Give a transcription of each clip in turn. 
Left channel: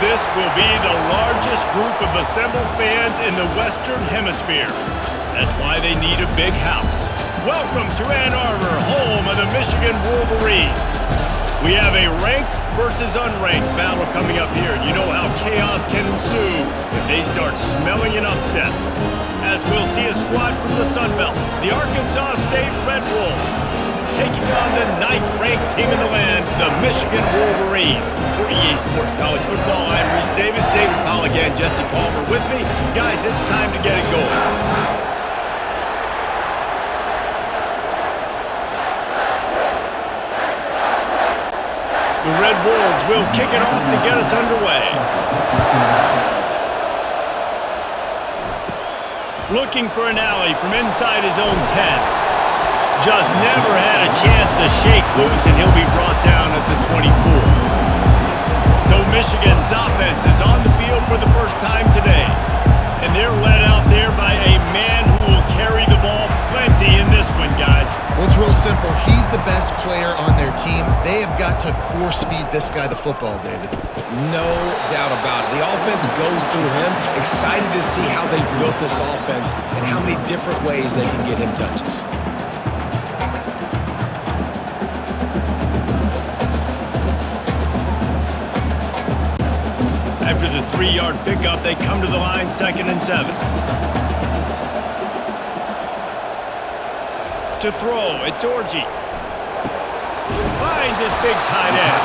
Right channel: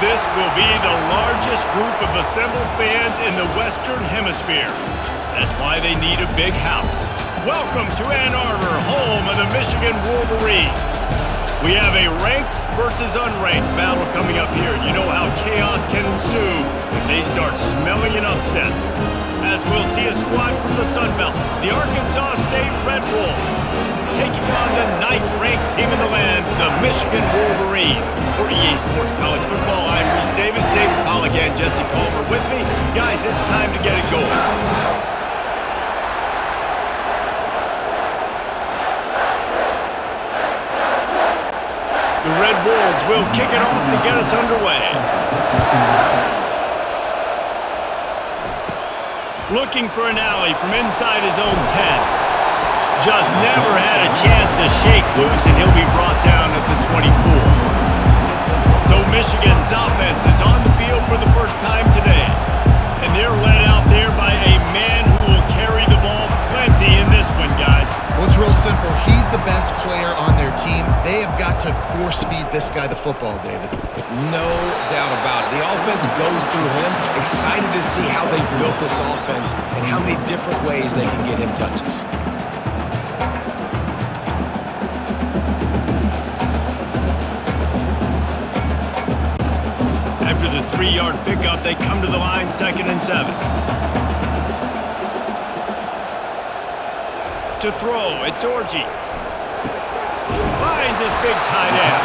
This will be the largest group of assembled fans in the Western Hemisphere. That's why they need a big house. Welcome to Ann Arbor, home of the Michigan Wolverines. We have a ranked versus unranked battle coming up here, and you know how chaos can ensue if they start smelling an upset. As we'll see a squad from the Sun Belt, the Arkansas State Red Wolves, taking on the 9th-ranked team in the land, the Michigan Wolverines. For EA Sports College Football, I'm Reese Davis, David Pollack, and Jesse Palmer with me. Guys, it's time to get it going. The Red Wolves will kick it off to get us underway. Looking for an alley from inside his own 10. Just never had a chance to shake loose, and he'll be brought down at the 24. So Michigan's offense is on the field for the first time today. And they're led out there by a man who will carry the ball plenty in this one, guys. Well, it's real simple. He's the best player on their team. They have got to force-feed this guy the football, David. No doubt about it. The offense goes through him. Excited to see how they've built this offense and how many different ways they can get him touches. After the 3-yard pickup, they come to the line, 2nd and 7. To throw, it's Orji. Finds his big tight end.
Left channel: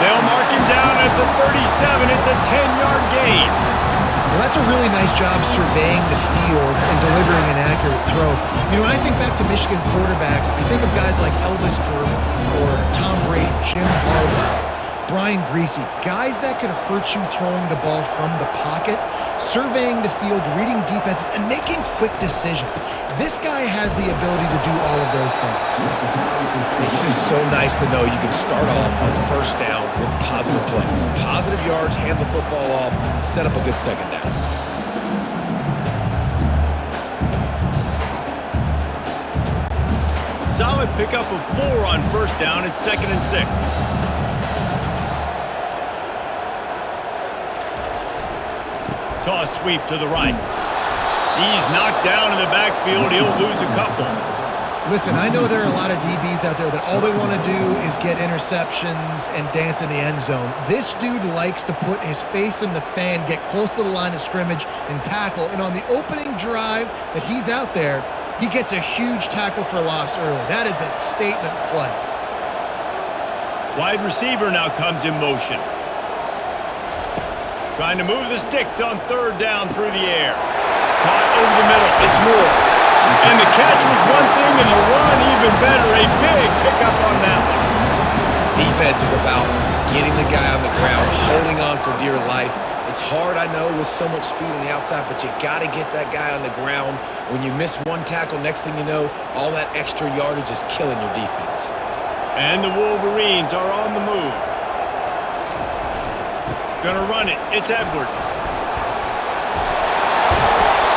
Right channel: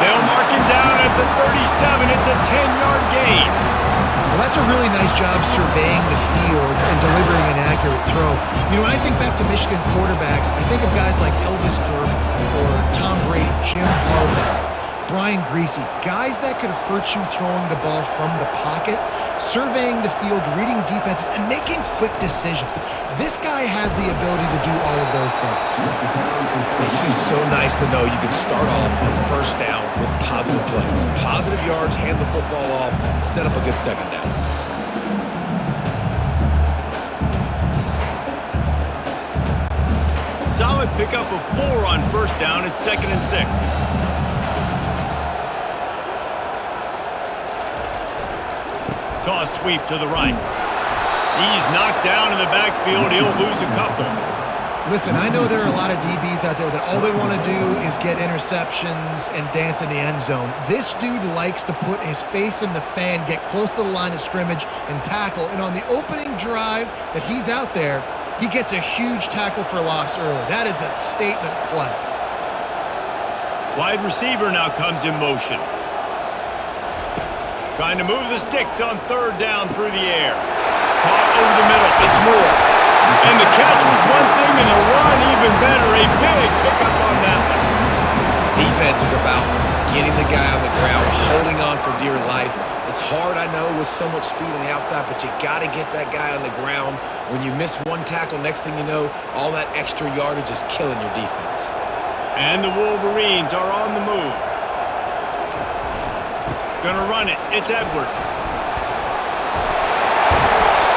They'll mark him down at the 37. It's a 10-yard gain. Well, that's a really nice job surveying the field and delivering an accurate throw. You know, when I think back to Michigan quarterbacks, I think of guys like Elvis Grbac or Tom Brady, Jim Harbaugh, Brian Griese, guys that could hurt you throwing the ball from the pocket, surveying the field, reading defenses, and making quick decisions. This guy has the ability to do all of those things. It's just so nice to know you can start off on first down with positive plays. Positive yards, hand the football off, set up a good second down. Solid pickup of 4 on first down. It's 2nd and 6. Toss sweep to the right. He's knocked down in the backfield. He'll lose a couple. Listen, I know there are a lot of DBs out there that all they want to do is get interceptions and dance in the end zone. This dude likes to put his face in the fan, get close to the line of scrimmage, and tackle. And on the opening drive that he's out there, he gets a huge tackle for loss early. That is a statement play. Wide receiver now comes in motion. Trying to move the sticks on 3rd down through the air. Caught over the middle. It's Moore. And the catch was one thing, and the run even better. A big pickup on that one. Defense is about getting the guy on the ground, holding on for dear life. It's hard, I know, with so much speed on the outside, but you got to get that guy on the ground. When you miss one tackle, next thing you know, all that extra yardage is killing your defense. And the Wolverines are on the move. Gonna run it. It's Edwards.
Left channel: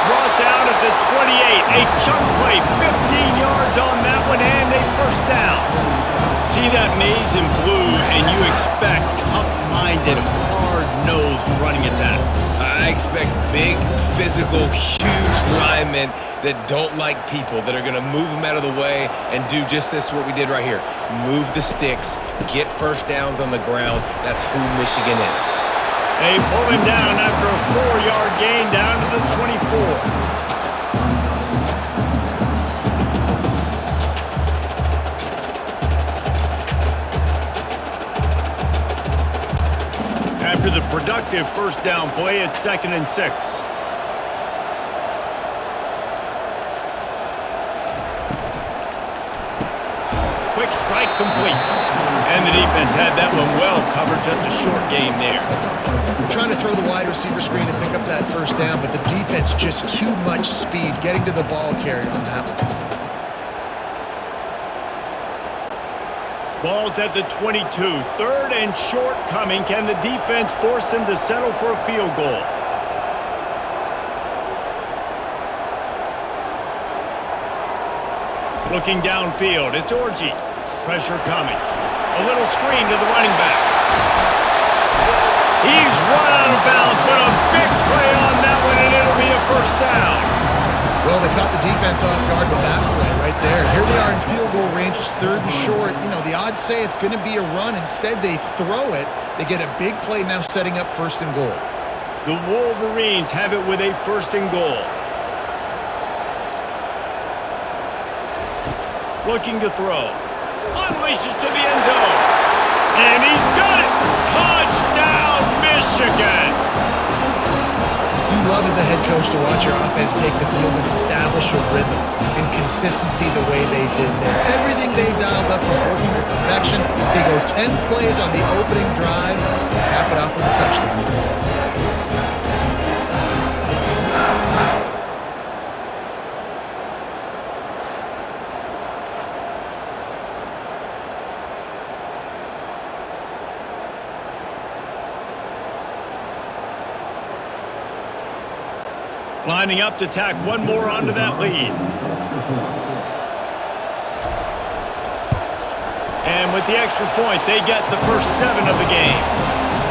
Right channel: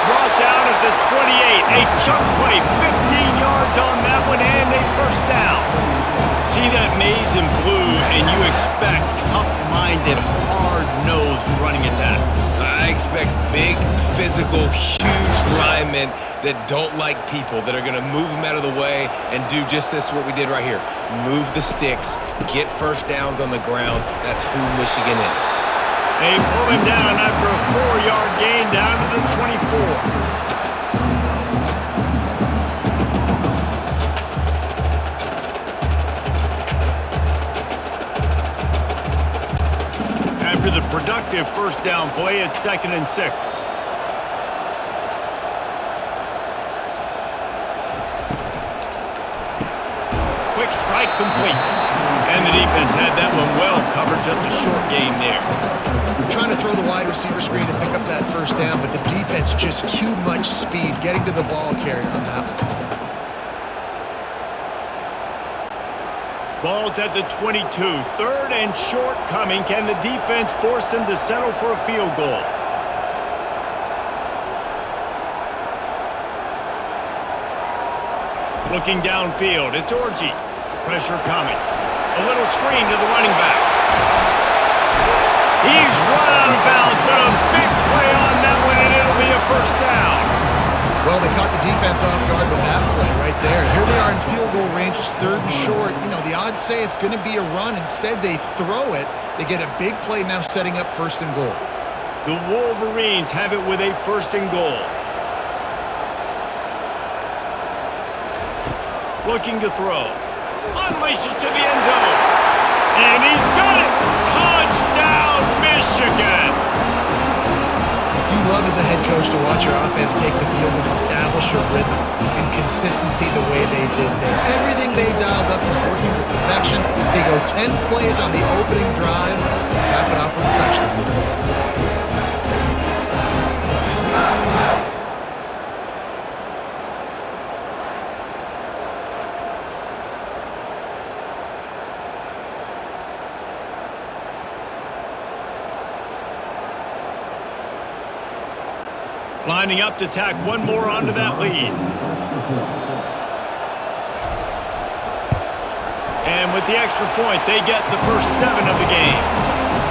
Brought down at the 28. A chunk play. 15 yards on that one and a first down. See that maize in blue and you expect tough-minded, hard-nosed running attacks. I expect big, physical, huge linemen that don't like people, that are going to move them out of the way and do just this, what we did right here. Move the sticks, get first downs on the ground. That's who Michigan is. They pull him down after a 4-yard gain down to the 24. After the productive first down play, it's 2nd and 6. Quick strike complete. And the defense had that one well covered, just a short gain there. We're trying to throw the wide receiver screen and pick up that first down, but the defense just too much speed getting to the ball carrier on that one. Ball's at the 22. 3rd and short coming. Can the defense force them to settle for a field goal? Looking downfield, it's Orji. Pressure coming. A little screen to the running back. He's run out of bounds, but a big play on that one, and it'll be a first down. Well, they caught the defense off guard with that play right there. Here they are in field goal range. It's 3rd and short. You know, the odds say it's going to be a run. Instead, they throw it. They get a big play now setting up 1st and goal. The Wolverines have it with a 1st and goal. Looking to throw. Unleashes to the end zone. And he's got it. Touchdown, Michigan. You love as a head coach to watch your offense take the field and establish a rhythm and consistency the way they did there. Everything they dialed up was working to perfection. They go 10 plays on the opening drive, cap it off with a touchdown. Lining up to tack one more onto that lead. And with the extra point, they get the first 7 of the game.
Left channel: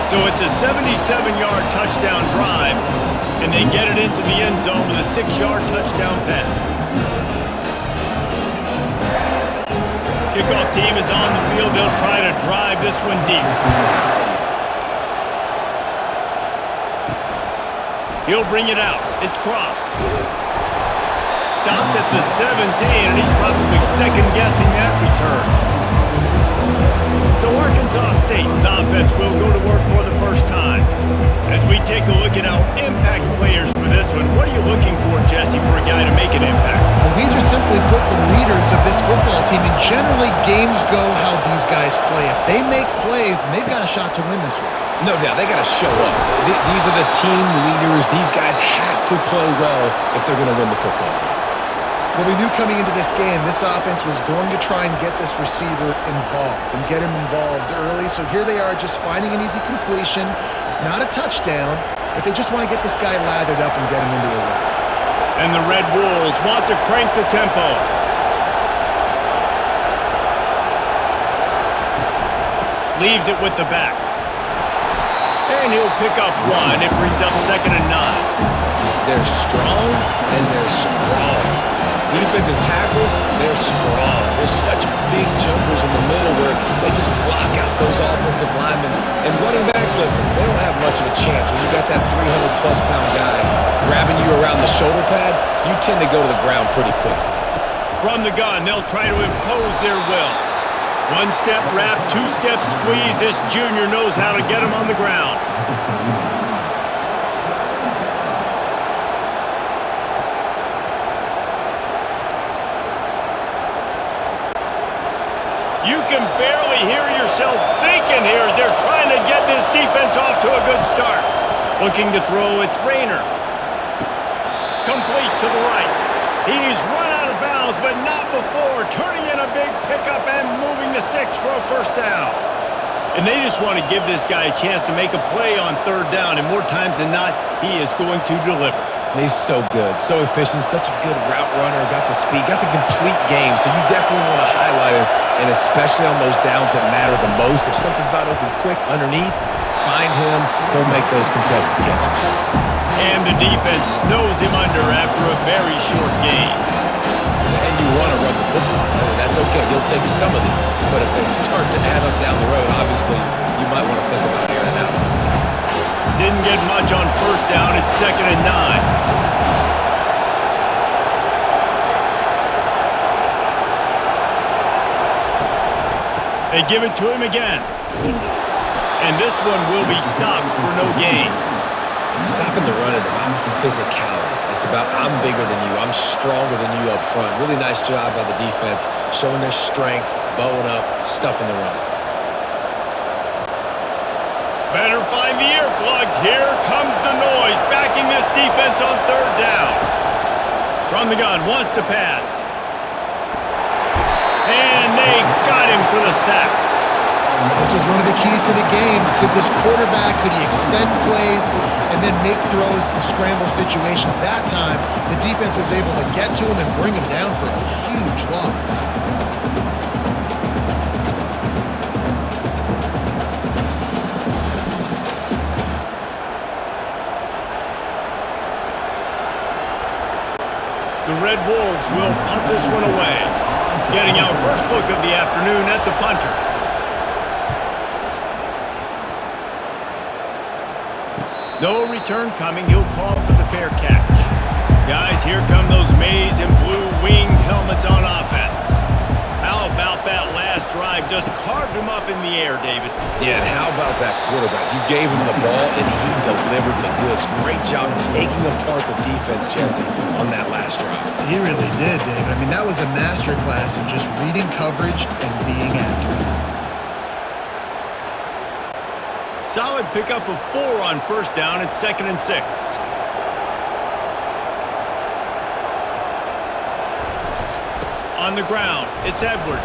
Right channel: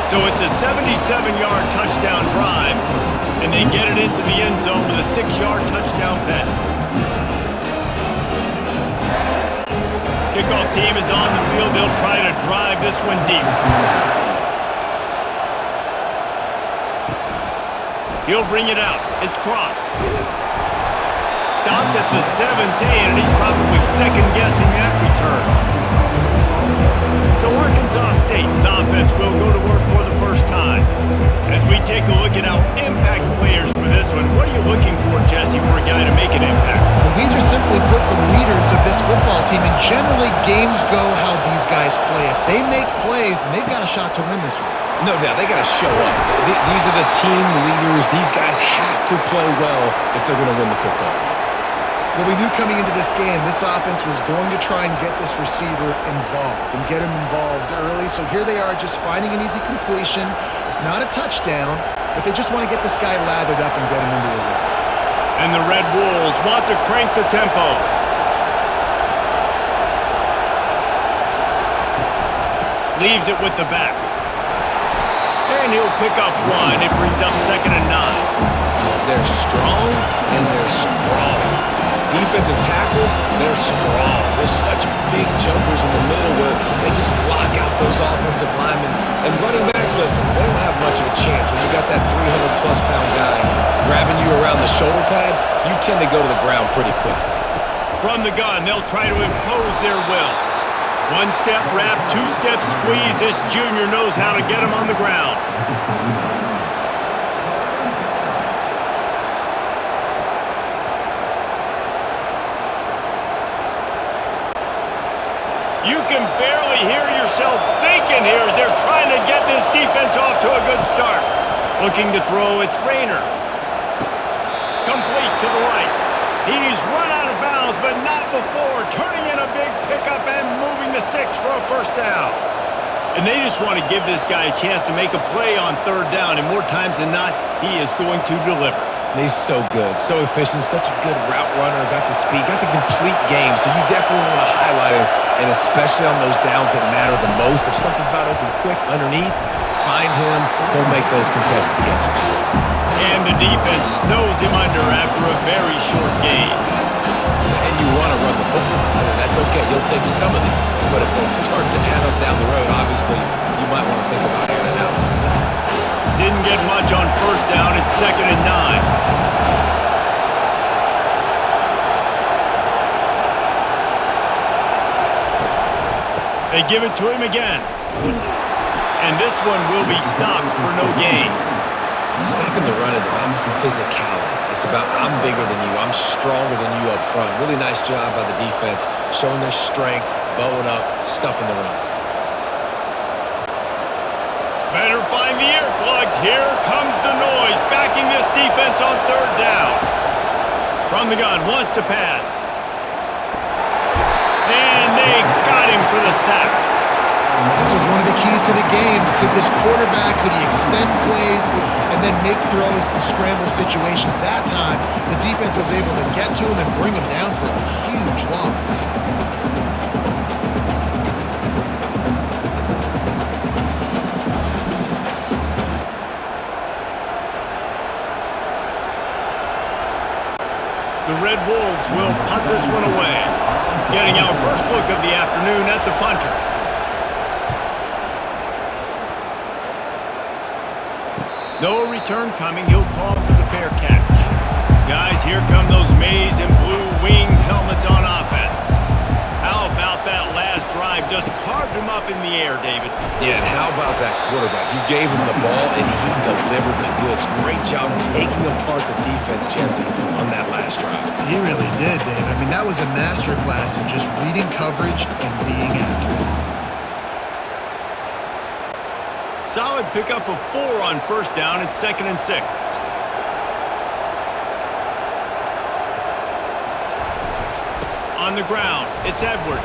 So it's a 77-yard touchdown drive, and they get it into the end zone with a 6-yard touchdown pass. Kickoff team is on the field. They'll try to drive this one deep. He'll bring it out. It's Cross. Stopped at the 17, and he's probably second-guessing that return. So Arkansas State's offense will go to work for the first time. As we take a look at our impact players for this one, what are you looking for, Jesse, for a guy to make an impact? Well, these are simply put the leaders of this football team, and generally games go how these guys play. If they make plays, then they've got a shot to win this one. No doubt, they got to show up. These are the team leaders. These guys have to play well if they're going to win the football game. Well, we knew coming into this game, this offense was going to try and get this receiver involved and get him involved early. So here they are just finding an easy completion. It's not a touchdown, but they just want to get this guy lathered up and get him into a rhythm. And the Red Wolves want to crank the tempo. Leaves it with the back. And he'll pick up 1. It brings up 2nd and 9. They're strong and they're strong. Defensive tackles, they're strong. There's such big jokers in the middle where they just lock out those offensive linemen. And running backs, listen, they don't have much of a chance. When you got that 300-plus pound guy grabbing you around the shoulder pad, you tend to go to the ground pretty quickly. From the gun, they'll try to impose their will. 1-step wrap, 2-step squeeze. This junior knows how to get him on the ground. You can barely hear yourself thinking here as they're trying to get this defense off to a good start. Looking to throw, it's Rayner. Complete to the right. He's run out of bounds, but not before. Turning in a big pickup and moving the sticks for a first down. And they just want to give this guy a chance to make a play on 3rd down, and more times than not, he is going to deliver. And he's so good, so efficient, such a good route runner, got the speed, got the complete game, so you definitely want to highlight him, and especially on those downs that matter the most. If something's not open quick underneath, find him, he'll make those contested catches. And the defense snows him under after a very short game. And you want to run the football. That's okay. You'll take some of these. But if they start to add up down the road, obviously, you might want to think about airing it out a little bit. Didn't get much on 1st down. It's 2nd and 9. They give it to him again. And this one will be stopped for no gain. Stopping the run is about physicality. It's about I'm bigger than you. I'm stronger than you up front. Really nice job by the defense, showing their strength, bowing up, stuffing the run. Better find the earplugs. Here comes the noise, backing this defense on 3rd down. From the gun, wants to pass. And they got him for the sack. This was one of the keys to the game. Could this quarterback, could he extend plays and then make throws in scramble situations? That time, the defense was able to get to him and bring him down for a huge loss. the Red Wolves will punt this one away. Getting our first look of the afternoon at the punter. No return coming. He'll call for the fair catch. Guys, here come those maize and blue winged helmets on offense. How about that last drive? Just carved him up in the air, David. Yeah, and how about that quarterback? You gave him the ball, and he delivered the goods. Great job taking apart the defense, Jesse, on that last drive. He really did, David. I mean, that was a masterclass in just reading coverage and being accurate. Solid pickup of 4 on first down. It's 2nd and 6. On the ground, it's Edwards.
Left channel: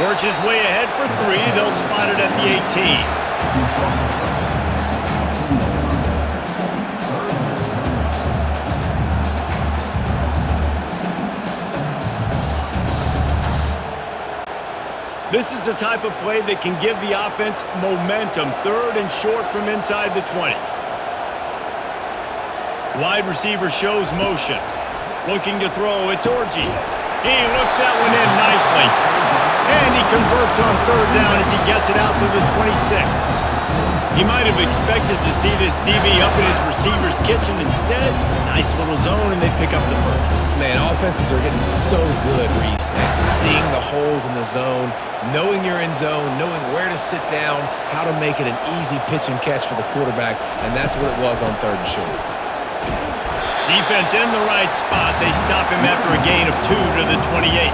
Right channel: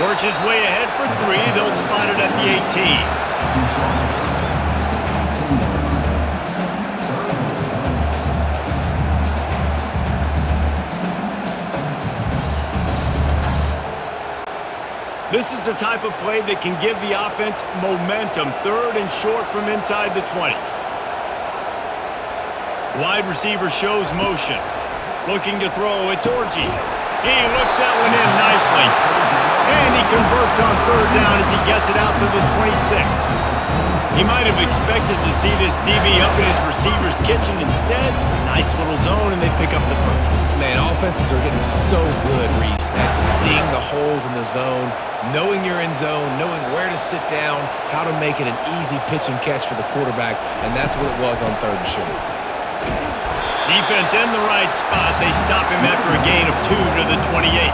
Works his way ahead for 3. They'll spot it at the 18. This is the type of play that can give the offense momentum. 3rd and short from inside the 20. Wide receiver shows motion. Looking to throw, it's Orji. He looks that one in nicely. And he converts on 3rd down as he gets it out to the 26. He might have expected to see this DB up in his receiver's kitchen. Instead, nice little zone, and they pick up the first. Man, offenses are getting so good, Reese, at seeing the holes in the zone, knowing you're in zone, knowing where to sit down, how to make it an easy pitch and catch for the quarterback, and that's what it was on 3rd and short. Defense in the right spot. They stop him after a gain of 2 to the 28.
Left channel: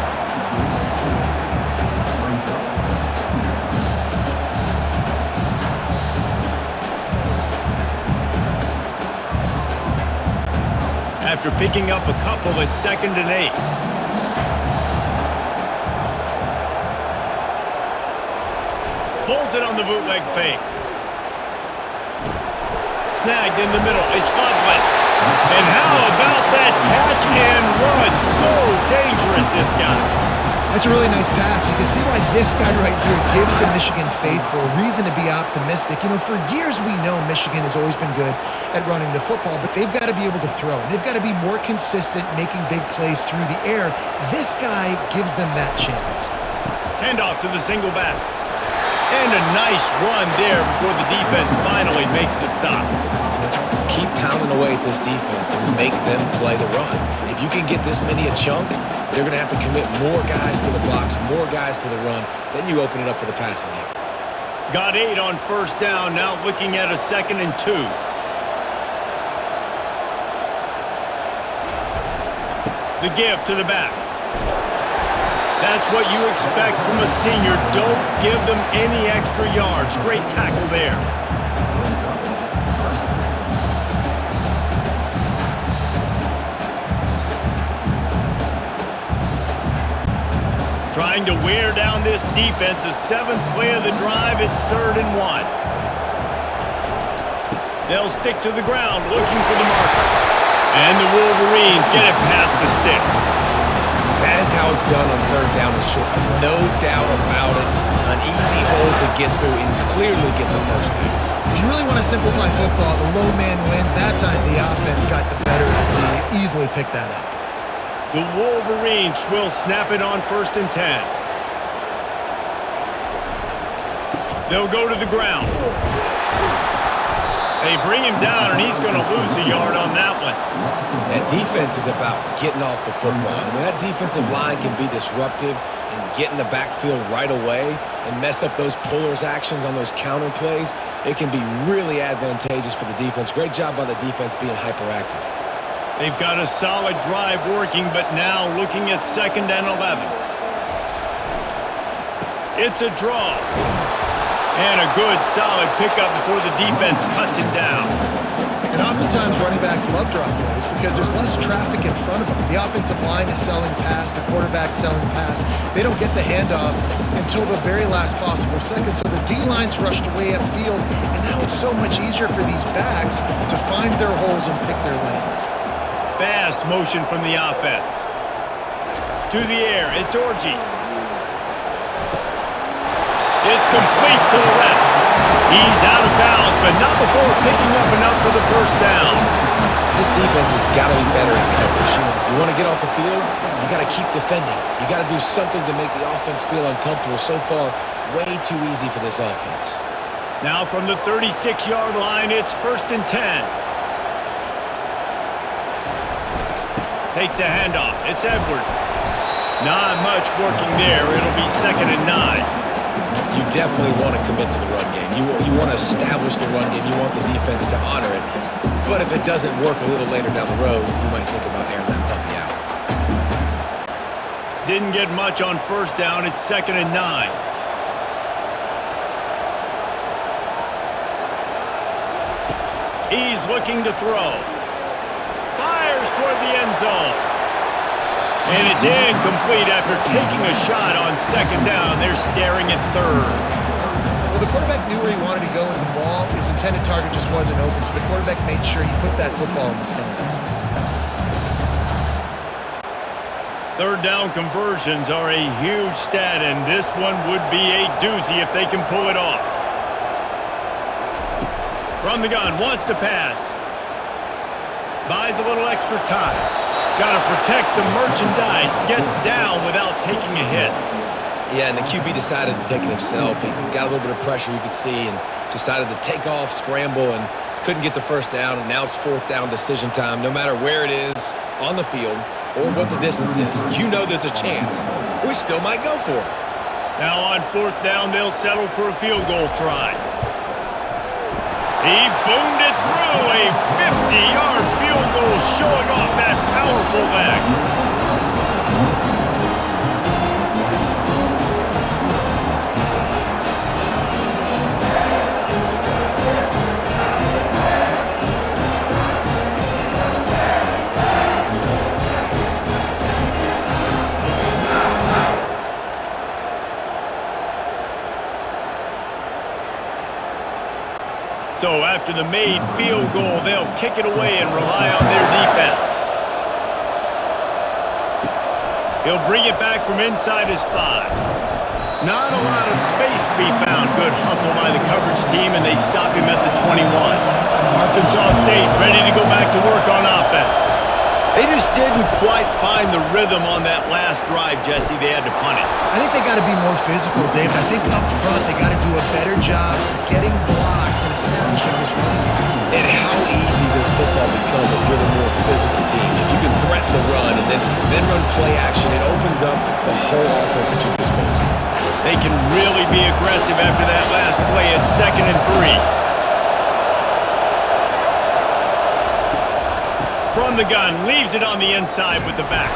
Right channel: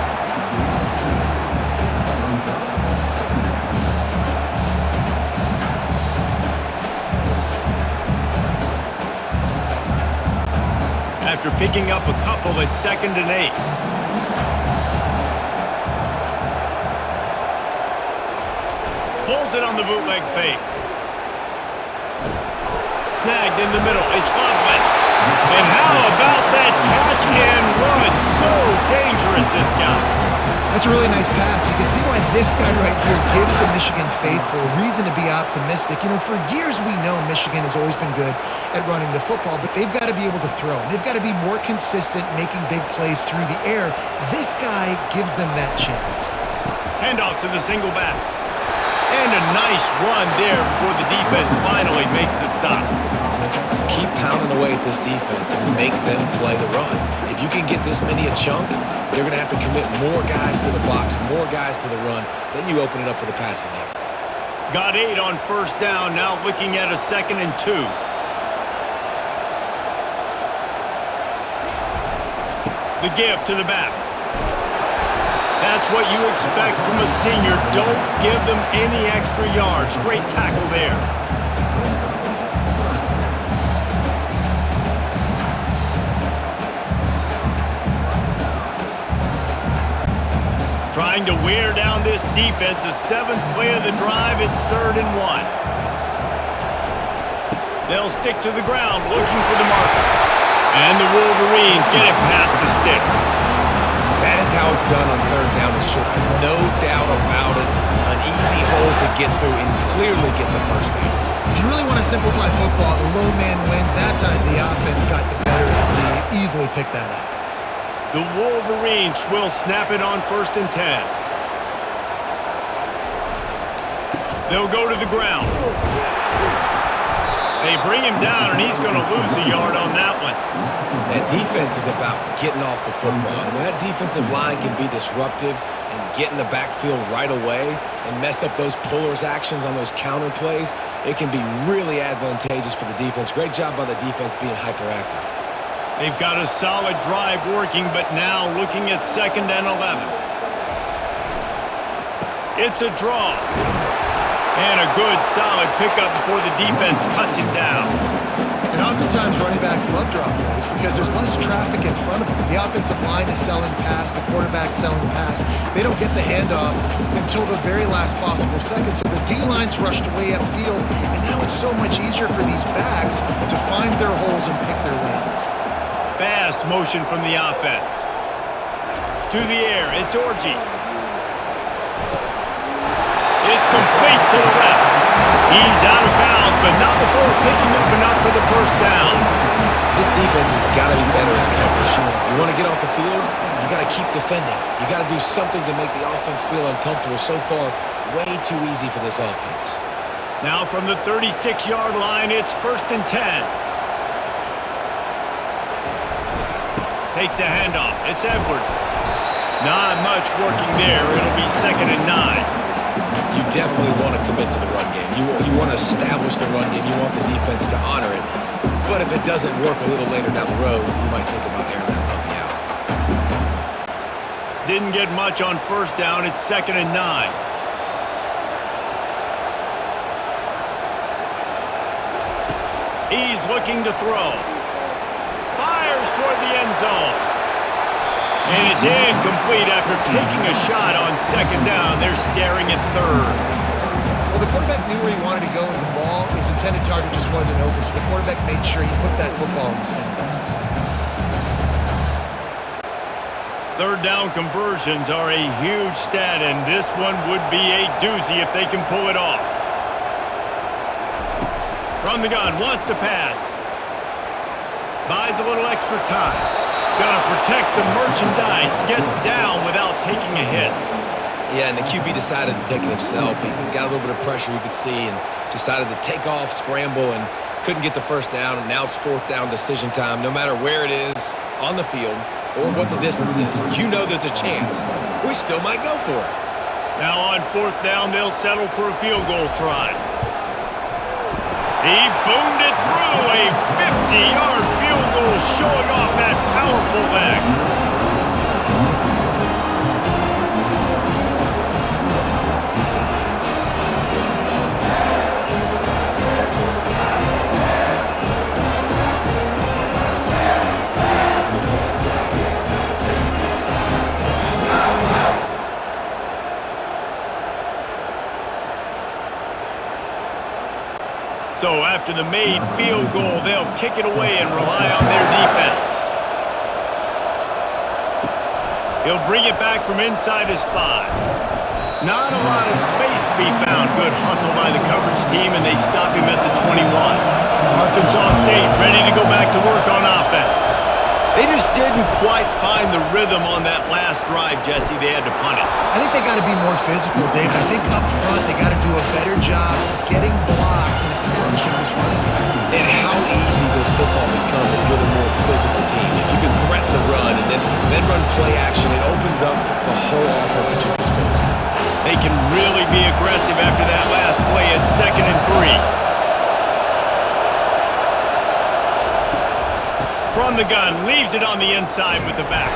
After picking up a couple, it's 2nd and 8. Pulls it on the bootleg fake. Snagged in the middle. It's Loveland. And how about that catch and run? So dangerous, this guy. That's a really nice pass. You can see why this guy right here gives the Michigan faithful reason to be optimistic. You know, for years we know Michigan has always been good at running the football, but they've got to be able to throw. They've got to be more consistent making big plays through the air. This guy gives them that chance. Handoff to the single back. And a nice run there before the defense finally makes the stop. Keep pounding away at this defense and make them play the run. If you can get this many a chunk, they're going to have to commit more guys to the box, more guys to the run. Then you open it up for the passing game. Got 8 on first down. Now looking at a 2nd and 2. The give to the back. That's what you expect from a senior. Don't give them any extra yards. Great tackle there. Trying to wear down this defense. The 7th play of the drive. It's 3rd and 1. They'll stick to the ground looking for the marker. And the Wolverines get it past the sticks. That is how it's done on 3rd down and short. No doubt about it. An easy hole to get through and clearly get the first down. If you really want to simplify football, the low man wins. That time the offense got the better of the D. Easily picked that up. The Wolverines will snap it on 1st and 10. They'll go to the ground. They bring him down, and he's going to lose a yard on that one. That defense is about getting off the football. And when that defensive line can be disruptive and get in the backfield right away and mess up those pullers actions on those counter plays, it can be really advantageous for the defense. Great job by the defense being hyperactive. They've got a solid drive working, but now looking at 2nd and 11. It's a draw. And a good, solid pickup before the defense cuts him down. And oftentimes running backs love drop plays because there's less traffic in front of them. The offensive line is selling pass, the quarterback's selling pass. They don't get the handoff until the very last possible second. So the D-line's rushed way upfield, and now it's so much easier for these backs to find their holes and pick their lanes. Fast motion from the offense. To the air, it's Orji. It's complete to the left. He's out of bounds, but not before picking up enough for the first down. This defense has got to be better in coverage. You want to get off the field, you got to keep defending. You got to do something to make the offense feel uncomfortable. So far, way too easy for this offense. Now from the 36-yard line, it's 1st and 10. Takes the handoff. It's Edwards. Not much working there. It'll be 2nd and 9. You definitely want to commit to the run game. You want to establish the run game. You want the defense to honor it. But if it doesn't work a little later down the road, you might think about airing that puppy out. Didn't get much on 1st down. It's 2nd and 9. He's looking to throw. Fires toward the end zone. And it's incomplete after taking a shot on 2nd down. They're staring at 3rd. Well, the quarterback knew where he wanted to go with the ball. His intended target just wasn't open, so the quarterback made sure he put that football in the stands. 3rd down conversions are a huge stat, and this one would be a doozy if they can pull it off. From the gun, wants to pass. Buys a little extra time. Got to protect the merchandise. Gets down without taking a hit. Yeah, and the QB decided to take it himself. He got a little bit of pressure, you could see, and decided to take off, scramble, and couldn't get the 1st down. And now it's 4th down decision time. No matter where it is on the field or what the distance is, you know there's a chance. We still might go for it. Now on 4th down, they'll settle for a field goal try. He boomed it through. A 50-yard field goal showing off that powerful leg. So after the made field goal, they'll kick it away and rely on their defense. He'll bring it back from inside his 5. Not a lot of space to be found. Good hustle by the coverage team, and they stop him at the 21. Arkansas State ready to go back to work on offense. They just didn't quite find the rhythm on that last drive, Jesse. They had to punt it. I think they got to be more physical, David. I think up front they got to do a better job getting blocks and establishing this running game. And how easy does football become if you're the more physical team? If you can threaten the run and then run play action, it opens up the whole offense at your disposal. They can really be aggressive after that last play at 2nd and 3. From the gun, leaves it on the inside with the back.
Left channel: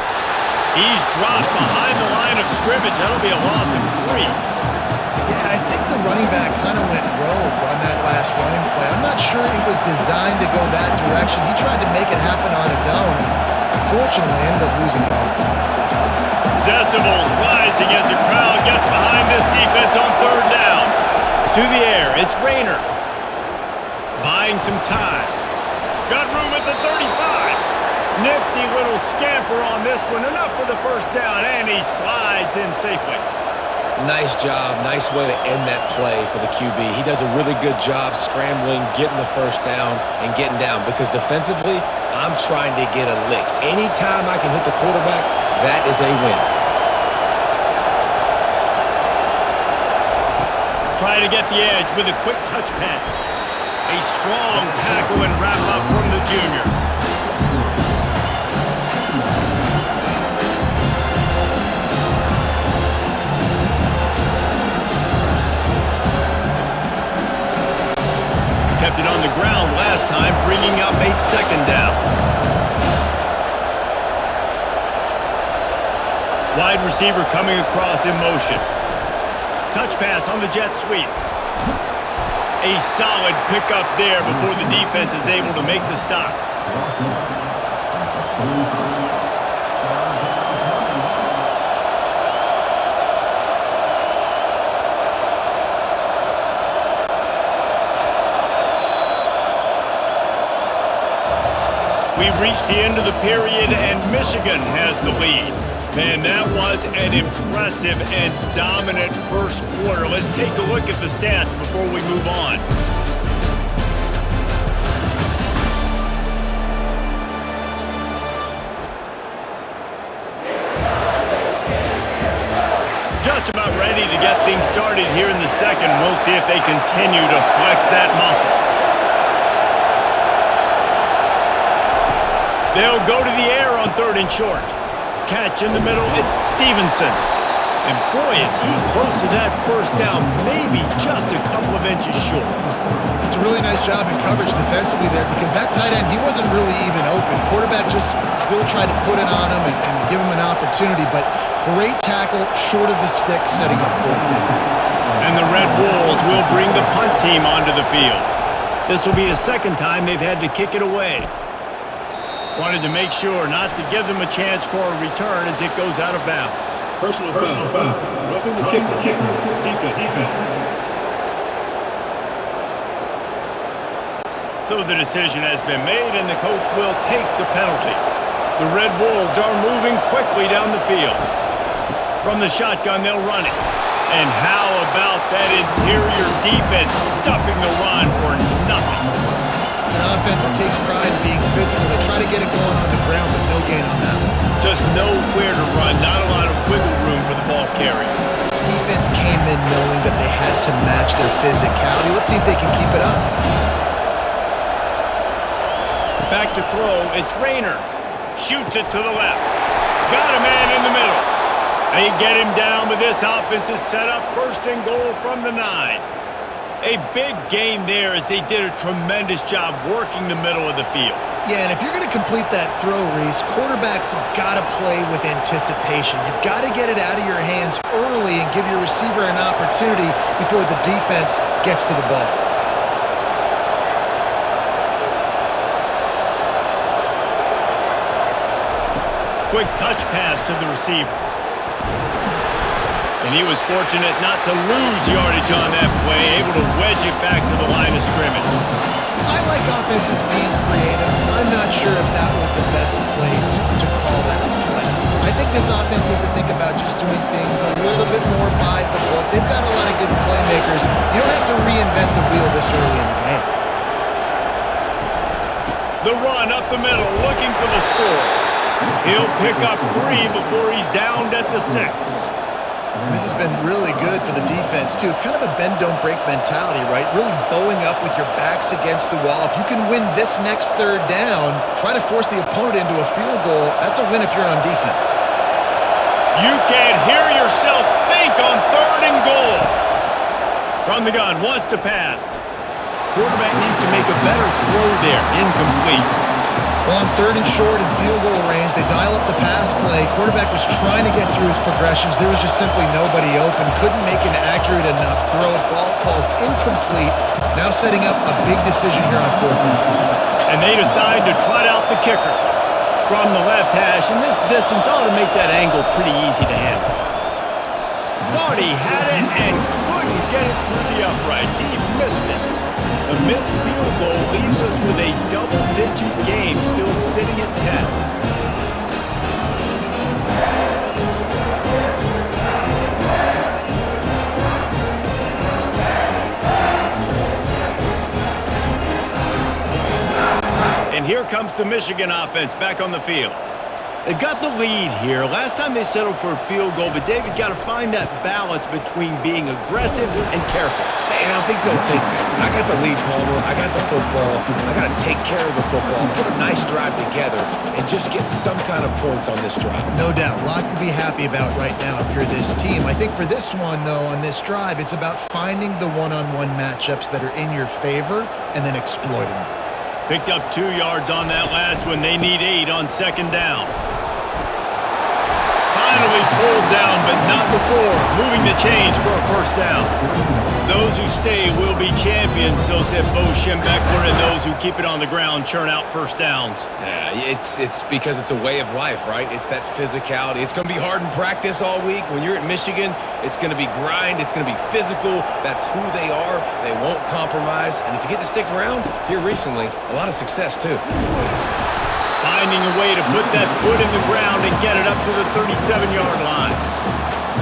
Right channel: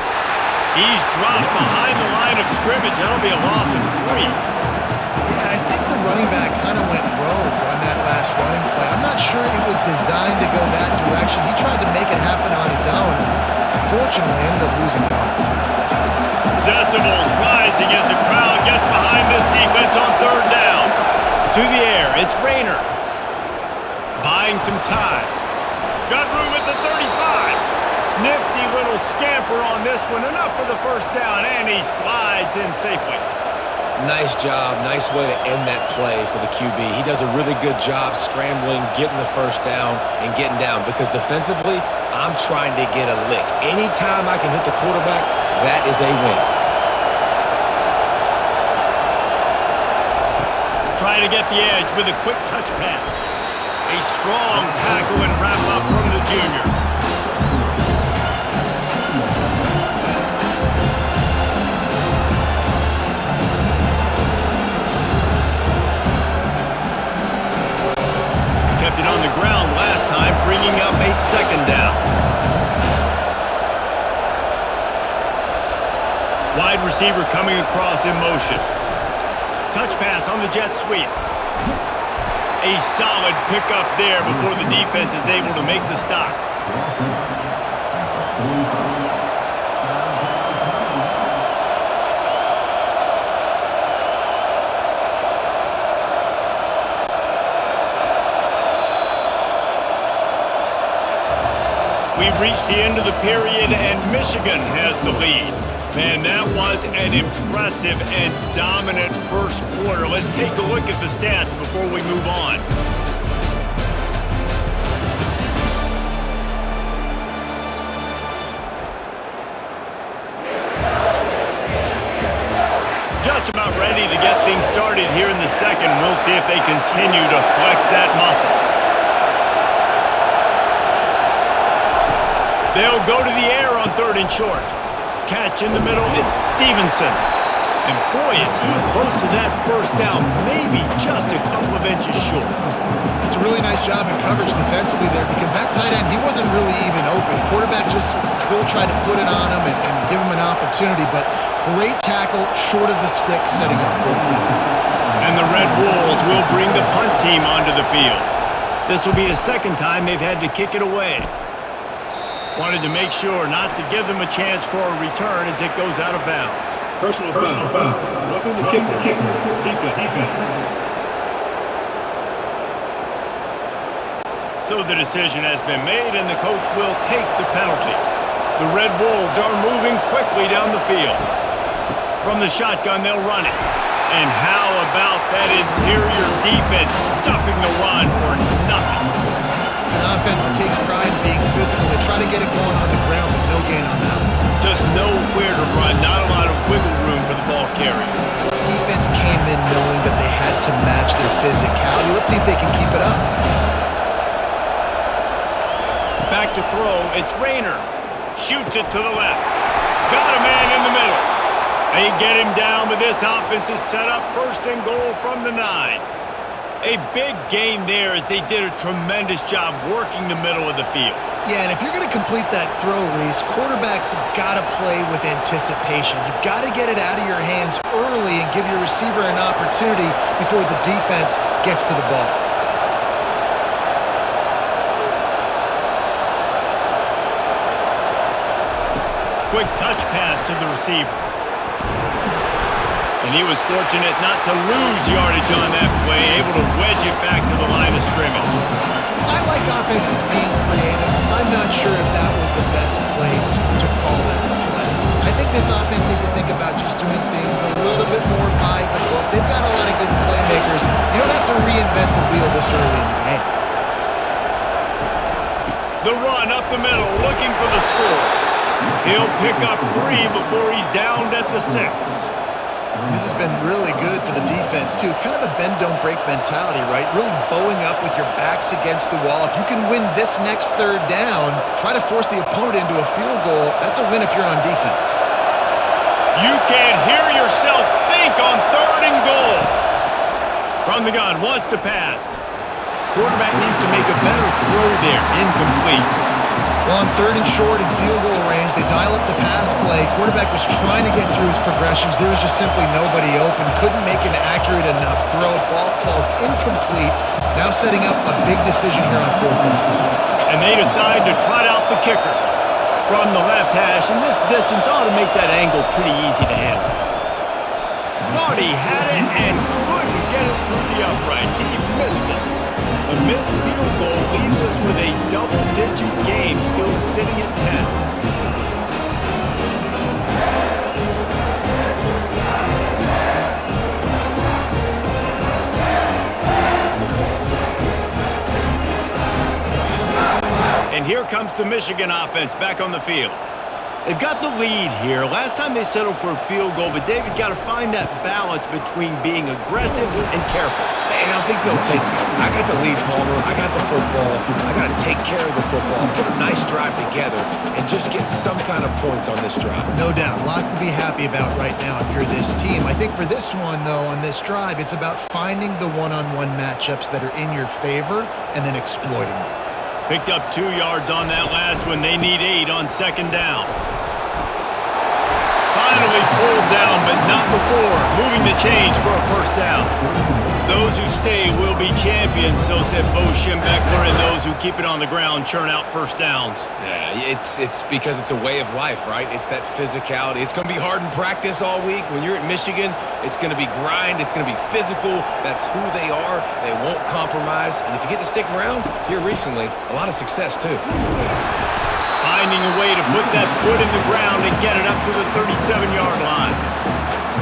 He's dropped behind the line of scrimmage. That'll be a loss of 3. Yeah, I think the running back kind of went rogue on that last running play. I'm not sure it was designed to go that direction. He tried to make it happen on his own, and unfortunately ended up losing yards. Decibels rising as the crowd gets behind this defense on 3rd down. To the air, it's Rayner. Buying some time. Got room at the 35. Nifty little scamper on this one. Enough for the 1st down, and he slides in safely. Nice job. Nice way to end that play for the QB. He does a really good job scrambling, getting the 1st down, and getting down. Because defensively, I'm trying to get a lick. Anytime I can hit the quarterback, that is a win. Try to get the edge with a quick touch pass. A strong tackle and wrap up from the junior. Kept it on the ground last time, bringing up a 2nd down. Wide receiver coming across in motion. Touch pass on the jet sweep. A solid pickup there before the defense is able to make the stop. We've reached the end of the period, and Michigan has the lead. Man, that was an impressive and dominant first quarter. Let's take a look at the stats before we move on. Just about ready to get things started here in the second. We'll see if they continue to flex that muscle. They'll go to the air on 3rd and short. Catch in the middle, it's Stevenson. And boy, is he close to that first down, maybe just a couple of inches short. It's a really nice job in coverage defensively there because that tight end, he wasn't really even open. Quarterback just still tried to put it on him and give him an opportunity, but great tackle short of the stick, setting up 4th down. And the Red Wolves will bring the punt team onto the field. This will be the second time they've had to kick it away. Wanted to make sure not to give them a chance for a return as it goes out of bounds. Personal foul. Roughing the kicker. Defense. So the decision has been made, and the coach will take the penalty. The Red Wolves are moving quickly down the field. From the shotgun, they'll run it. And how about that interior defense stuffing the run for nothing? It's an offense that takes pride in being physical. They try to get it going on the ground, but no gain on that one. Just nowhere to run, not a lot of wiggle room for the ball carrier. This defense came in knowing that they had to match their physicality. Let's see if they can keep it up. Back to throw, it's Rayner. Shoots it to the left. Got a man in the middle. They get him down, but this offense is set up 1st and goal from the 9. A big gain there as they did a tremendous job working the middle of the field. Yeah, and if you're going to complete that throw, Reese, quarterbacks have got to play with anticipation. You've got to get it out of your hands early and give your receiver an opportunity before the defense gets to the ball. Quick touch pass to the receiver. And he was fortunate not to lose yardage on that play, able to wedge it back to the line of scrimmage. I like offenses being creative. I'm not sure if that was the best place to call that play. I think this offense needs to think about just doing things a little bit more by the book. They've got a lot of good playmakers. You don't have to reinvent the wheel this early in the game. The run up the middle, looking for the score. He'll pick up 3 before he's downed at the 6. This has been really good for the defense, too. It's kind of a bend-don't-break mentality, right? Really bowing up with your backs against the wall. If you can win this next 3rd down, try to force the opponent into a field goal. That's a win if you're on defense. You can hear yourself think on 3rd and goal. From the gun, wants to pass. Quarterback needs to make a better throw there. Incomplete. Well, on 3rd and short and field goal range, they dial up the pass play. Quarterback was trying to get through his progressions. There was just simply nobody open. Couldn't make an accurate enough throw. Ball falls incomplete. Now setting up a big decision here on 4th down. And they decide to trot out the kicker from the left hash. And this distance ought to make that angle pretty easy to handle. Thought he had it and couldn't get it through the uprights. He missed it. The missed field goal leaves us with a double-digit game still sitting at 10. And here comes the Michigan offense back on the field. They've got the lead here. Last time they settled for a field goal, but David got to find that balance between being aggressive and careful. And I think they'll take that. I got the lead, Palmer. I got the football. I got to take care of the football, put a nice drive together, and just get some kind of points on this drive. No doubt. Lots to be happy about right now if you're this team. I think for this one, though, on this drive, it's about finding the one-on-one matchups that are in your favor and then exploiting them. Picked up 2 yards on that last one. They need 8 on 2nd down. Finally pulled down, but not before. Moving the chains for a 1st down. Those who stay will be champions, so said Bo Schembechler, and those who keep it on the ground churn out 1st downs. Yeah, it's because it's a way of life, right? It's that physicality. It's going to be hard in practice all week. When you're at Michigan, it's going to be grind. It's going to be physical. That's who they are. They won't compromise. And if you get to stick around here recently, a lot of success, too. Finding a way to put that foot in the ground and get it up to the 37-yard line.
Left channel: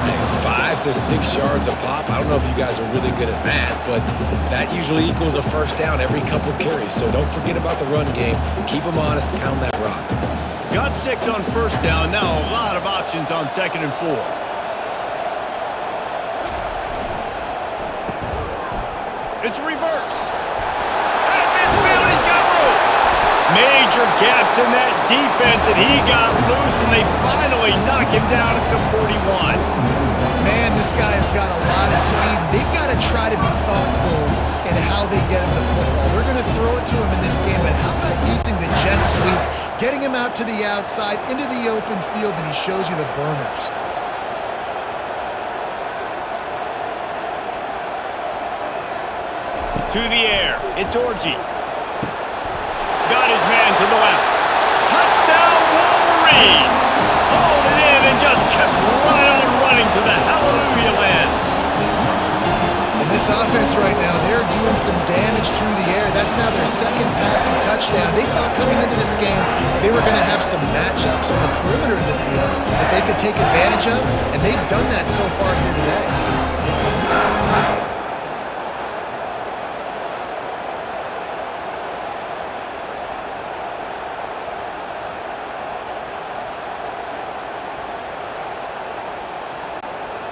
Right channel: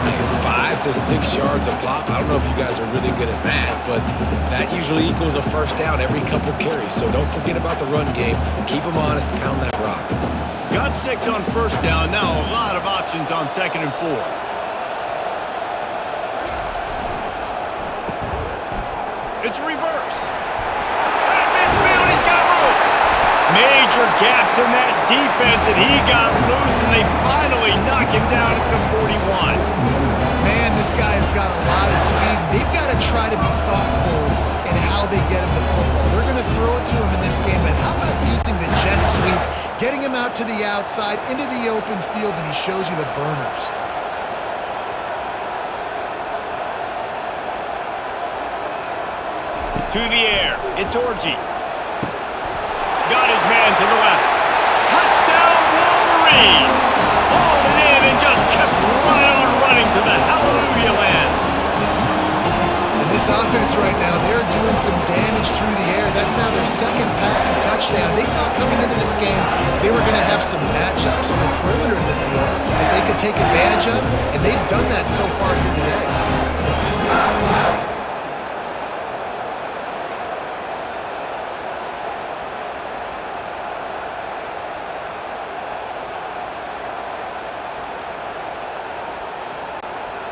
Hey, 5 to 6 yards a pop. I don't know if you guys are really good at math, but that usually equals a 1st down every couple carries. So don't forget about the run game. Keep them honest. Pound that rock. Got 6 on 1st down. Now a lot of options on 2nd and 4. It's a reverse. At midfield, he's got room. Major gaps in that defense, and he got loose, and they finally knock him down at the 41. Man, this guy has got a lot of speed. They've got to try to be thoughtful in how they get him the football. They're going to throw it to him in this game, but how about using the jet sweep, getting him out to the outside, into the open field, and he shows you the burners. To the air, it's Orji. Got his man to the left. Touchdown Wolverines! Hauled it in and just kept right on running to the hallelujah land. And this offense right now, they're doing some damage through the air. That's now their second passing touchdown. They thought coming into this game they were going to have some matchups on the perimeter of the field that they could take advantage of, and they've done that so far here today.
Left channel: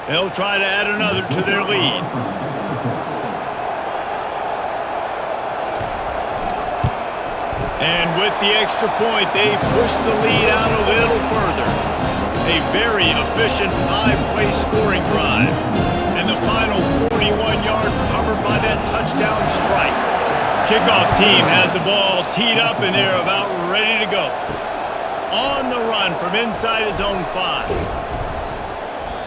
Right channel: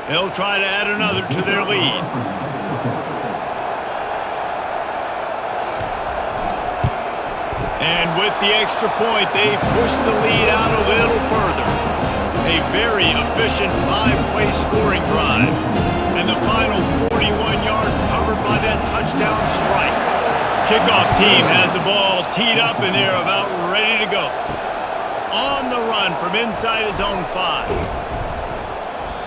They'll try to add another to their lead. And with the extra point, they push the lead out a little further. A very efficient 5-play scoring drive. And the final 41 yards covered by that touchdown strike. Kickoff team has the ball teed up, and they're about ready to go. On the run from inside his own 5.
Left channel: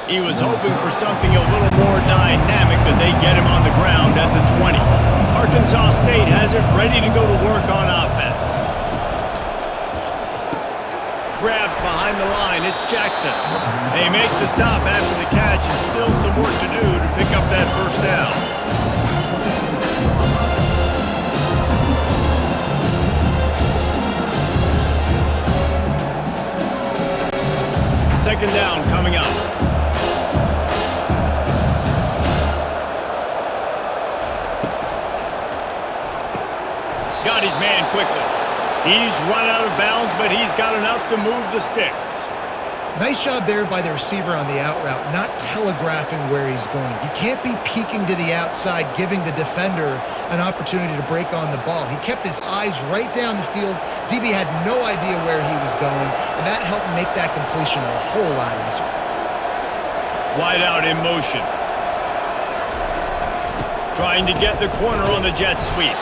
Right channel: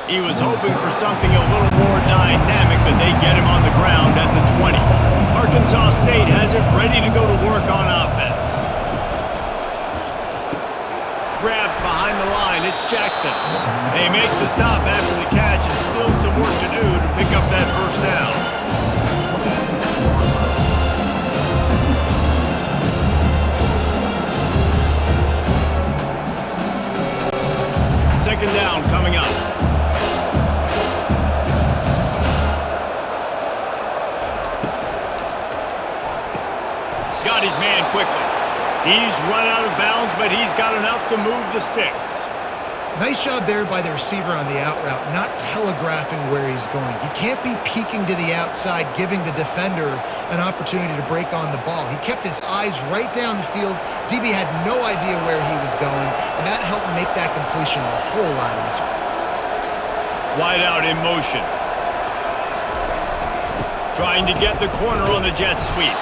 He was hoping for something a little more dynamic, but they get him on the ground at the 20. Arkansas State has it ready to go to work on offense. Grabbed behind the line, it's Jackson. They make the stop after the catch, and still some work to do to pick up that first down. Second down coming up. Got his man quickly. He's run out of bounds, but he's got enough to move the sticks. Nice job there by the receiver on the out route, not telegraphing where he's going. You can't be peeking to the outside, giving the defender an opportunity to break on the ball. He kept his eyes right down the field. DB had no idea where he was going, and that helped make that completion a whole lot easier. Wide out in motion. Trying to get the corner on the jet sweep.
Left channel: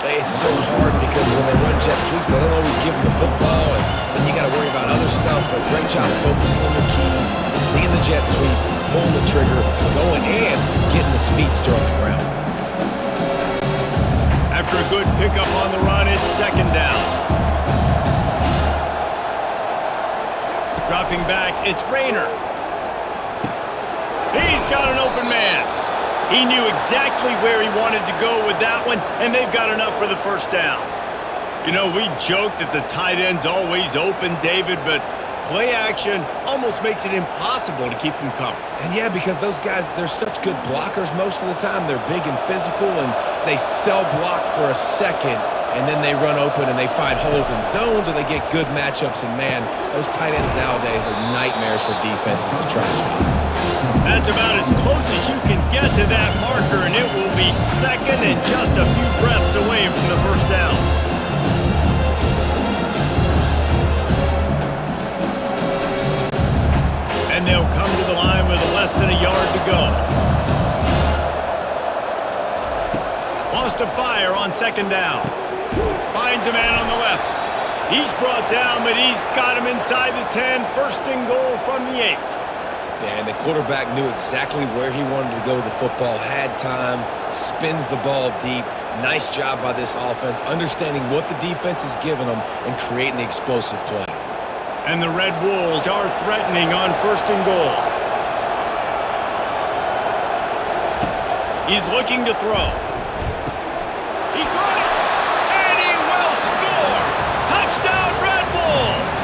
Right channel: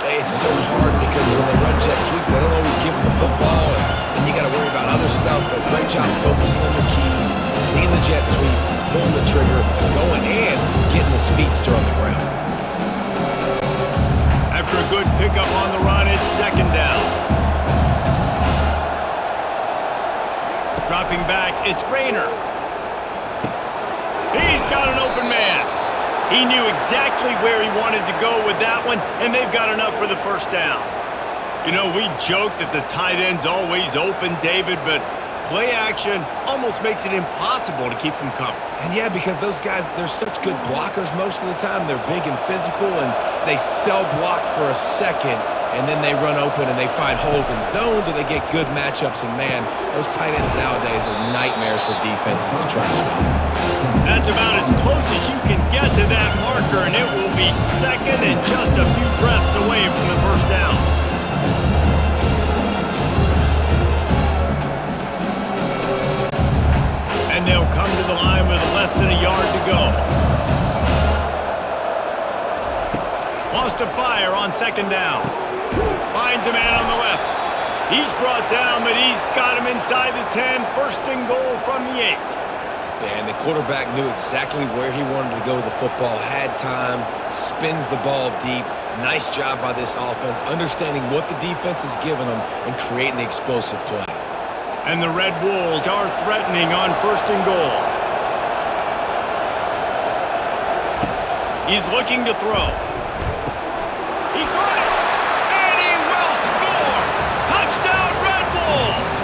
It's so hard because when they run jet sweeps, they don't always give them the football, and then you got to worry about other stuff. But great job focusing on your keys, seeing the jet sweep, pulling the trigger, going and getting the speedster on the ground. After a good pickup on the run, it's second down. Dropping back, it's Rayner. He's got an open man. He knew exactly where he wanted to go with that one, and they've got enough for the first down. You know, we joke that the tight end's always open, David, but play action almost makes it impossible to keep them covered. And yeah, because those guys, they're such good blockers most of the time. They're big and physical, and they cell block for a second, and then they run open and they find holes in zones, or they get good matchups. And man, those tight ends nowadays are nightmares for defenses to try to stop. That's about as close as you can get to that marker, and it will be second and just a few breaths away from the first down. And they'll come to the line with less than a yard to go. Wants to fire on second down. Finds a man on the left. He's brought down, but he's got him inside the 10. First and goal from the 8. Yeah, and the quarterback knew exactly where he wanted to go with the football, had time, spins the ball deep. Nice job by this offense, understanding what the defense is giving them and creating the explosive play. And the Red Wolves are threatening on first and goal. He's looking to throw. He caught it, and he will score! Touchdown, Red Wolves!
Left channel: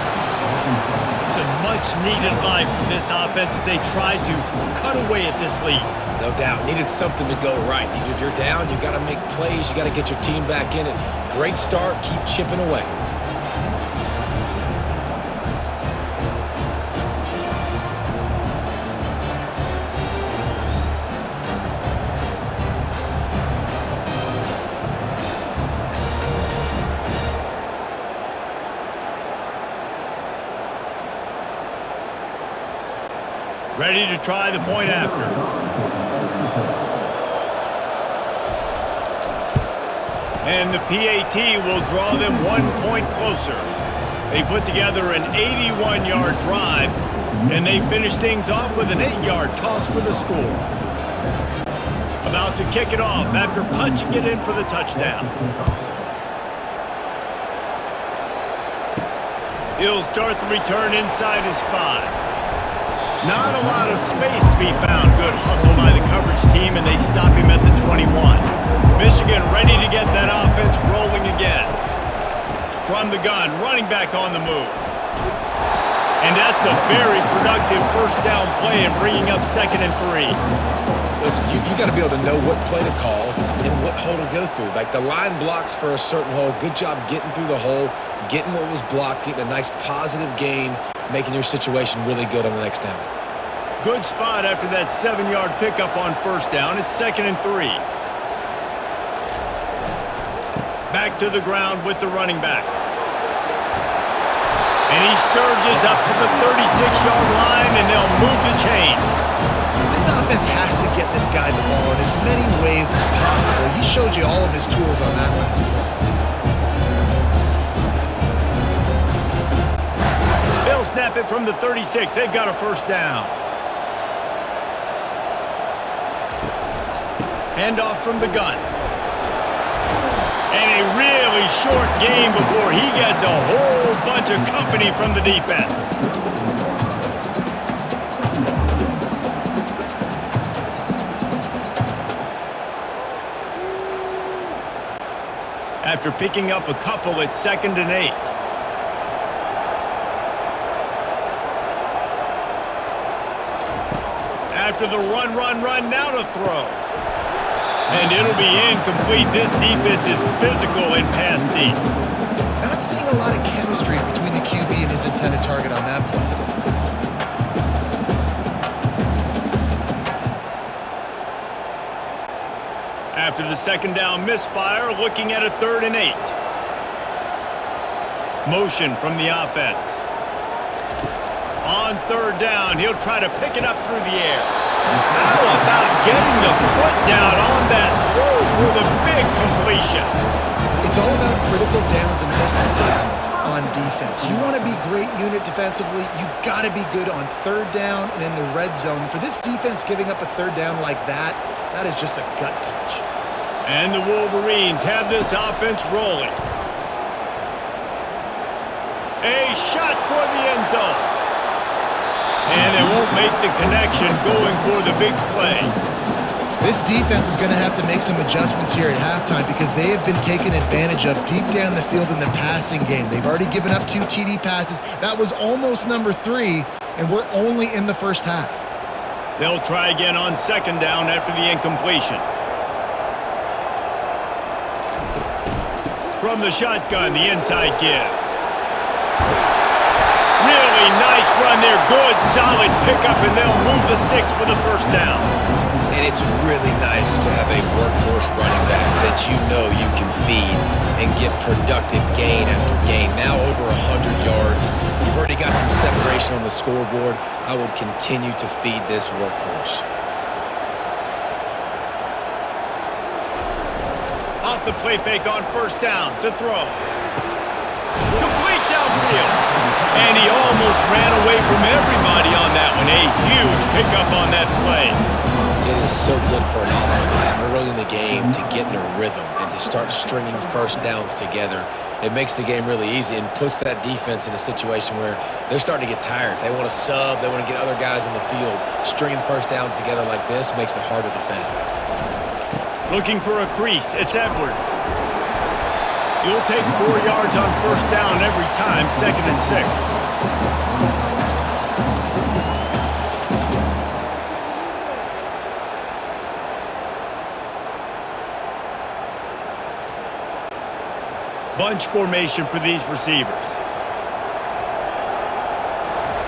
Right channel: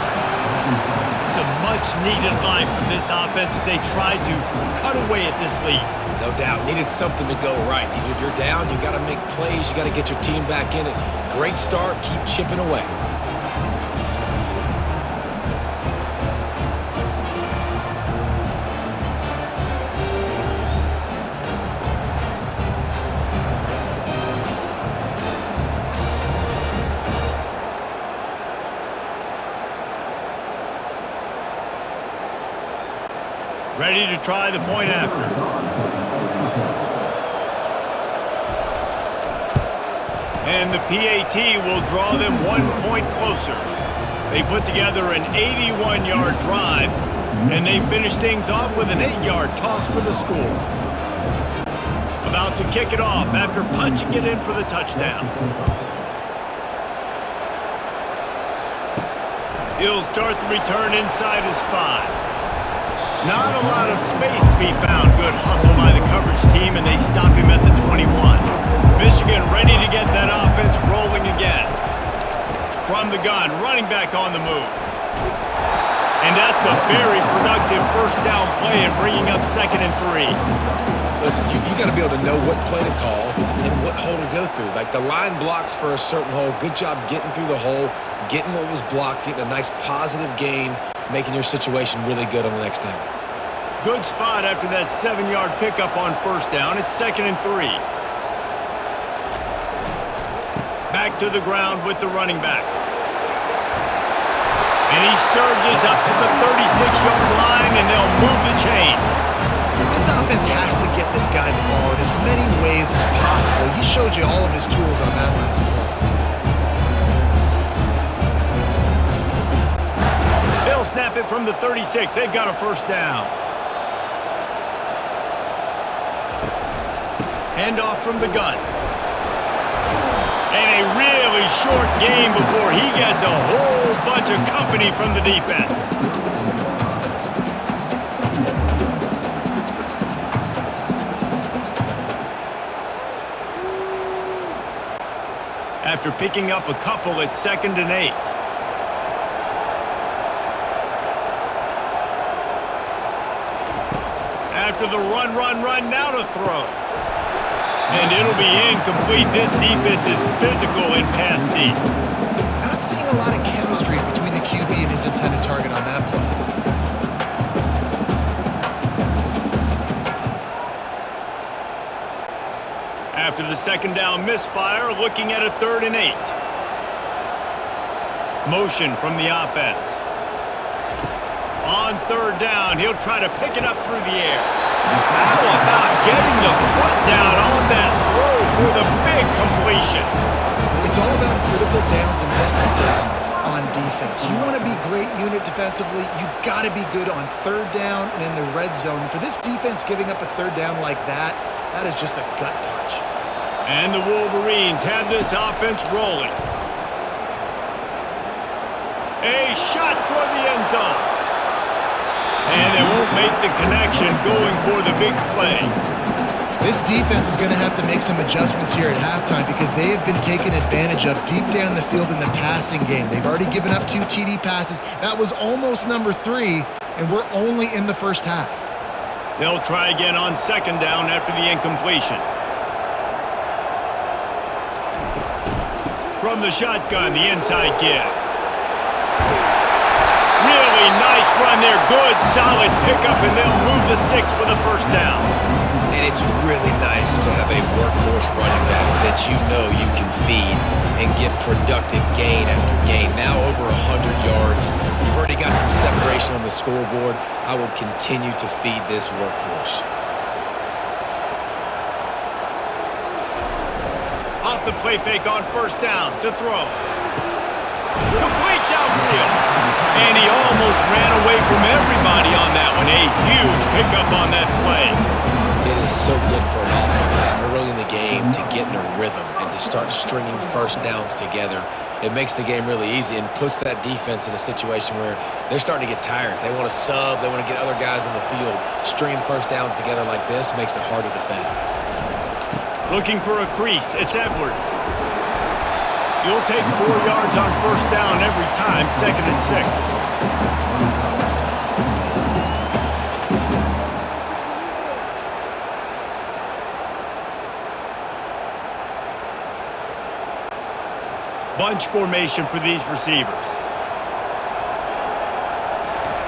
Some much-needed life from this offense as they tried to cut away at this lead. No doubt. Needed something to go right. You're down. You got to make plays. You got to get your team back in it. Great start. Keep chipping away. Ready to try the point after. And the PAT will draw them 1 point closer. They put together an 81-yard drive, and they finish things off with an 8-yard toss for the score. About to kick it off after punching it in for the touchdown. He'll start the return inside his 5. Not a lot of space to be found. Good hustle by the coverage team, and they stop him at the 21. Michigan ready to get that offense rolling again. From the gun, running back on the move. And that's a very productive first down play and bringing up 2nd and 3. Listen, you got to be able to know what play to call and what hole to go through. Like the line blocks for a certain hole. Good job getting through the hole, getting what was blocked, getting a nice positive gain, making your situation really good on the next down. Good spot after that 7-yard pickup on first down. It's 2nd and 3. Back to the ground with the running back. And he surges up to the 36-yard line, and they'll move the chains. This offense has to get this guy the ball in as many ways as possible. He showed you all of his tools on that last play. They'll snap it from the 36. They've got a first down. Handoff from the gun. And a really short game before he gets a whole bunch of company from the defense. After picking up a couple, it's 2nd and 8. After the run, now to throw. And it'll be incomplete. This defense is physical and pass deep. Not seeing a lot of chemistry between the QB and his intended target on that play. After the 2nd down misfire, looking at a 3rd and 8. Motion from the offense. On 3rd down, he'll try to pick it up through the air. How about getting the foot down on that throw for the big completion? It's all about critical downs and distances on defense. You want to be great unit defensively, you've got to be good on 3rd down and in the red zone. For this defense giving up a 3rd down like that, that is just a gut punch. And the Wolverines have this offense rolling. A shot for the end zone. And they won't make the connection going for the big play. This defense is going to have to make some adjustments here at halftime because they have been taken advantage of deep down the field in the passing game. They've already given up 2 TD passes. That was almost number 3, and we're only in the first half. They'll try again on 2nd down after the incompletion. From the shotgun, the inside give. Really nice run there. Good, solid pickup, and they'll move the sticks with a first down. And it's really nice to have a workhorse running back that you know you can feed and get productive gain after gain. Now over 100 yards. You've already got some separation on the scoreboard. I would continue to feed this workhorse. Off the play fake on first down to throw. Complete downfield. And he almost ran away from everybody on that one. A huge pickup on that play. It is so good for an offense early in the game to get in a rhythm and to start stringing first downs together. It makes the game really easy and puts that defense in a situation where they're starting to get tired. They want to sub. They want to get other guys on the field. Stringing first downs together like this makes it hard to defend. Looking for a crease. It's Edwards. You'll take 4 yards on first down every time, 2nd and 6. Bunch formation for these receivers.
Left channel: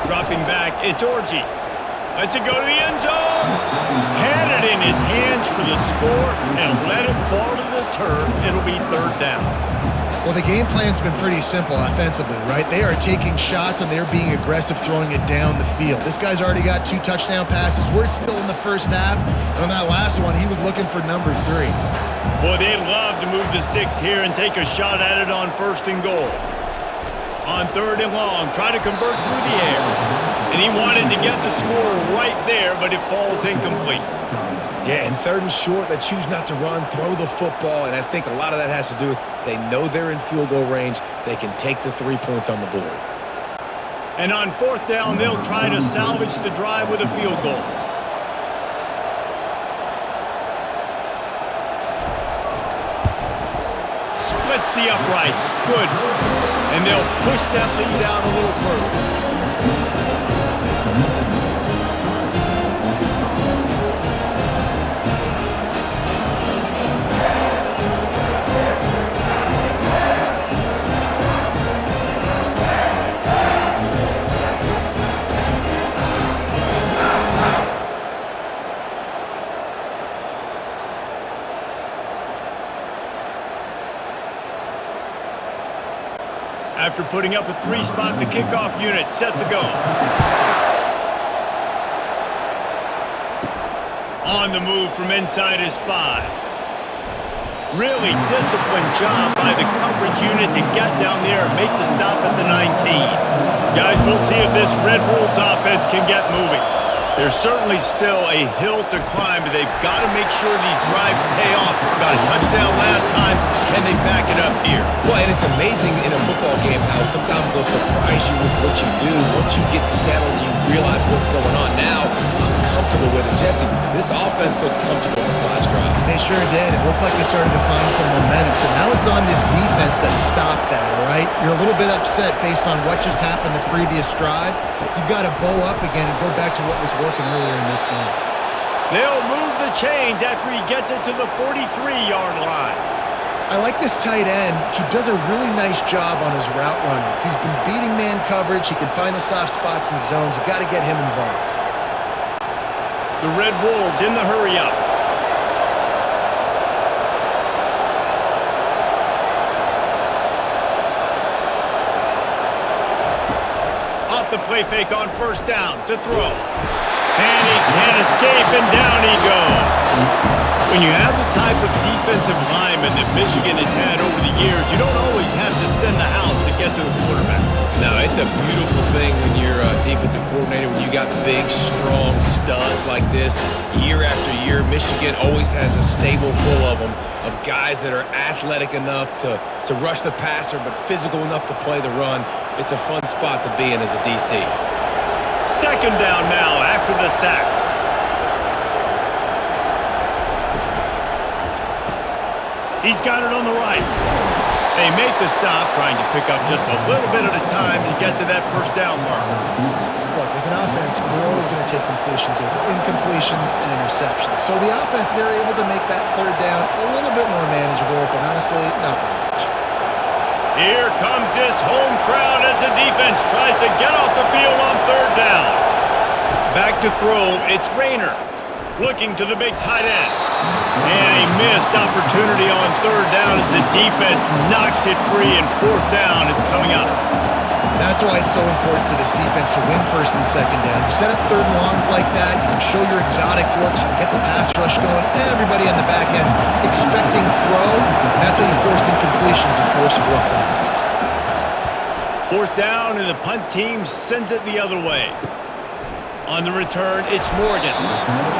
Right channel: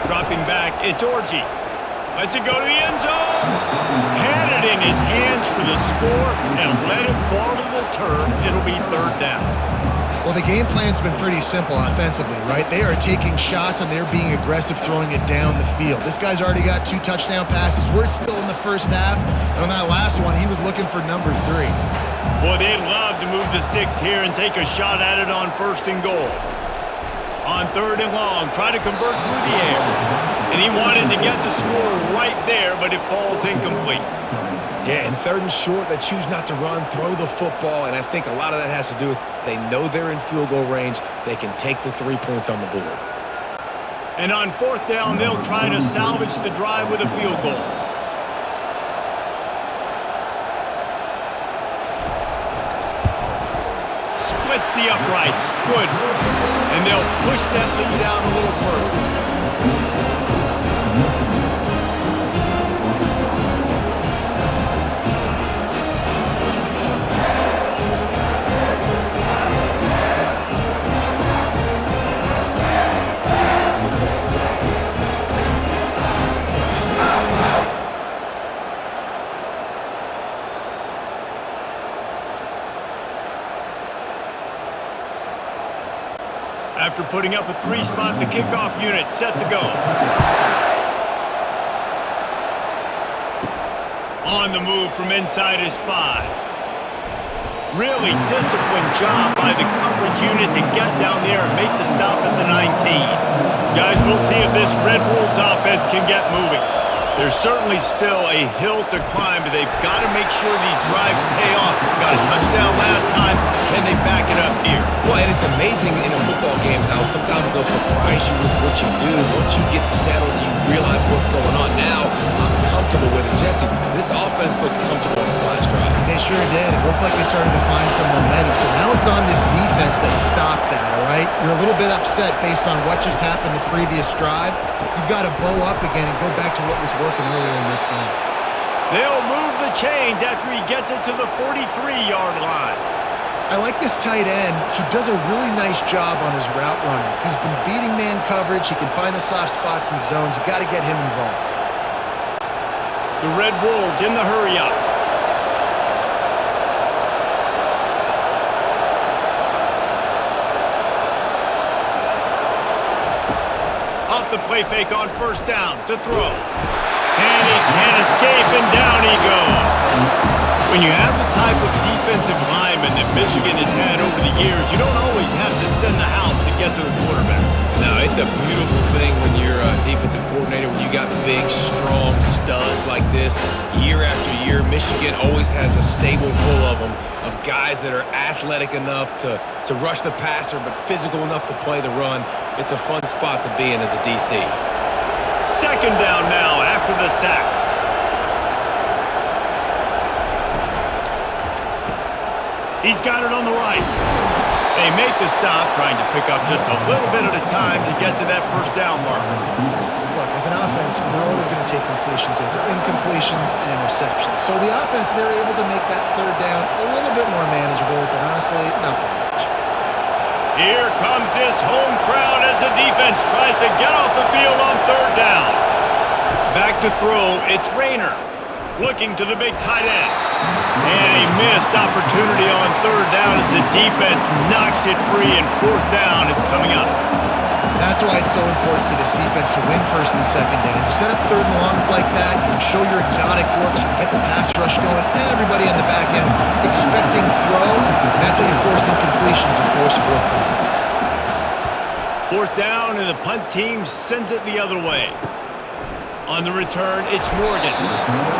Dropping back, it's Orji. Lets it go to the end zone. Had it in his hands for the score and let it fall to the turf. It'll be 3rd down. Well, the game plan's been pretty simple offensively, right? They are taking shots and they're being aggressive, throwing it down the field. This guy's already got 2 touchdown passes. We're still in the first half. And on that last one, he was looking for number 3. Boy, they'd love to move the sticks here and take a shot at it on 1st and goal. On 3rd and long, try to convert through the air. And he wanted to get the score right there, but it falls incomplete. Yeah, and 3rd and short, they choose not to run, throw the football, and I think a lot of that has to do with they know they're in field goal range. They can take the 3 points on the board. And on 4th down, they'll try to salvage the drive with a field goal. Splits the uprights. Good. And they'll push that lead out a little further. After putting up a 3-spot, the kickoff unit set to go. On the move from inside his 5. Really disciplined job by the coverage unit to get down there and make the stop at the 19. Guys, we'll see if this Red Wolves offense can get moving. There's certainly still a hill to climb, but they've got to make sure these drives pay off. Got a touchdown last time. Can they back it up here? Well, and it's amazing in a football game how sometimes they'll surprise you with what you do. Once you get settled, you realize what's going on. Now, I'm comfortable with it. Jesse, this offense looked comfortable on this last drive. They sure did. It looked like they started to find some momentum. So now it's on this defense to stop that, all right? You're a little bit upset based on what just happened the previous drive. You've got to bow up again and go back to what was working earlier in this game. They'll move the chains after he gets it to the 43-yard line. I like this tight end. He does a really nice job on his route running. He's been beating man coverage. He can find the soft spots and zones. You got to get him involved. The Red Wolves in the hurry up. Off the play fake on 1st down to throw. And he can't escape, and down he goes. When you have the type of defensive lineman that Michigan has had over the years, you don't always have to send the house to get to the quarterback. No, it's a beautiful thing when you're a defensive coordinator, when you got big, strong studs like this. Year after year, Michigan always has a stable full of them, of guys that are athletic enough to rush the passer, but physical enough to play the run. It's a fun spot to be in as a DC. 2nd down now after the sack. He's got it on the right. They make the stop, trying to pick up just a little bit at a time to get to that 1st down marker. Look, as an offense, you're always going to take completions over incompletions and interceptions. So the offense, they're able to make that 3rd down a little bit more manageable, but honestly, not by much. Here comes this home crowd as the defense tries to get off the field on 3rd down. Back to throw, it's Rayner. Looking to the big tight end. And a missed opportunity on 3rd down as the defense knocks it free, and 4th down is coming up. That's why it's so important for this defense to win 1st and 2nd down. You set up 3rd and longs like that, you can show your exotic looks, you can get the pass rush going, everybody on the back end expecting throw, and that's how you force incompletions and force 4th downs. 4th down, and the punt team sends it the other way. On the return, it's Morgan.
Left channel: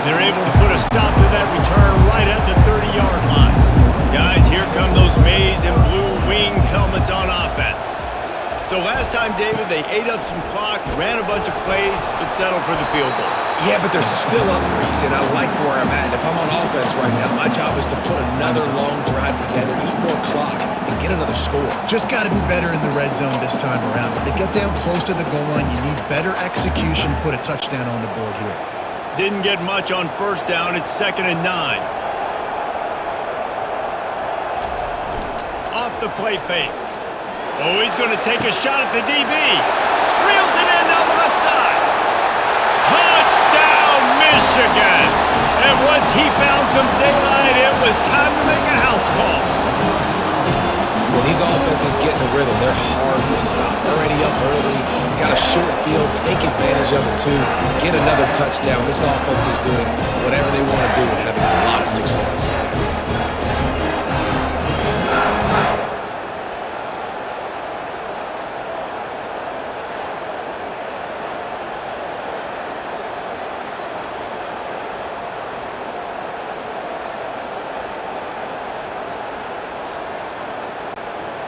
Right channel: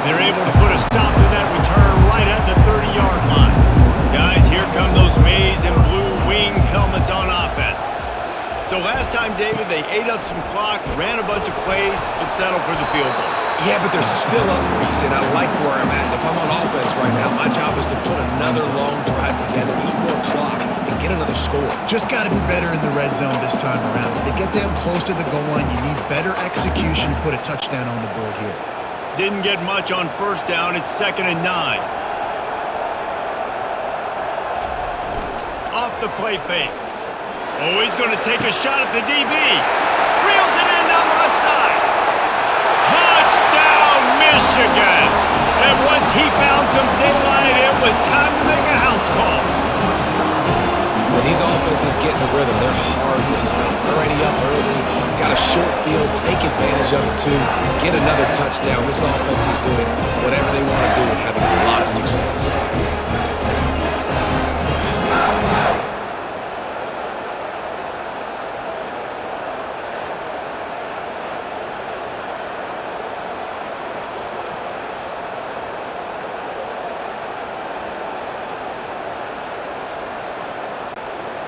They're able to put a stop to that return right at the 30-yard line. Guys, here come those maize and blue winged helmets on offense. So last time, David, they ate up some clock, ran a bunch of plays, but settled for the field goal. Yeah, but they're still up, Reese, and I like where I'm at. And if I'm on offense right now, my job is to put another long drive together, eat more clock, and get another score. Just got to be better in the red zone this time around. When they get down close to the goal line, you need better execution to put a touchdown on the board here. Didn't get much on 1st down. It's 2nd and 9. Off the play fake. Oh, he's going to take a shot at the DB. Reels it in down the left side. Touchdown, Michigan! And once he found some daylight, it was time to make a house call. When these offenses get in a rhythm, they're hard to stop. Already up early, got a short field, take advantage of it too, get another touchdown. This offense is doing whatever they want to do and having a lot of success.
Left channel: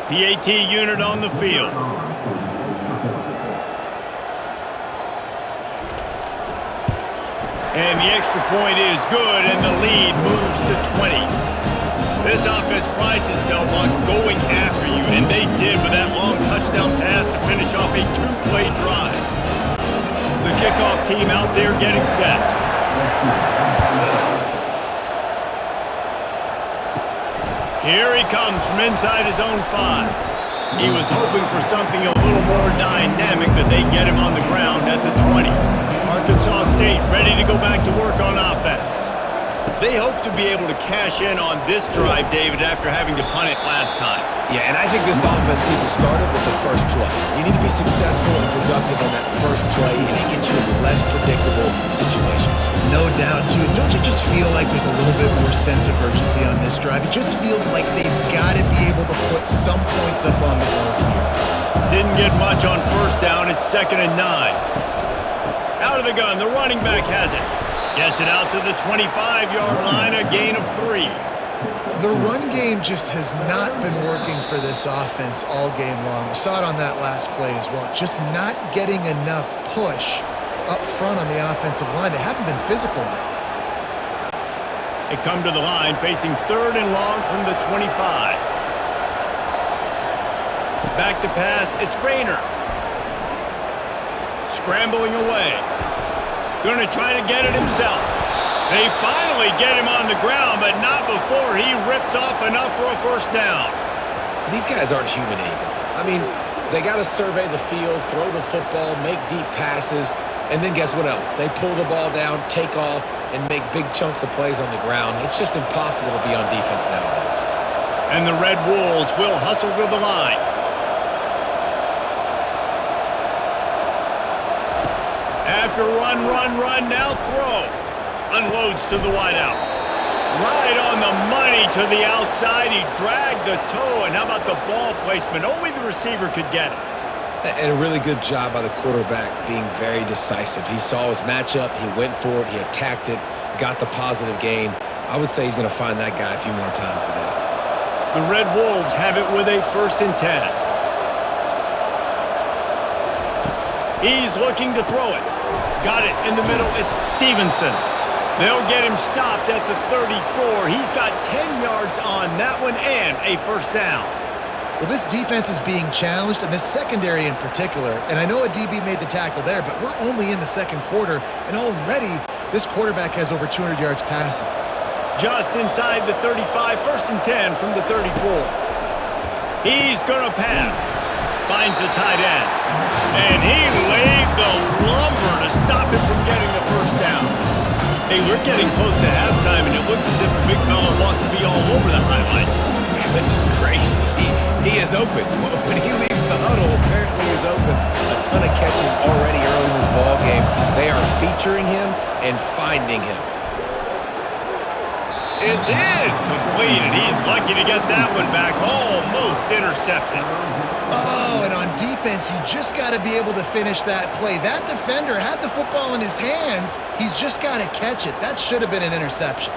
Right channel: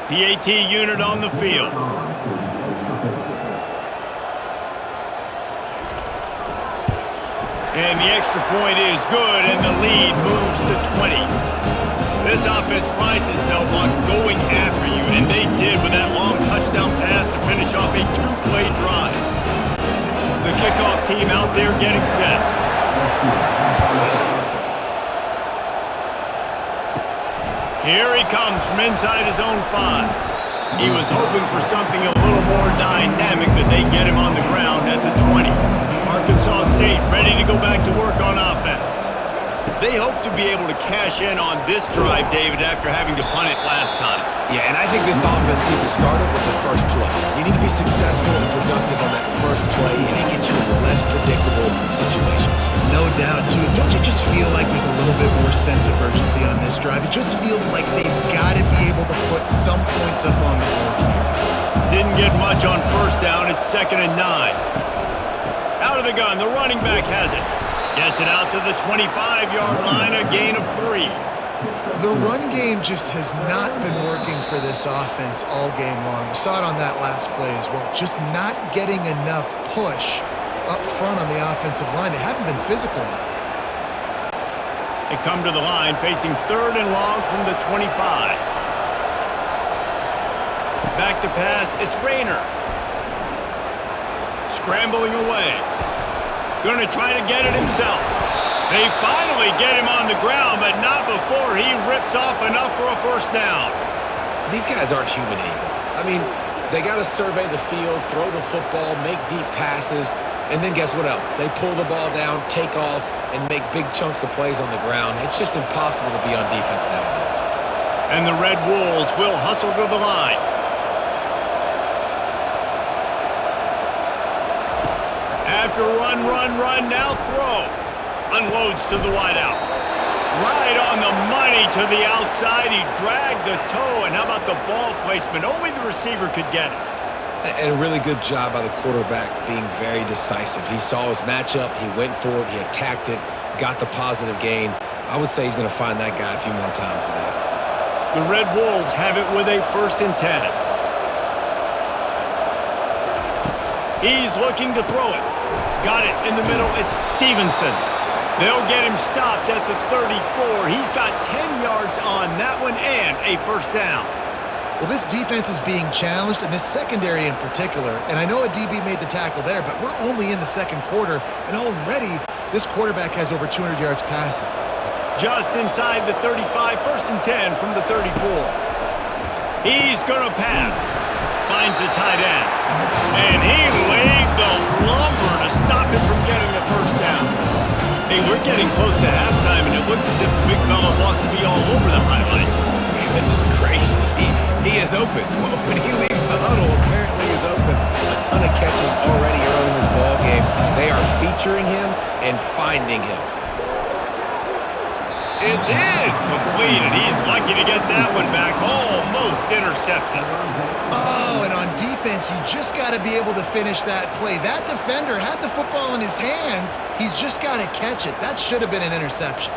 PAT unit on the field. And the extra point is good, and the lead moves to 20. This offense prides itself on going after you, and they did with that long touchdown pass to finish off a two-play drive. The kickoff team out there getting set. Here he comes from inside his own 5. He was hoping for something a little more dynamic, but they get him on the ground at the 20. Arkansas State ready to go back to work on offense. They hope to be able to cash in on this drive, David, after having to punt it last time. Yeah, and I think this offense needs to start it with the first play. You need to be successful and productive on that first play, and it gets you in less predictable situations. No doubt, too. Don't you just feel like there's a little bit more sense of urgency on this drive? It just feels like they've got to be able to put some points up on the board here. Didn't get much on first down. It's 2nd and 9. Out of the gun, the running back has it. Gets it out to the 25-yard line, a gain of 3. The run game just has not been working for this offense all game long. You saw it on that last play as well. Just not getting enough push up front on the offensive line. They haven't been physical enough. They come to the line facing 3rd and long from the 25. Back to pass, it's Rayner. Scrambling away. Going to try to get it himself. They finally get him on the ground, but not before he rips off enough for a first down. These guys aren't human anymore. I mean, they got to survey the field, throw the football, make deep passes, and then guess what else? They pull the ball down, take off, and make big chunks of plays on the ground. It's just impossible to be on defense nowadays. And the Red Wolves will hustle to the line. After run, now throw. Unloads to the wideout. Right on the money to the outside. He dragged the toe, and how about the ball placement? Only the receiver could get it. And a really good job by the quarterback being very decisive. He saw his matchup, he went for it, he attacked it, got the positive gain. I would say he's going to find that guy a few more times today. The Red Wolves have it with a 1st and 10. He's looking to throw it. Got it in the middle. It's Stevenson. They'll get him stopped at the 34. He's got 10 yards on that one and a first down. Well, this defense is being challenged, and this secondary in particular. And I know a DB made the tackle there, but we're only in the second quarter, and already this quarterback has over 200 yards passing. Just inside the 35, 1st and 10 from the 34. He's going to pass. Finds the tight end. And he laid the lumber to stop him from getting the first down. Hey, we're getting close to halftime, and it looks as if the big fella wants to be all over the highlights. Goodness gracious, he is open. When he leaves the huddle, apparently he's open. A ton of catches already early in this ball game. They are featuring him and finding him. It's in. Completed. He's lucky to get that one back. Almost intercepted. Oh, and on defense, you just got to be able to finish that play. That defender had the football in his hands. He's just got to catch it. That should have been an interception.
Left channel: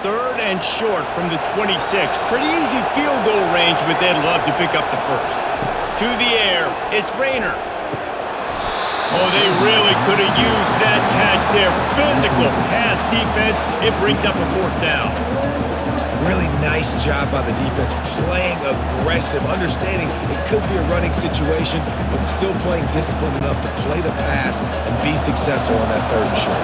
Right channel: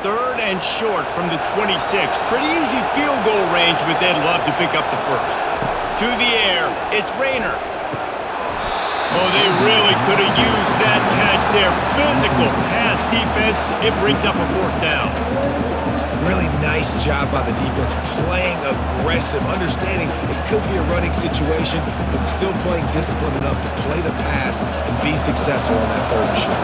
3rd and short from the 26. Pretty easy field goal range, but they'd love to pick up the first. To the air, it's Rayner. Oh, they really could have used that catch there. Physical pass defense. It brings up a 4th down. Really nice job by the defense, playing aggressive, understanding it could be a running situation, but still playing disciplined enough to play the pass and be successful on that 3rd and short.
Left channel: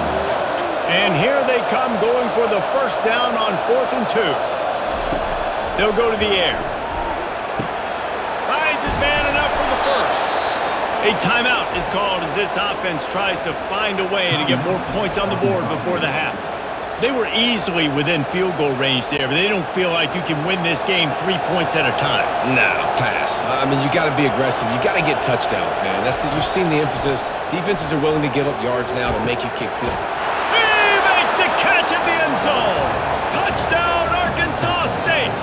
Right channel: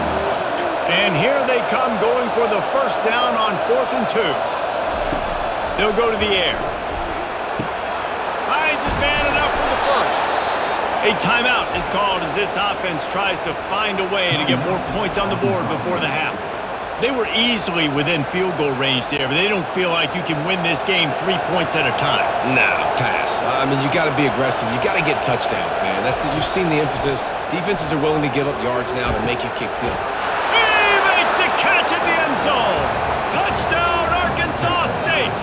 And here they come going for the first down on 4th and 2. They'll go to the air. Finds his man enough for the first. A timeout is called as this offense tries to find a way to get more points on the board before the half. They were easily within field goal range there, but they don't feel like you can win this game 3 points at a time. Nah, pass. I mean, you got to be aggressive. You got to get touchdowns, man. You've seen the emphasis. Defenses are willing to give up yards now to make you kick field. He makes the catch at the end zone. Touchdown, Arkansas State.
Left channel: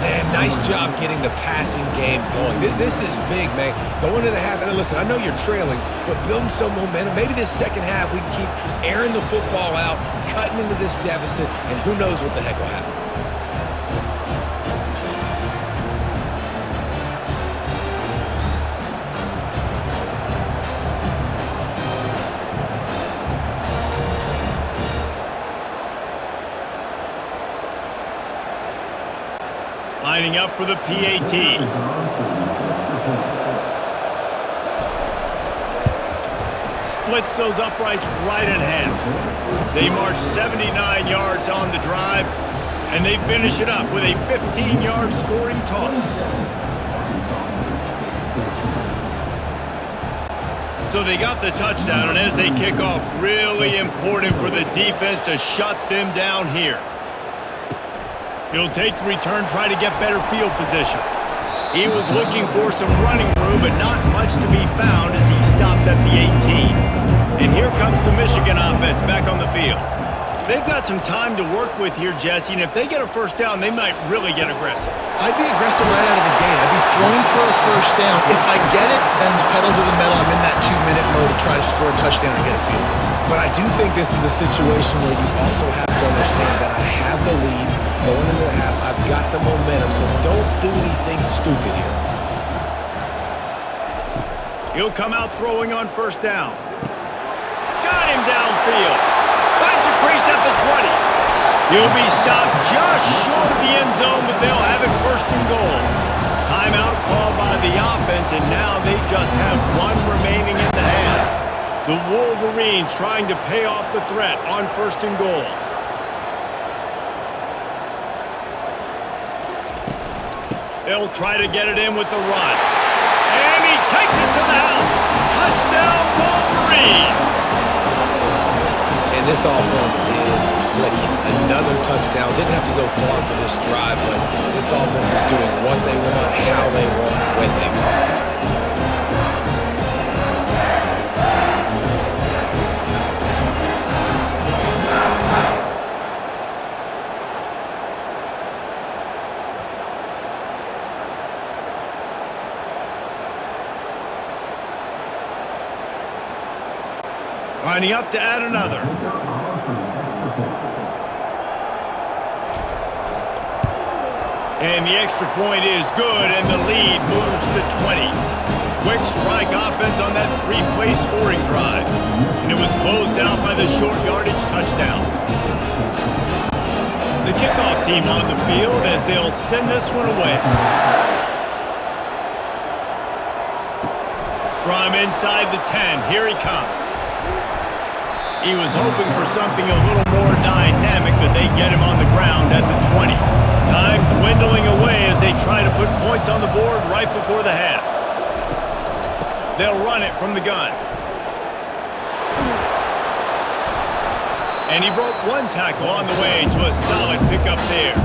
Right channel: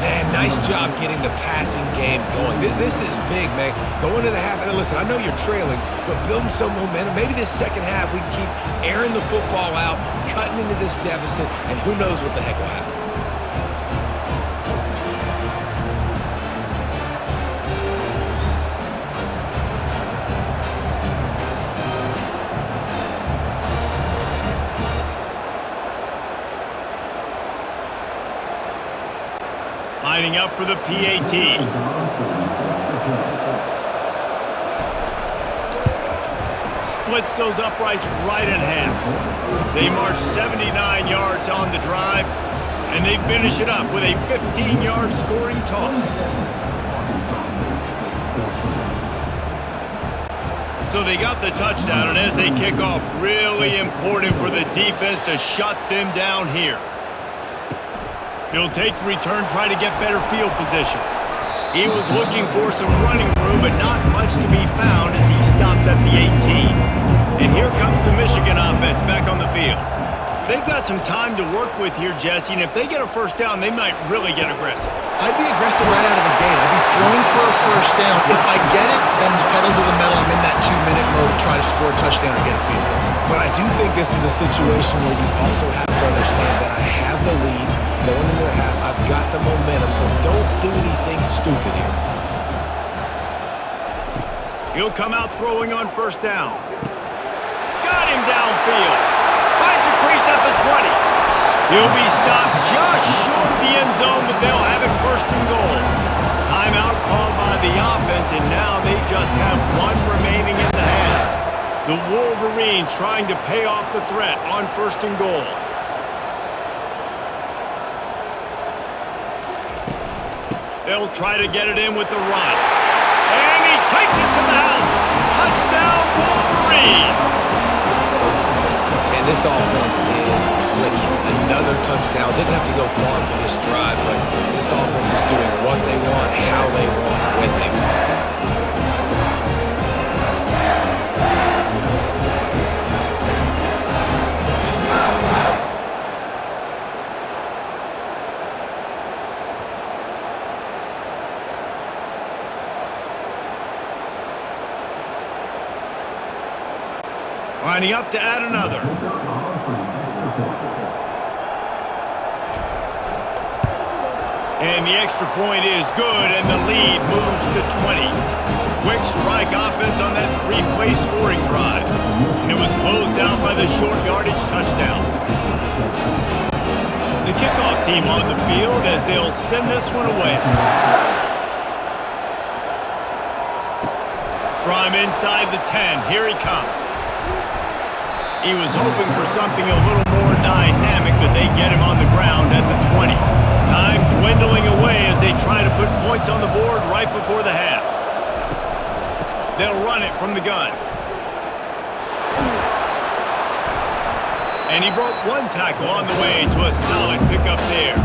Man, nice job getting the passing game going. This is big, man. Going to the half, and listen, I know you're trailing, but building some momentum. Maybe this second half we can keep airing the football out, cutting into this deficit, and who knows what the heck will happen. Lining up for the PAT. Splits those uprights right in half. They march 79 yards on the drive, and they finish it up with a 15-yard scoring toss. So they got the touchdown, and as they kick off, really important for the defense to shut them down here. He'll take the return, try to get better field position. He was looking for some running room, but not much to be found as he stopped at the 18. And here comes the Michigan offense back on the field. They've got some time to work with here, Jesse, and if they get a first down, they might really get aggressive. I'd be aggressive right out of the gate. I'd be throwing for a first down. If I get it, then it's pedal to the metal. I'm in that 2-minute mode to try to score a touchdown and get a field goal. But I do think this is a situation where you also have to understand that I have the lead going into the half. I've got the momentum, so don't do anything stupid here. He'll come out throwing on first down. Got him downfield. Finds a crease at the 20. He'll be stopped just short of the end zone, but they'll have it first and goal. Timeout called by the offense, and now they just have one remaining in the half. The Wolverines trying to pay off the threat on first and goal. They'll try to get it in with the run. And he takes it to the house. Touchdown, Wolverines! And this offense is clicking. Another touchdown. Didn't have to go far for this drive, but this offense is doing what they want, how they want, when they want. Lining up to add another. And the extra point is good, and the lead moves to 20. Quick strike offense on that 3-play scoring drive. And it was closed out by the short yardage touchdown. The kickoff team on the field as they'll send this one away. From inside the 10, here he comes. He was hoping for something a little more dynamic, but they get him on the ground at the 20. Time dwindling away as they try to put points on the board right before the half. They'll run it from the gun. And he broke one tackle on the way to a solid pickup there.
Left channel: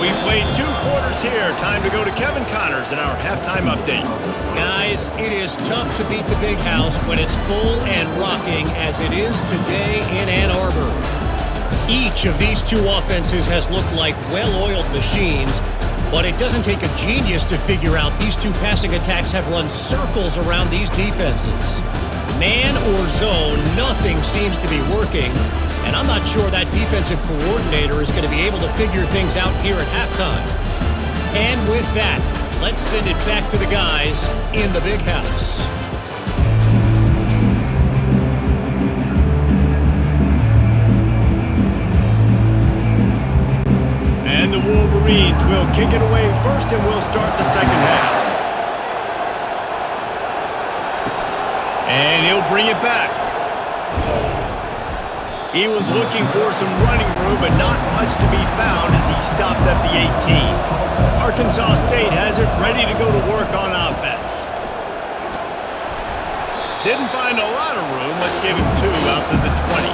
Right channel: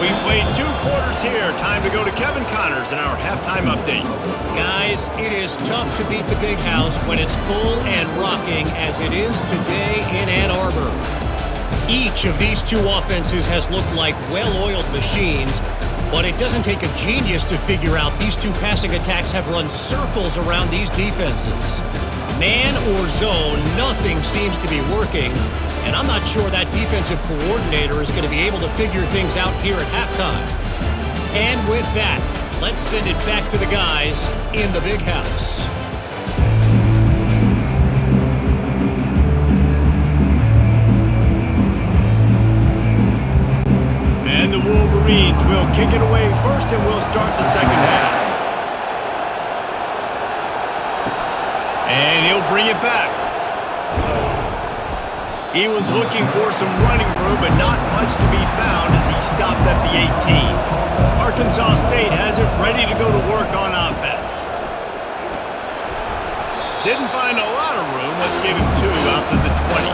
We played 2 quarters here. Time to go to Kevin Connors in our halftime update. Guys, it is tough to beat the Big House when it's full and rocking as it is today in Ann Arbor. Each of these 2 offenses has looked like well-oiled machines, but it doesn't take a genius to figure out these 2 passing attacks have run circles around these defenses. Man or zone, nothing seems to be working. And I'm not sure that defensive coordinator is going to be able to figure things out here at halftime. And with that, let's send it back to the guys in the Big House. And the Wolverines will kick it away first, and we'll start the second half. And he'll bring it back. He was looking for some running room, but not much to be found as he stopped at the 18. Arkansas State has it ready to go to work on offense. Didn't find a lot of room let's give him 2 out to the 20.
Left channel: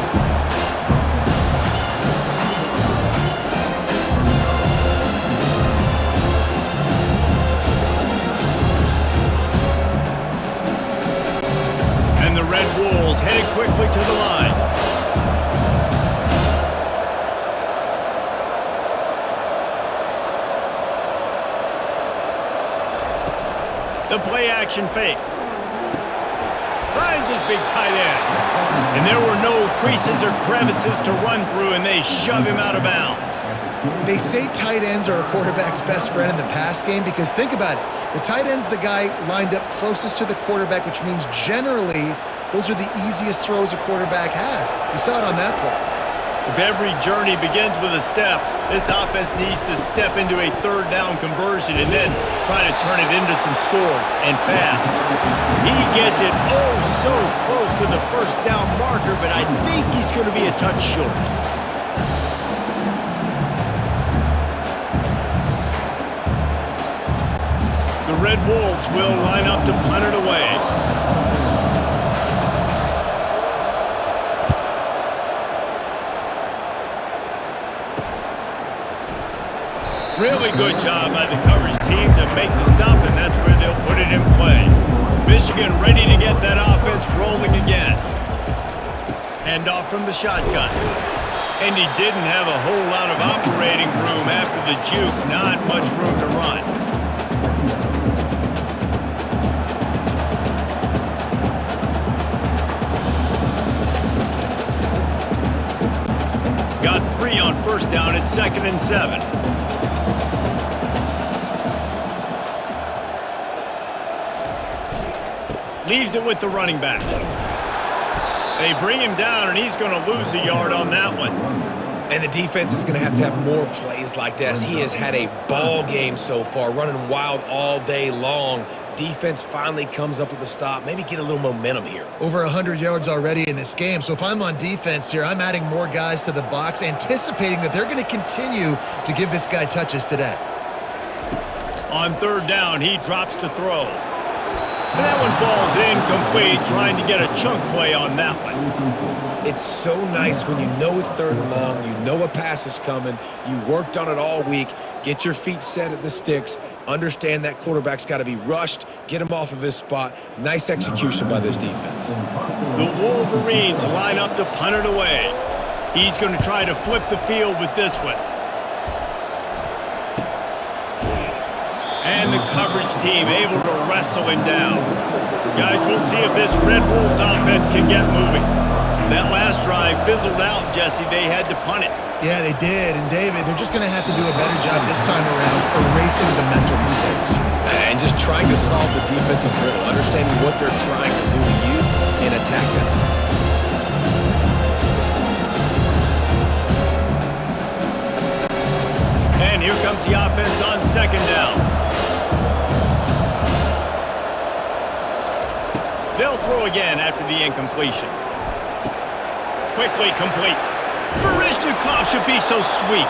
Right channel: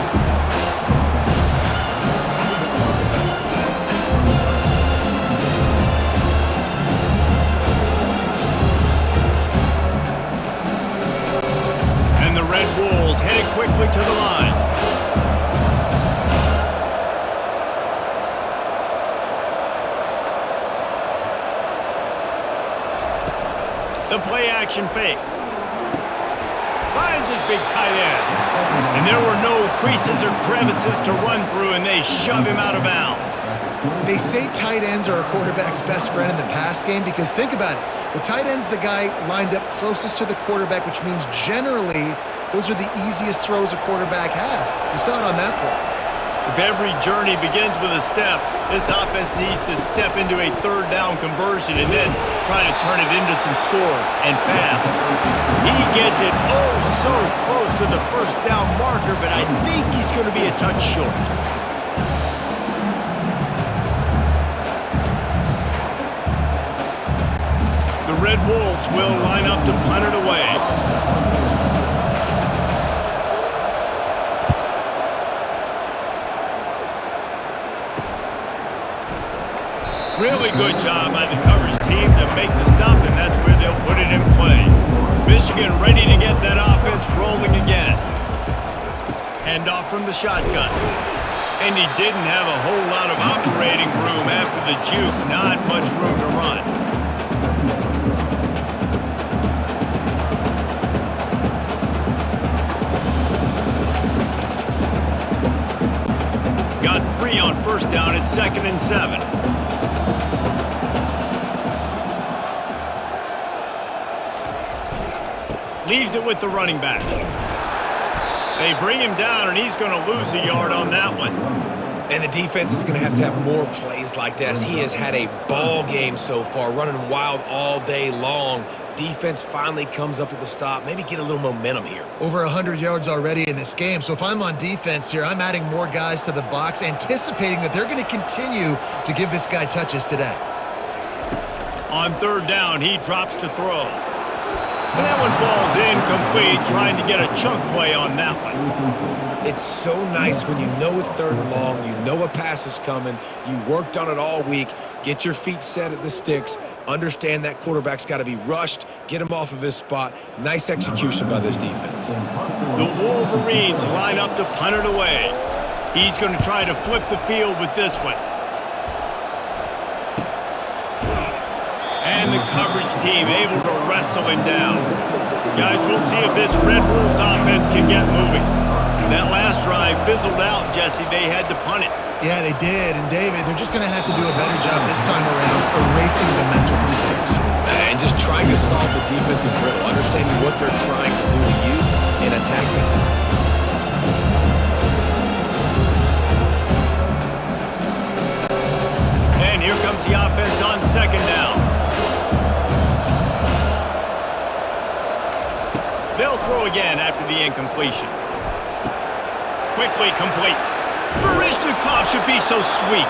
And the Red Wolves headed quickly to the line. The play action fake. Finds his big tight end. And there were no creases or crevices to run through, and they shove him out of bounds. They say tight ends are a quarterback's best friend in the pass game because think about it. The tight end's the guy lined up closest to the quarterback, which means generally those are the easiest throws a quarterback has. You saw it on that play. If every journey begins with a step, this offense needs to step into a third down conversion and then try to turn it into some scores, and fast. He gets it oh so close to the first down marker, but I think he's going to be a touch short. The Red Wolves will line up to punt it away. Really good job by the coverage team to make the stop, and that's where they'll put it in play. Michigan ready to get that offense rolling again. Handoff from the shotgun. And he didn't have a whole lot of operating room after the juke. Not much room to run. Got 3 on first down at 2nd and 7. Leaves it with the running back. They bring him down, and he's going to lose a yard on that one. And the defense is going to have more plays like that. He has had a ball game so far, running wild all day long. Defense finally comes up with a stop, maybe get a little momentum here. Over 100 yards already in this game. So if I'm on defense here, I'm adding more guys to the box, anticipating that they're going to continue to give this guy touches today. On third down, he drops to throw. And that one falls incomplete, trying to get a chunk play on that one. It's so nice when you know it's 3rd and long, you know a pass is coming, you worked on it all week, get your feet set at the sticks, understand that quarterback's got to be rushed, get him off of his spot. Nice execution by this defense. The Wolverines line up to punt it away. He's going to try to flip the field with this one. And the coverage team able to wrestle him down. Guys, we'll see if this Red Wolves offense can get moving. That last drive fizzled out, Jesse. They had to punt it. Yeah, they did. And David, they're just going to have to do a better job this time around erasing the mental mistakes. And just trying to solve the defensive riddle, understanding what they're trying to do to you and attack them. And here comes the offense on 2nd down. They'll throw again after the incompletion. Quickly complete. Baryshnikov should be so sweet.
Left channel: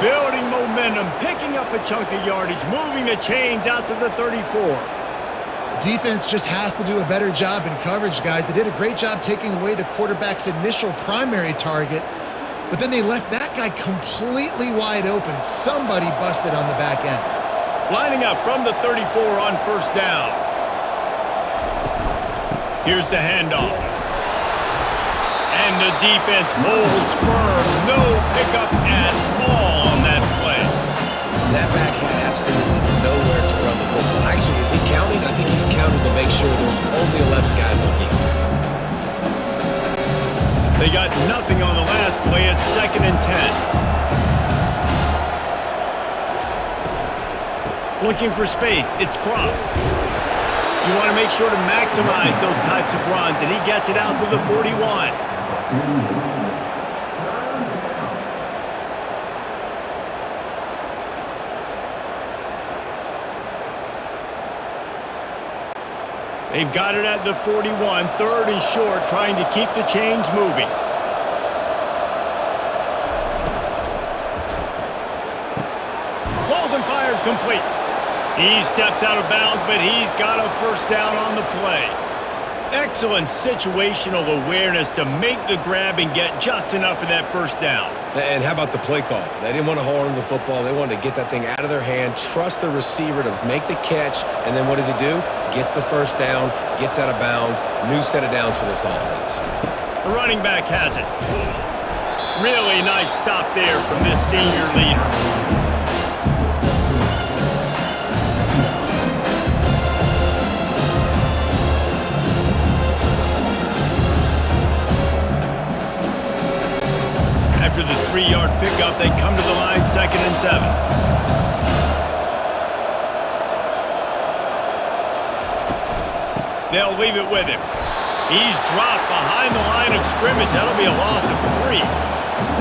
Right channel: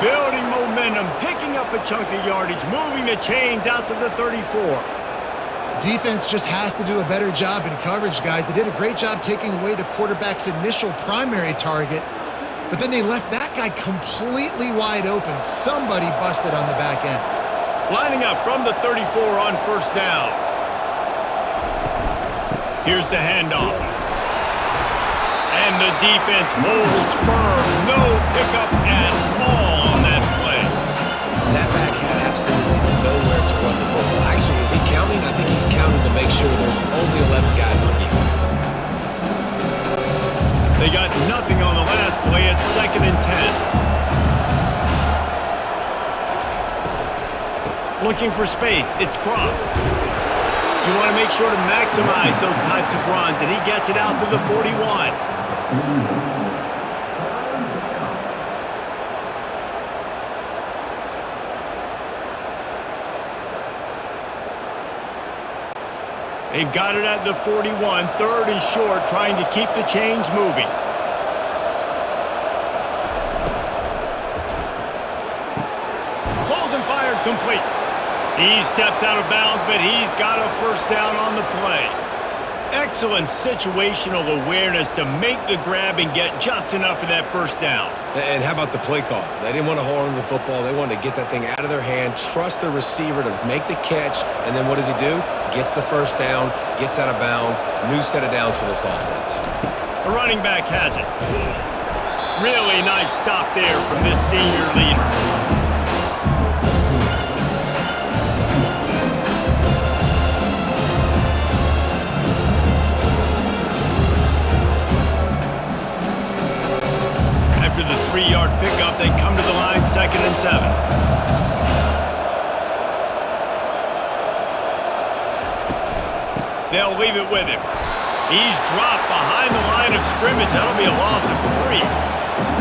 Building momentum, picking up a chunk of yardage, moving the chains out to the 34. Defense just has to do a better job in coverage, guys. They did a great job taking away the quarterback's initial primary target, but then they left that guy completely wide open. Somebody busted on the back end. Lining up from the 34 on first down. Here's the handoff. And the defense holds firm. No pickup at all on that play. That back had absolutely nowhere to run the football. Actually, is he counting? I think he's counting to make sure there's only 11 guys on defense. They got nothing on the last play at 2nd and 10. Looking for space. It's Cross. You want to make sure to maximize those types of runs, and he gets it out to the 41. They've got it at the 41, 3rd and short, trying to keep the chains moving. Balls and fired complete. He steps out of bounds, but he's got a first down on the play. Excellent situational awareness to make the grab and get just enough of that first down. And how about the play call? They didn't want to hold on to the football. They wanted to get that thing out of their hand, trust the receiver to make the catch, and then what does he do? Gets the first down, gets out of bounds, new set of downs for this offense. The running back has it. Really nice stop there from this senior leader. After the 3-yard pickup, they come to the line, 2nd and 7. They'll leave it with him. He's dropped behind the line of scrimmage. That'll be a loss of 3.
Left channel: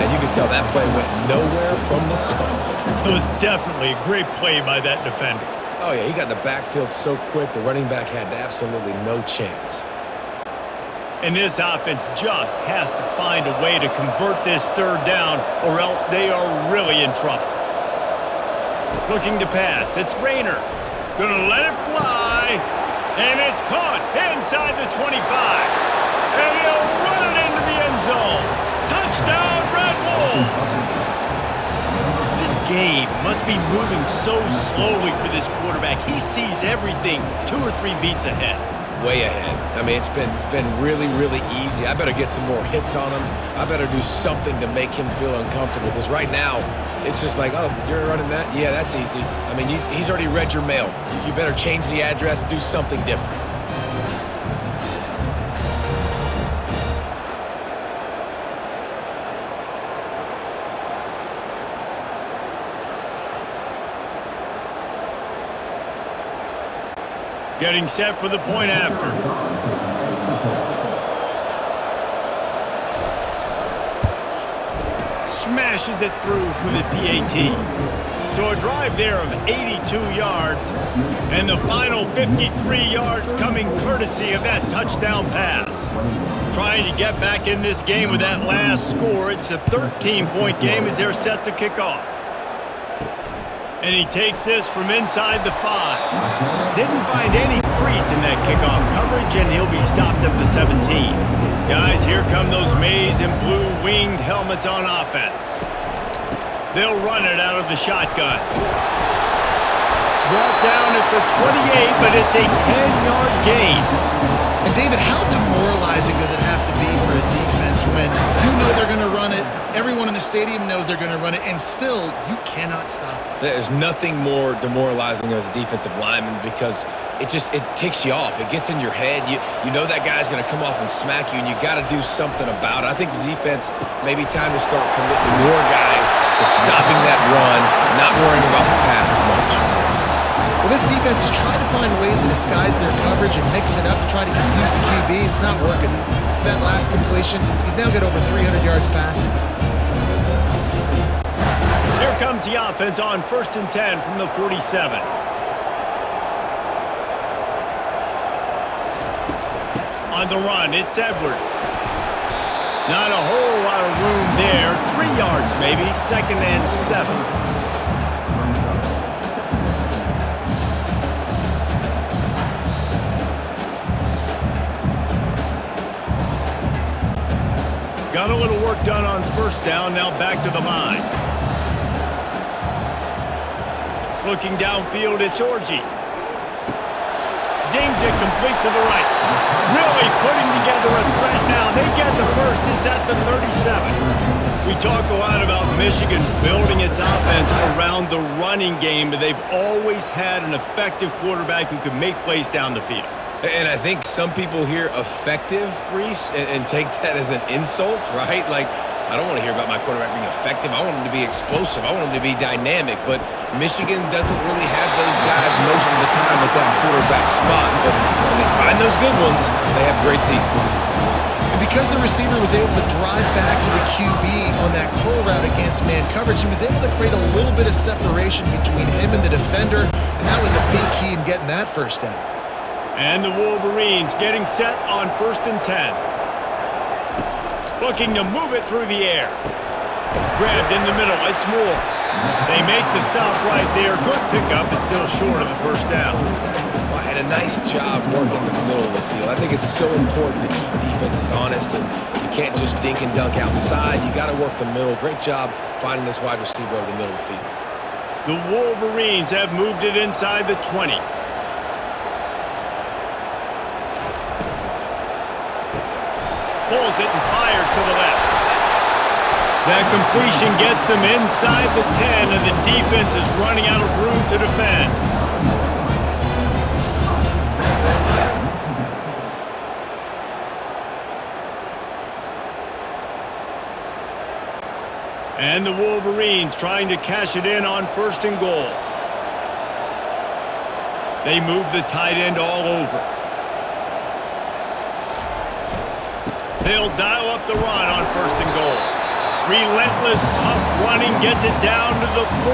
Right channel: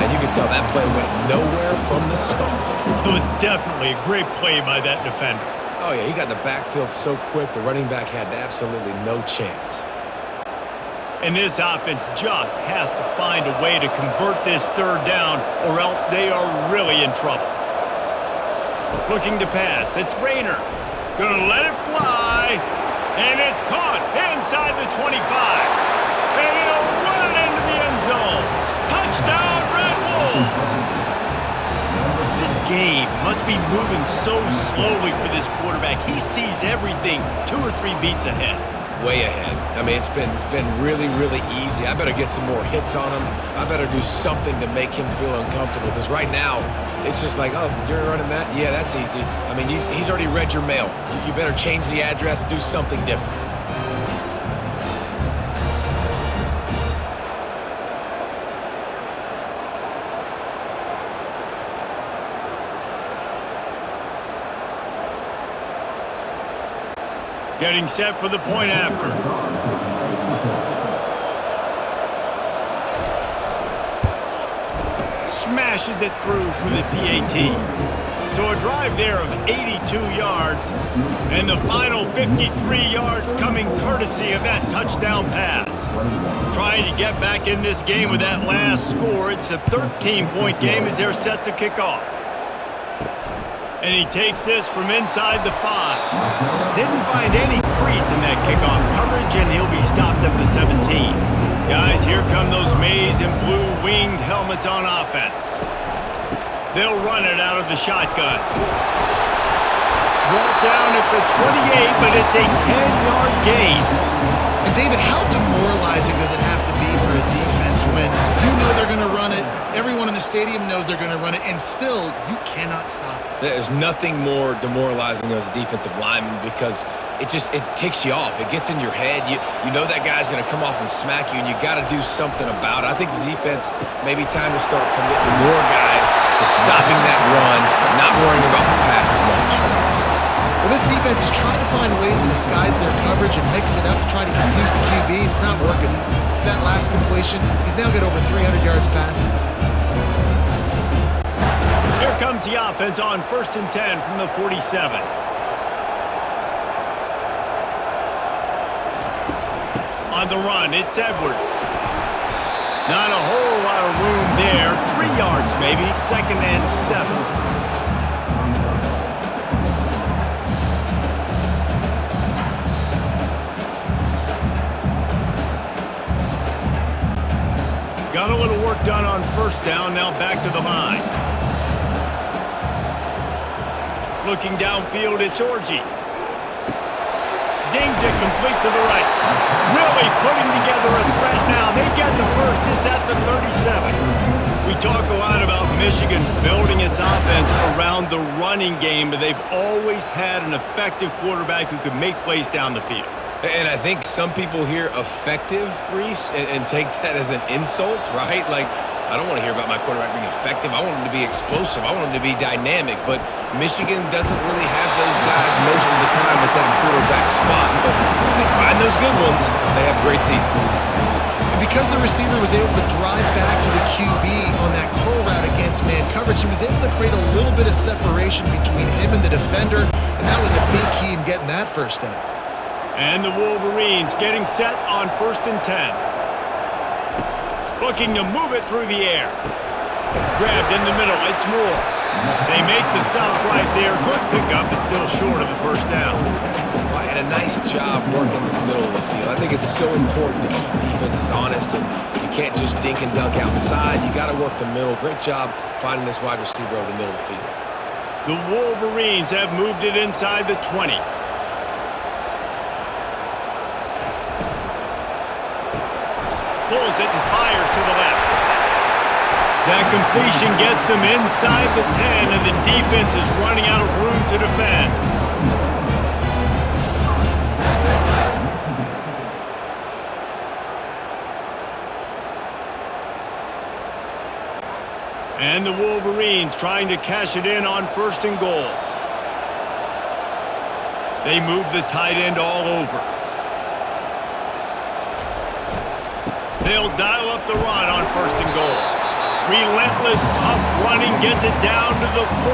And you can tell that play went nowhere from the start. It was definitely a great play by that defender. Oh, yeah, he got in the backfield so quick, the running back had absolutely no chance. And this offense just has to find a way to convert this 3rd down, or else they are really in trouble. Looking to pass. It's Rayner. Gonna let it fly. And it's caught inside the 25. And he'll run it into the end zone. Touchdown, Red Wolves! This game must be moving so slowly for this quarterback. He sees everything 2 or 3 beats ahead. Way ahead. I mean, it's been really, really easy. I better get some more hits on him. I better do something to make him feel uncomfortable, because right now, it's just like, oh, you're running that? Yeah, that's easy. I mean, he's already read your mail. You better change the address, do something different. Getting set for the point after. Smashes it through for the PAT. So a drive there of 82 yards, and the final 53 yards coming courtesy of that touchdown pass. Trying to get back in this game with that last score. It's a 13-point game as they're set to kick off. And he takes this from inside the 5. Didn't find any crease in that kickoff coverage, and he'll be stopped at the 17. Guys, here come those maize and blue winged helmets on offense. They'll run it out of the shotgun. Brought down at the 28, but it's a 10-yard gain. And David, how demoralizing does it have to be for a defense when you know they're going to run it, everyone in the stadium knows they're going to run it, and still you cannot stop it? There's nothing more demoralizing as a defensive lineman, because it ticks you off. It gets in your head. You know that guy's going to come off and smack you, and you got to do something about it. I think the defense may be time to start committing more guys to stopping that run, not worrying about the pass as much. Well, this defense is trying to find ways to disguise their coverage and mix it up to try to confuse the QB. It's not working. That last completion, he's now got over 300 yards passing. Here comes the offense on 1st and 10 from the 47. On the run, it's Edwards. Not a whole lot of room there. 3 yards maybe, 2nd and 7. Got a little work done on 1st down, now back to the line. Looking downfield, it's Orji. Zings it complete to the right. Really putting together a threat now. They get the first, it's at the 37. We talk a lot about Michigan building its offense around the running game, but they've always had an effective quarterback who could make plays down the field. And I think some people hear effective, Reese, and take that as an insult, right? Like, I don't want to hear about my quarterback being effective. I want him to be explosive. I want him to be dynamic. But Michigan doesn't really have those guys most of the time at that quarterback spot. But when they find those good ones, they have great seasons. And because the receiver was able to drive back to the QB on that curl route against man coverage, he was able to create a little bit of separation between him and the defender, and that was a big key in getting that first down. And the Wolverines getting set on 1st and 10. Looking to move it through the air. Grabbed in the middle, it's Moore. They make the stop right there. Good pickup, but still short of the first down. Well, and a nice job working the middle of the field. I think it's so important to keep defenses honest, and you can't just dink and dunk outside. You got to work the middle. Great job finding this wide receiver over the middle of the field. The Wolverines have moved it inside the 20. Pulls it and fires to the left. That completion gets them inside the 10, and the defense is running out of room to defend. And the Wolverines trying to cash it in on 1st and goal. They move the tight end all over. They'll dial up the run on 1st and goal. Relentless, tough running gets it down to the 4.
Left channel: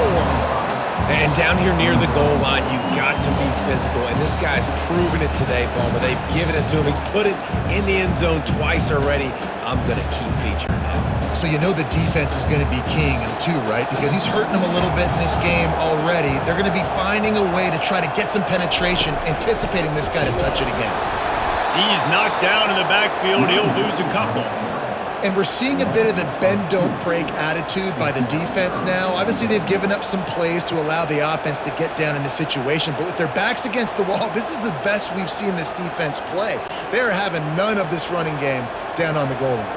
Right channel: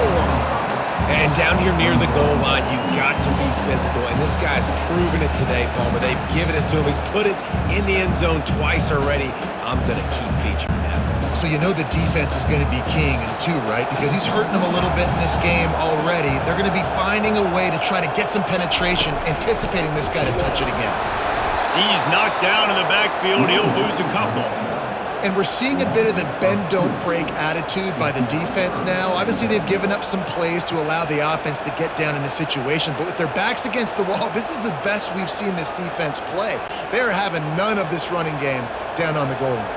And down here near the goal line, you got to be physical. And this guy's proven it today, Palmer. They've given it to him. He's put it in the end zone twice already. I'm going to keep featuring him. So you know the defense is going to be keying him too, right? Because he's hurting them a little bit in this game already. They're going to be finding a way to try to get some penetration, anticipating this guy to touch it again. He's knocked down in the backfield. He'll lose a couple. And we're seeing a bit of the bend, don't break attitude by the defense now. Obviously, they've given up some plays to allow the offense to get down in this situation. But with their backs against the wall, this is the best we've seen this defense play. They're having none of this running game down on the goal line.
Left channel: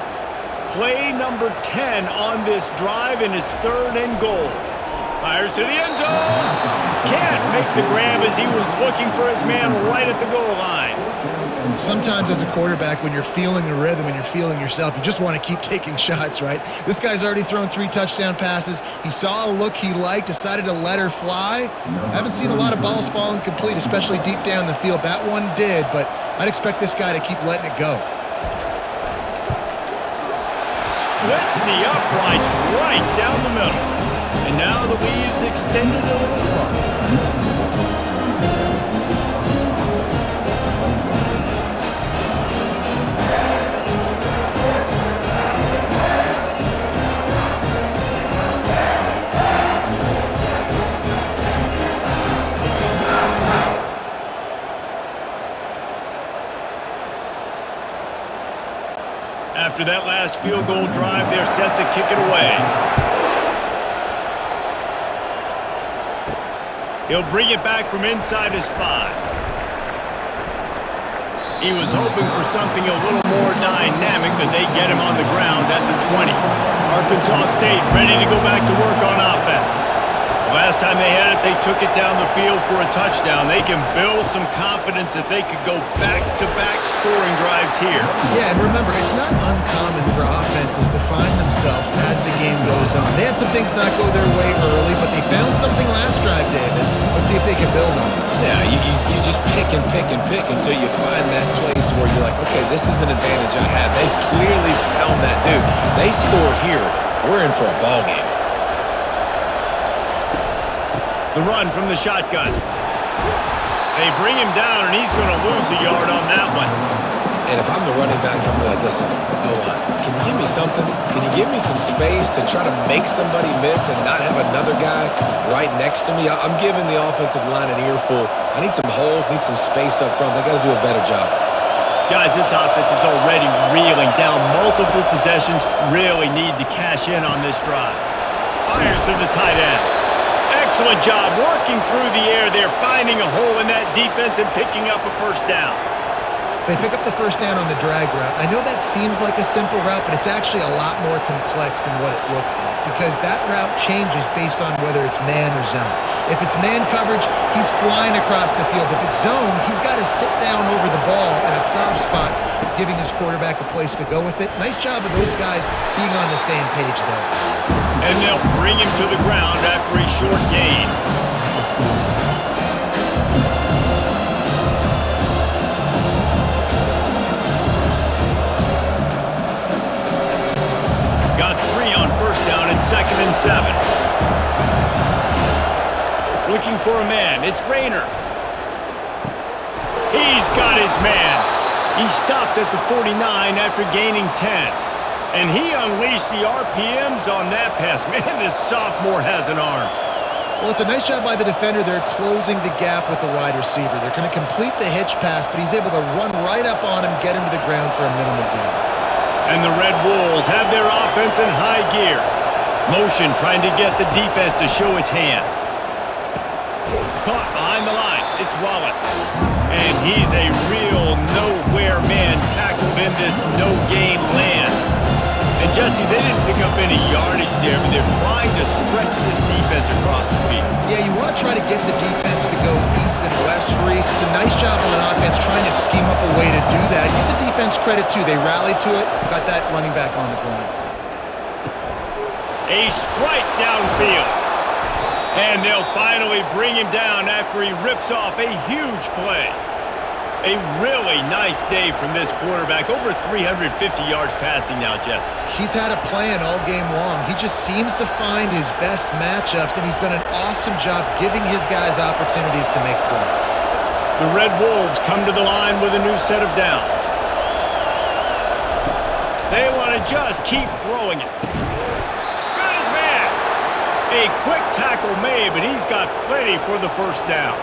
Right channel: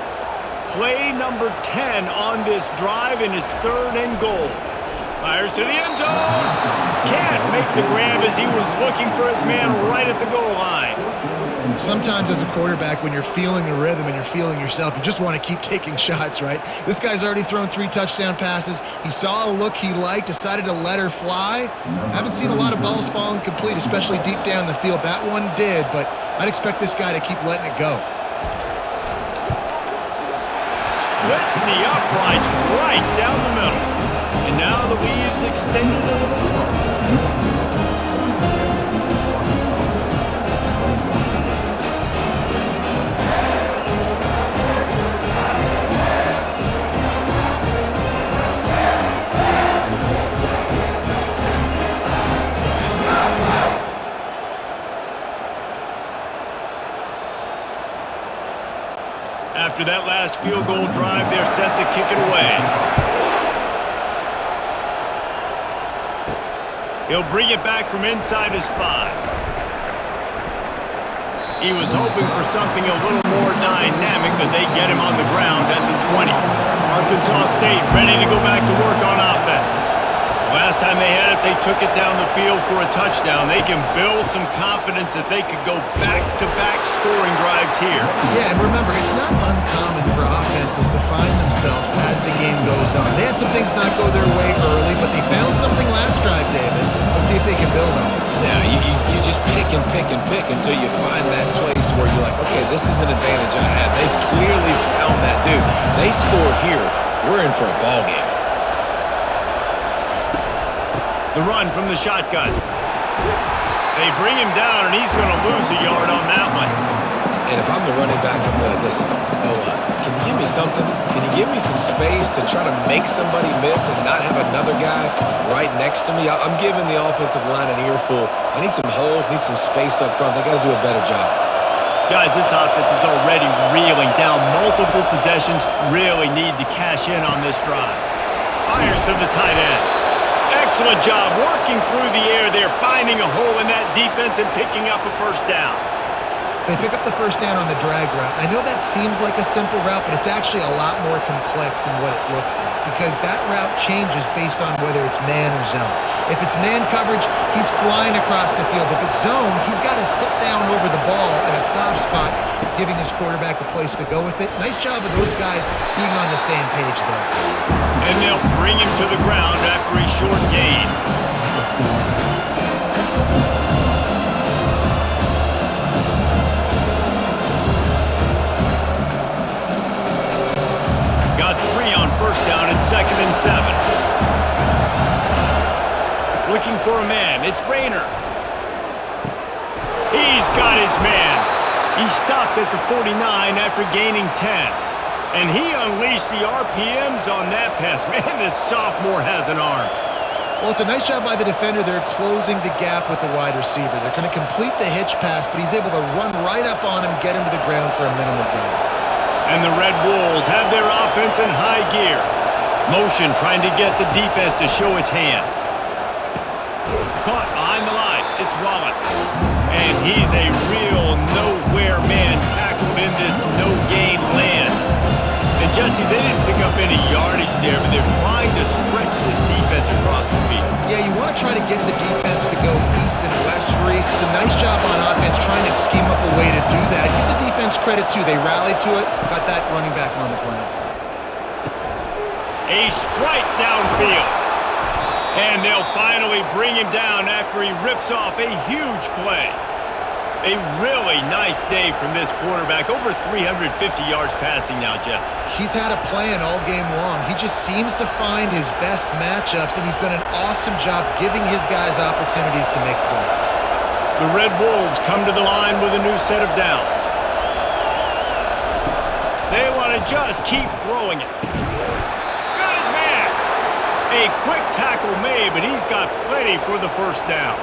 Play number 10 on this drive, and it's 3rd and goal. Fires to the end zone. Can't make the grab as he was looking for his man right at the goal line. Sometimes as a quarterback, when you're feeling a rhythm and you're feeling yourself, you just want to keep taking shots, right? This guy's already thrown 3 touchdown passes. He saw a look he liked, decided to let her fly. Haven't seen a lot of balls falling complete, especially deep down the field. That one did, but I'd expect this guy to keep letting it go. Splits the uprights right down the middle. And now the lead's extended a little further. After that last field goal drive, they're set to kick it away. He'll bring it back from inside his 5. He was hoping for something a little more dynamic, but they get him on the ground at the 20. Arkansas State ready to go back to work on offense. The last time they had it, they took it down the field for a touchdown. They can build some confidence that they could go back-to-back scoring drives here. Yeah, and remember, it's not uncommon for offenses to find themselves as the game goes on. They had some things not go their way early, but they found something last drive, David. Let's see if they can build on that. Yeah, you just pick and pick and pick until you find that place where you're like, okay, this is an advantage I have. They clearly found that, dude. They score here, we're in for a ball game. The run from the shotgun. They bring him down, and he's going to lose a yard on that one. And if I'm the running back, I'm going to listen. O-line, can you give me something? Can you give me some space to try to make somebody miss and not have another guy right next to me? I'm giving the offensive line an earful. I need some holes, need some space up front. They got to do a better job. Guys, this offense is already reeling down multiple possessions. Really need to cash in on this drive. Fires to the tight end. Excellent job working through the air there, finding a hole in that defense and picking up a 1st down. They pick up the 1st down on the drag route. I know that seems like a simple route, but it's actually a lot more complex than what it looks like because that route changes based on whether it's man or zone. If it's man coverage, he's flying across the field. If it's zone, he's got to sit down over the ball in a soft spot, giving his quarterback a place to go with it. Nice job of those guys being on the same page there. And they'll bring him to the ground after a short gain. Got 3 on 1st down and 2nd and 7. Looking for a man. It's Rayner. He's got his man. He stopped at the 49 after gaining 10. And he unleashed the RPMs on that pass. Man, this sophomore has an arm. Well, it's a nice job by the defender. They're closing the gap with the wide receiver. They're going to complete the hitch pass, but he's able to run right up on him, get him to the ground for a minimal gain. And the Red Wolves have their offense in high gear. Motion trying to get the defense to show his hand. Caught behind the line. It's Wallace. And he's a real nowhere man tackled in this no-gain land. And Jesse, they didn't pick up any yardage there, but they're trying to stretch this defense across the field. Yeah, you want to try to get the defense to go east and west, Reese. It's a nice job on offense trying to scheme up a way to do that. Give the defense credit, too. They rallied to it, got that running back on the ground. A strike downfield. And they'll finally bring him down after he rips off a huge play. A really nice day from this quarterback. Over 350 yards passing now, Jeff. He's had a plan all game long. He just seems to find his best matchups, and he's done an awesome job giving his guys opportunities to make plays. The Red Wolves come to the line with a new set of downs. They want to just keep throwing it. Got his man. A quick tackle made, but he's got plenty for the first down.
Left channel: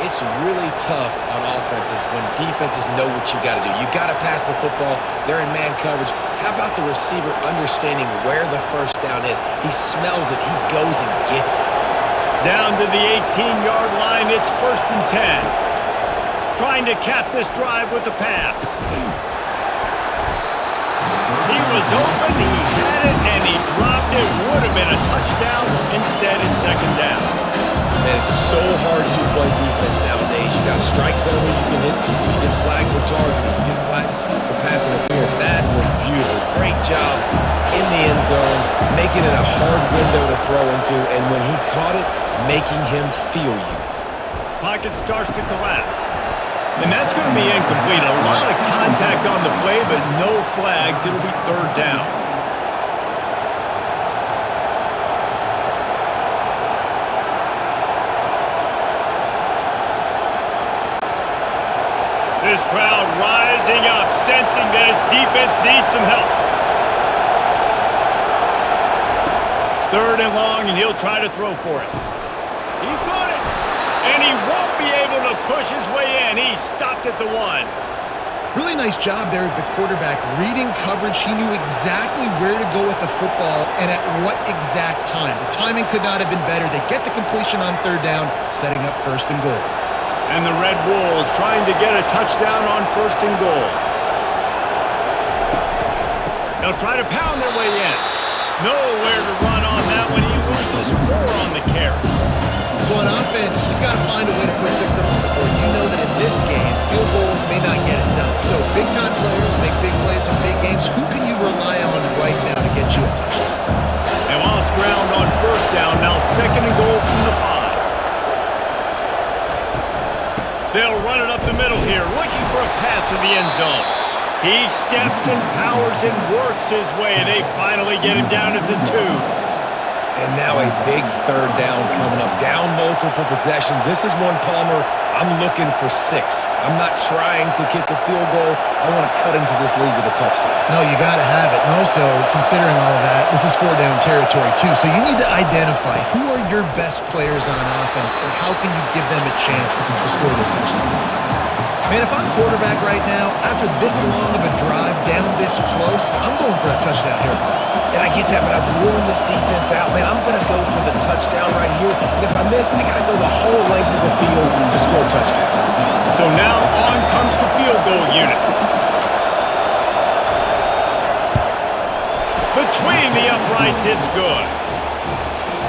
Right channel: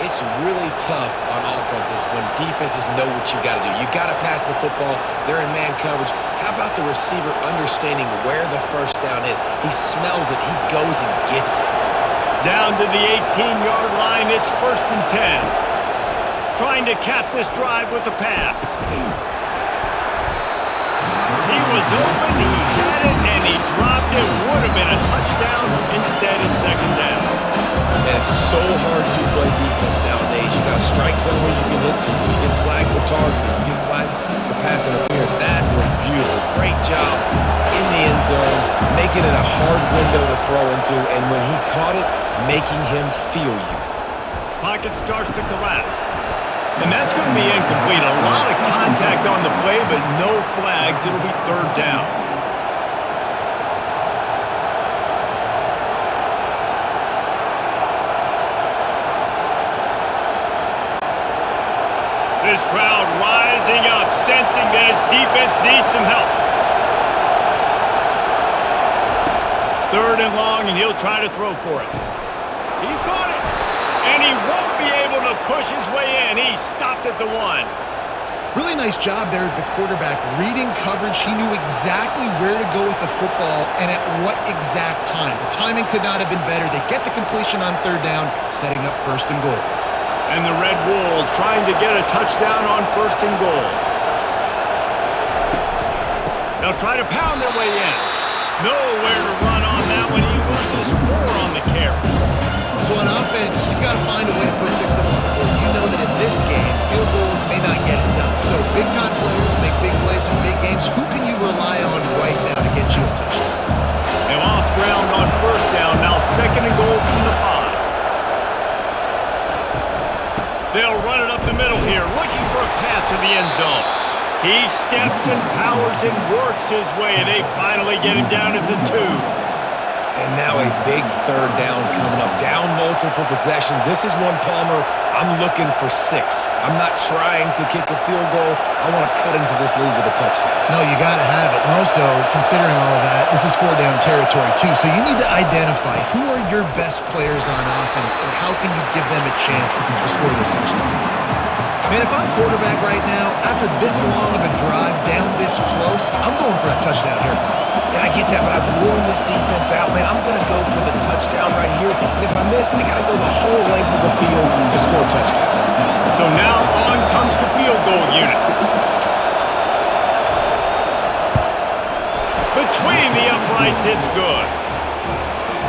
It's really tough on offenses when defenses know what you got to do. You got to pass the football. They're in man coverage. How about the receiver understanding where the first down is? He smells it. He goes and gets it. Down to the 18-yard line. It's 1st and 10. Trying to cap this drive with the pass. He was open. He had it, and he dropped it. Would have been a touchdown. Instead, it's 2nd down. Man, it's so hard to play defense nowadays. You got a strike zone where you can hit people. You get flagged for targeting. You get flagged for pass interference. That was beautiful. Great job in the end zone, making it a hard window to throw into, and when he caught it, making him feel you. Pocket starts to collapse. And that's going to be incomplete. A lot of contact on the play, but no flags. It'll be 3rd down. This crowd rising up, sensing that its defense needs some help. 3rd and long, and he'll try to throw for it. He caught it, and he won't be able to push his way in. He stopped at the 1. Really nice job there of the quarterback reading coverage. He knew exactly where to go with the football and at what exact time. The timing could not have been better. They get the completion on 3rd down, setting up 1st and goal. And the Red Wolves trying to get a touchdown on 1st and goal. They'll try to pound their way in. Nowhere to run on that one. He loses 4 on the carry. So on offense, you've got to find a way to put 6 up on the board. You know that in this game, field goals may not get it done. So big-time players make big plays in big games. Who can you rely on right now to get you a touchdown? They lost ground on 1st down. Now 2nd and goal from the 5. They'll run it up the middle here, looking for a path to the end zone. He steps and powers and works his way. They finally get him down at the 2. And now a big 3rd down coming up. Down multiple possessions. This is one, Palmer, I'm looking for 6. I'm not trying to kick a field goal. I want to cut into this lead with a touchdown. No, you got to have it. And also, considering all of that, this is 4-down territory too. So you need to identify who are your best players on offense and how can you give them a chance to score this touchdown. Man, if I'm quarterback right now, after this long of a drive down this close, I'm going for a touchdown here, Bob. And I get that, but I've worn this defense out, man. I'm going to go for the touchdown right here. And if I miss, I got to go the whole length of the field to score a touchdown. So now on comes the field goal unit. Between the uprights, it's good.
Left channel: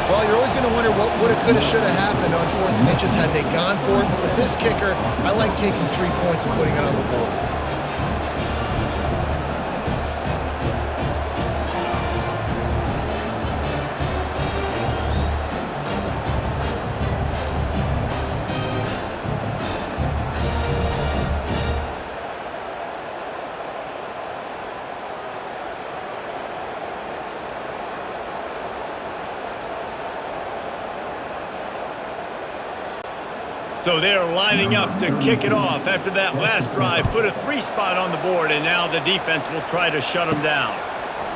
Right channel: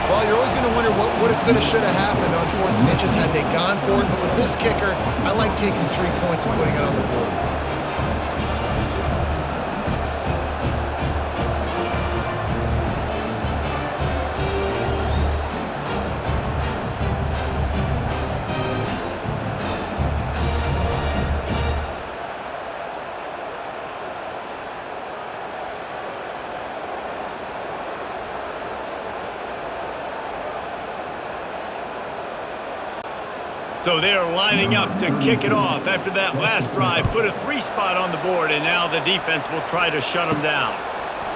Well, you're always going to wonder what woulda, coulda, shoulda happened on 4th and inches had they gone for it. But with this kicker, I like taking 3 points and putting it on the board. So they're lining up to kick it off after that last drive. Put a 3 spot on the board, and now the defense will try to shut them down.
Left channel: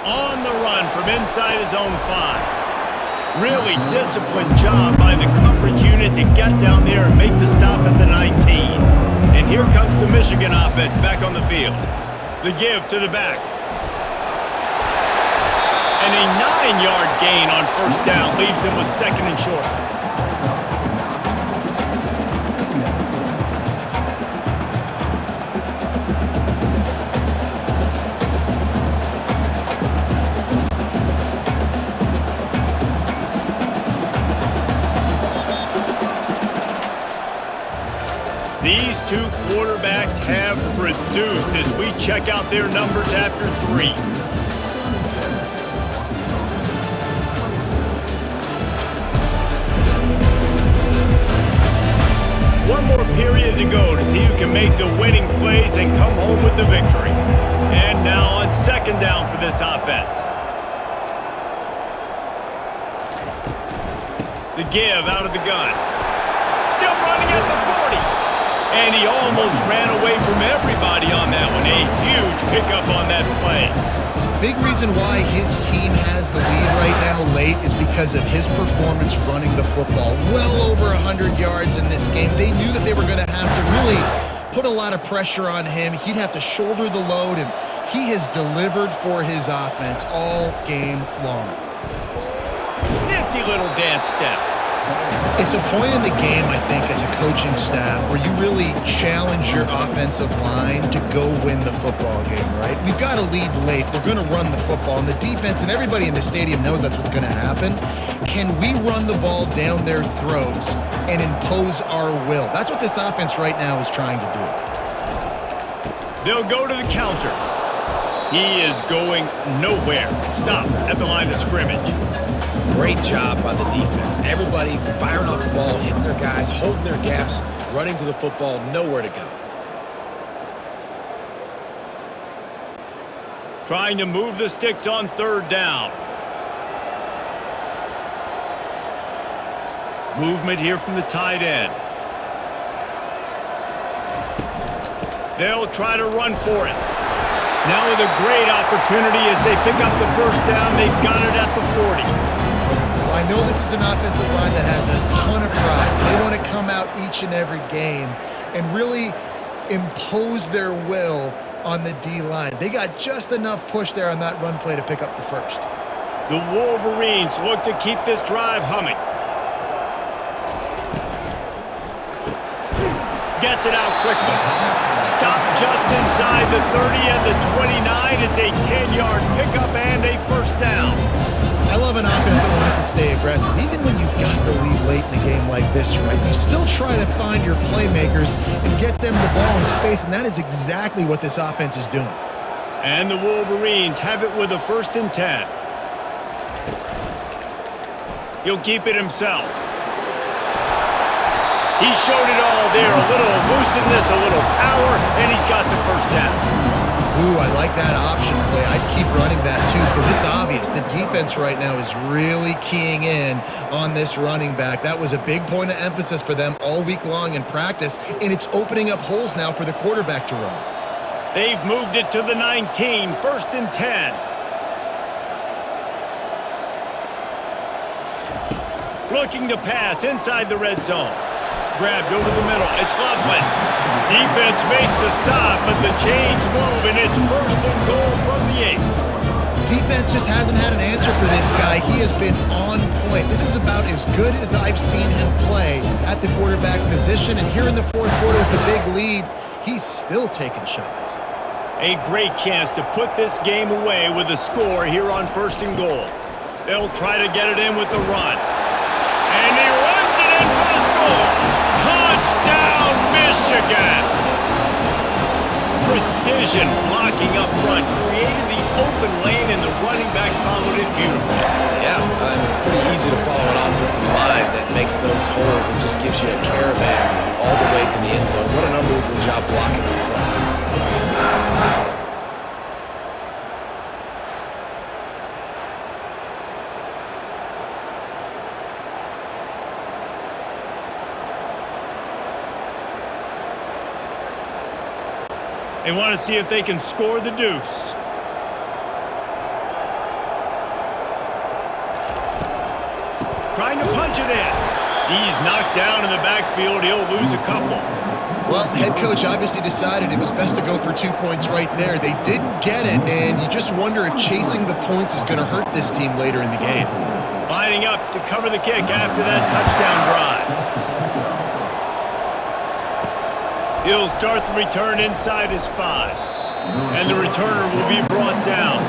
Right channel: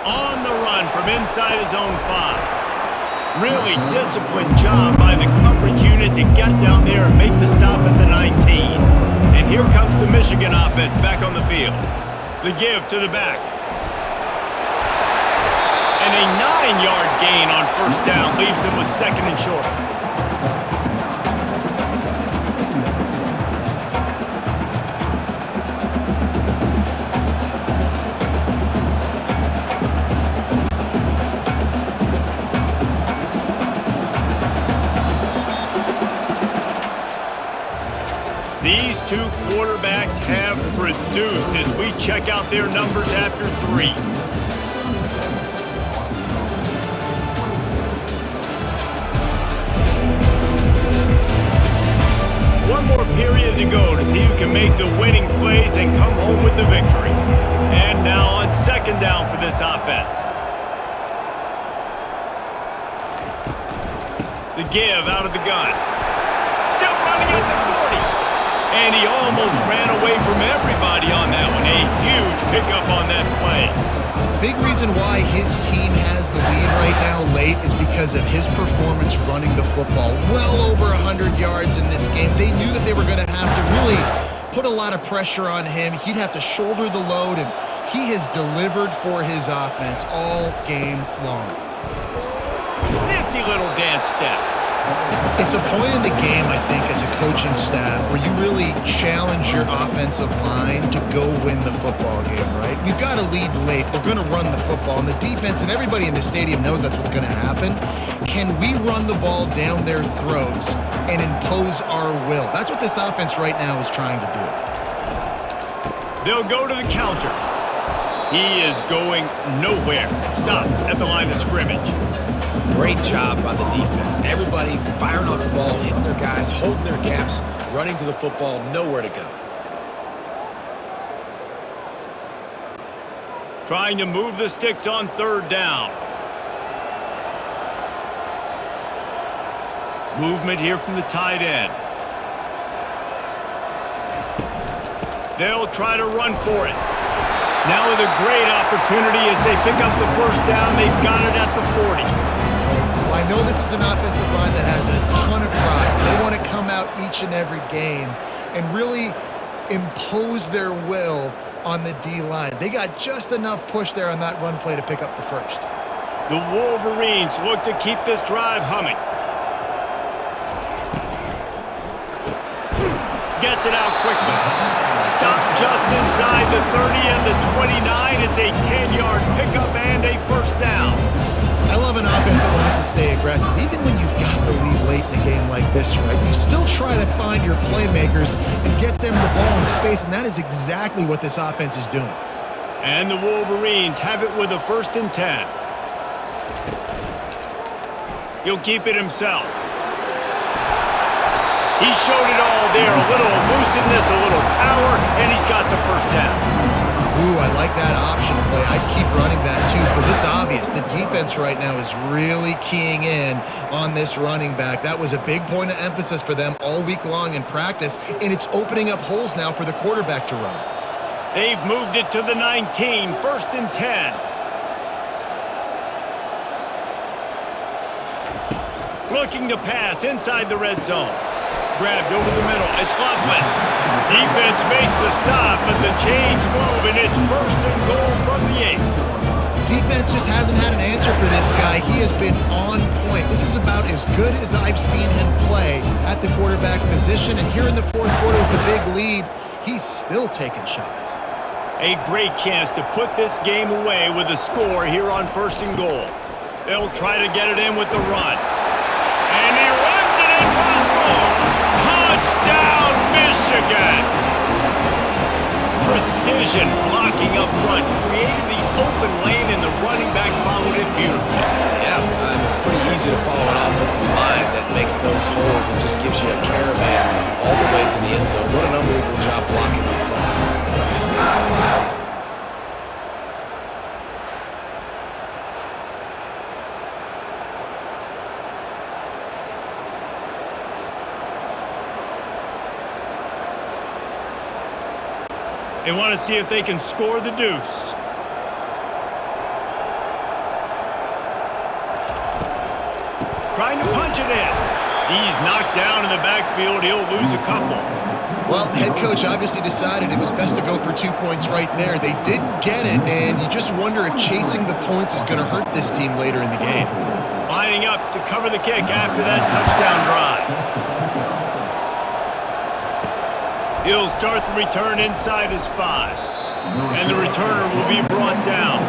On the run from inside his own 5. Really disciplined job by the coverage unit to get down there and make the stop at the 19. And here comes the Michigan offense back on the field. The give to the back. And a 9-yard gain on first down leaves them with 2nd and short. These two quarterbacks have produced as we check out their numbers after 3. One more period to go to see who can make the winning plays and come home with the victory. And now on 2nd down for this offense. The give out of the gun. Still running at the 40. And he almost ran away from everybody on that one. A huge pickup on that play. Big reason why his team has the lead right now late is because of his performance running the football. Well over 100 yards in this game. They knew that they were going to have to really put a lot of pressure on him. He'd have to shoulder the load, and he has delivered for his offense all game long. Nifty little dance step. It's a point in the game, I think, as a coaching staff where you really challenge your offensive line to go win the football game, right? We've got to lead late. We're going to run the football. And the defense and everybody in the stadium knows that's what's going to happen. Can we run the ball down their throats and impose our will? That's what this offense right now is trying to do. They'll go to the counter. He is going nowhere. Stop at the line of scrimmage. Great job by the defense. Everybody firing off the ball, hitting their guys, holding their gaps, running to the football, nowhere to go. Trying to move the sticks on 3rd down. Movement here from the tight end. They'll try to run for it. Now with a great opportunity as they pick up the 1st down. They've got it at the 40. Well, I know this is an offensive line that has a ton of pride. They want to come out each and every game and really impose their will on the D-line. They got just enough push there on that run play to pick up the 1st. The Wolverines look to keep this drive humming. Gets it out quickly. Stop just inside the 30 and the 29. It's a 10-yard pickup and a 1st down. I love an offense that wants to stay aggressive. Even when you've got the lead late in a game like this, right, you still try to find your playmakers and get them the ball in space, and that is exactly what this offense is doing. And the Wolverines have it with a 1st and 10. He'll keep it himself. He showed it all there. A little elusiveness, a little power, and he's got the 1st down. Ooh, I like that option play. I'd keep running that too because it's obvious. The defense right now is really keying in on this running back. That was a big point of emphasis for them all week long in practice, and it's opening up holes now for the quarterback to run. They've moved it to the 19, 1st and 10. Looking to pass inside the red zone. Grabbed over the middle. It's Loveland. Defense makes the stop, but the chains move, and it's 1st and goal from the 8. Defense just hasn't had an answer for this guy. He has been on point. This is about as good as I've seen him play at the quarterback position, and here in the 4th quarter with a big lead, he's still taking shots. A great chance to put this game away with a score here on 1st and goal. They'll try to get it in with the run. And he runs it in for the score. Touchdown, Michigan! Precision blocking up front, created the open lane, and the running back followed it beautifully. Yeah, it's pretty easy to follow an offensive line that makes those holes and just gives you a caravan all the way to the end zone. What an unbelievable job blocking up front. They want to see if they can score the deuce. trying to punch it in. He's knocked down in the backfield. He'll lose a couple. Well, head coach obviously decided it was best to go for 2 points right there. They didn't get it, and you just wonder if chasing the points is going to hurt this team later in the game. Lining up to cover the kick after that touchdown drive. He'll start the return inside his 5. And the returner will be brought down.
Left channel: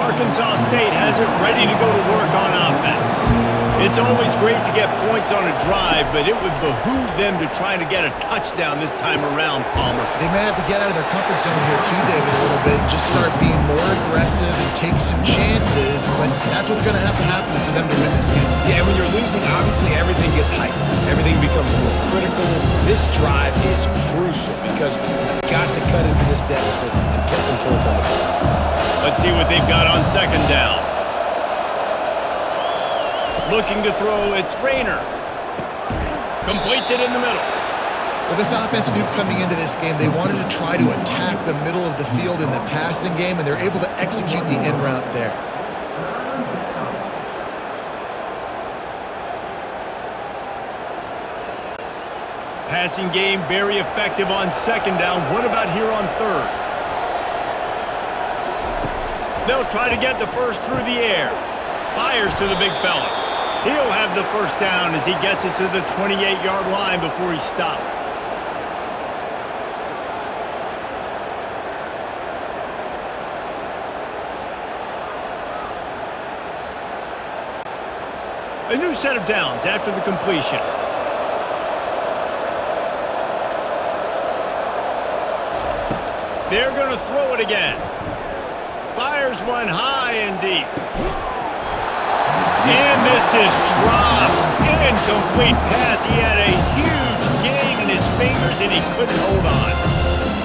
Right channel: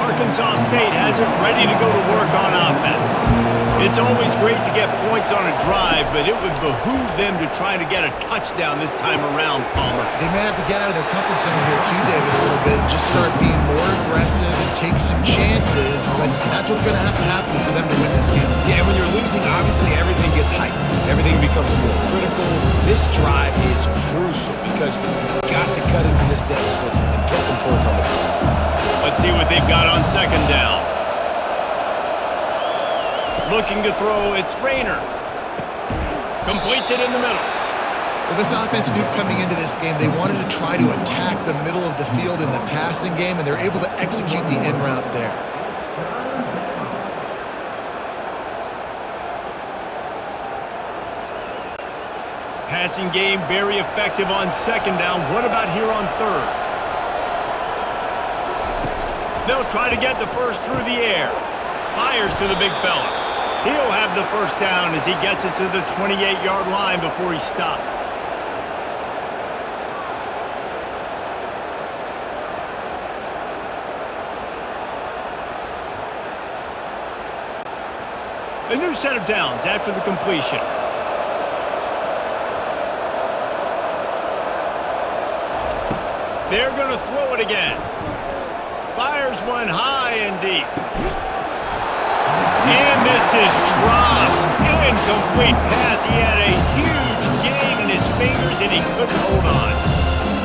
Arkansas State has it ready to go to work on offense. It's always great to get points on a drive, but it would behoove them to try to get a touchdown this time around, Palmer. They may have to get out of their comfort zone here too, David, a little bit and just start being more aggressive and take some chances, but that's what's going to happen for them to win this game. Yeah, and when you're losing, obviously everything gets heightened. Everything becomes more critical. This drive is crucial because you've got to cut into this deficit and put some points on the board. Let's see what they've got on second down. Looking to throw, it's Rayner. Completes it in the middle. Well, this offense knew coming into this game they wanted to try to attack the middle of the field in the passing game, and they're able to execute the in route there. Passing game very effective on second down. What about here on third? They'll try to get the first through the air. Fires to the big fella. He'll have the first down as he gets it to the 28-yard line before he's stopped. A new set of downs after the completion. They're going to throw it again. Fires one high and deep. And this is dropped. Incomplete pass. He had a huge gain in his fingers and he couldn't hold on.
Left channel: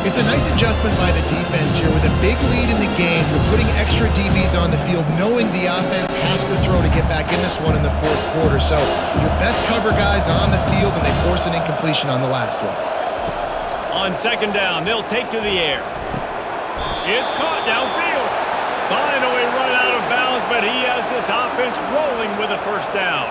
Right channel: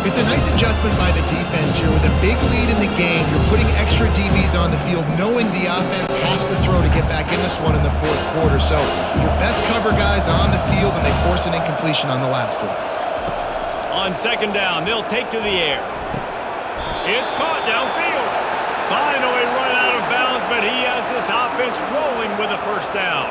It's a nice adjustment by the defense here. With a big lead in the game, you're putting extra DBs on the field, knowing the offense has to throw to get back in this one in the fourth quarter. So your best cover guys on the field, and they force an incompletion on the last one. On second down, they'll take to the air. It's caught downfield. Finally run out of bounds, but he has this offense rolling with a first down.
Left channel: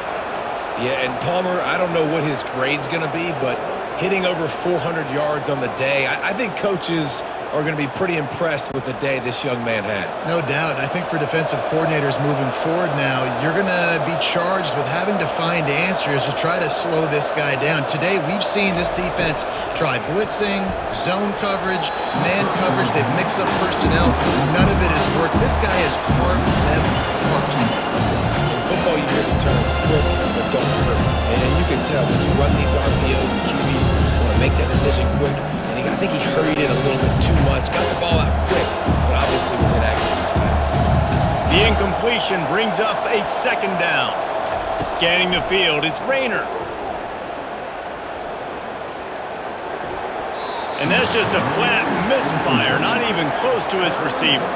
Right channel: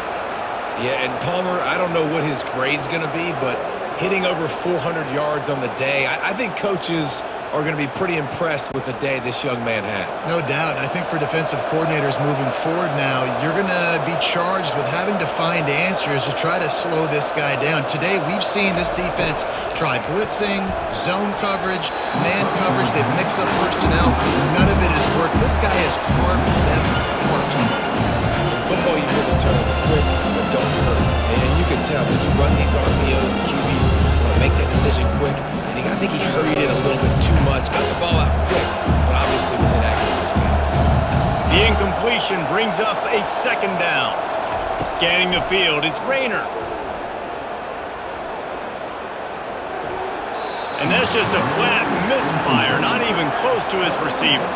Yeah, and Palmer, I don't know what his grade's going to be, but hitting over 400 yards on the day, I think coaches are going to be pretty impressed with the day this young man had. No doubt. And I think for defensive coordinators moving forward now, you're going to be charged with having to find answers to try to slow this guy down. Today, we've seen this defense try blitzing, zone coverage, man coverage. They've mixed up personnel. None of it has worked. This guy has carved them apart. In football, you hear the term quick, but don't hurry. And you can tell when you run these RPOs, the QBs want to make that decision quick. And I think he hurried it a little bit too much. Got the ball out quick, but obviously was inaccurate with his pass. The incompletion brings up a second down. Scanning the field, it's Rayner. And that's just a flat misfire, not even close to his receiver.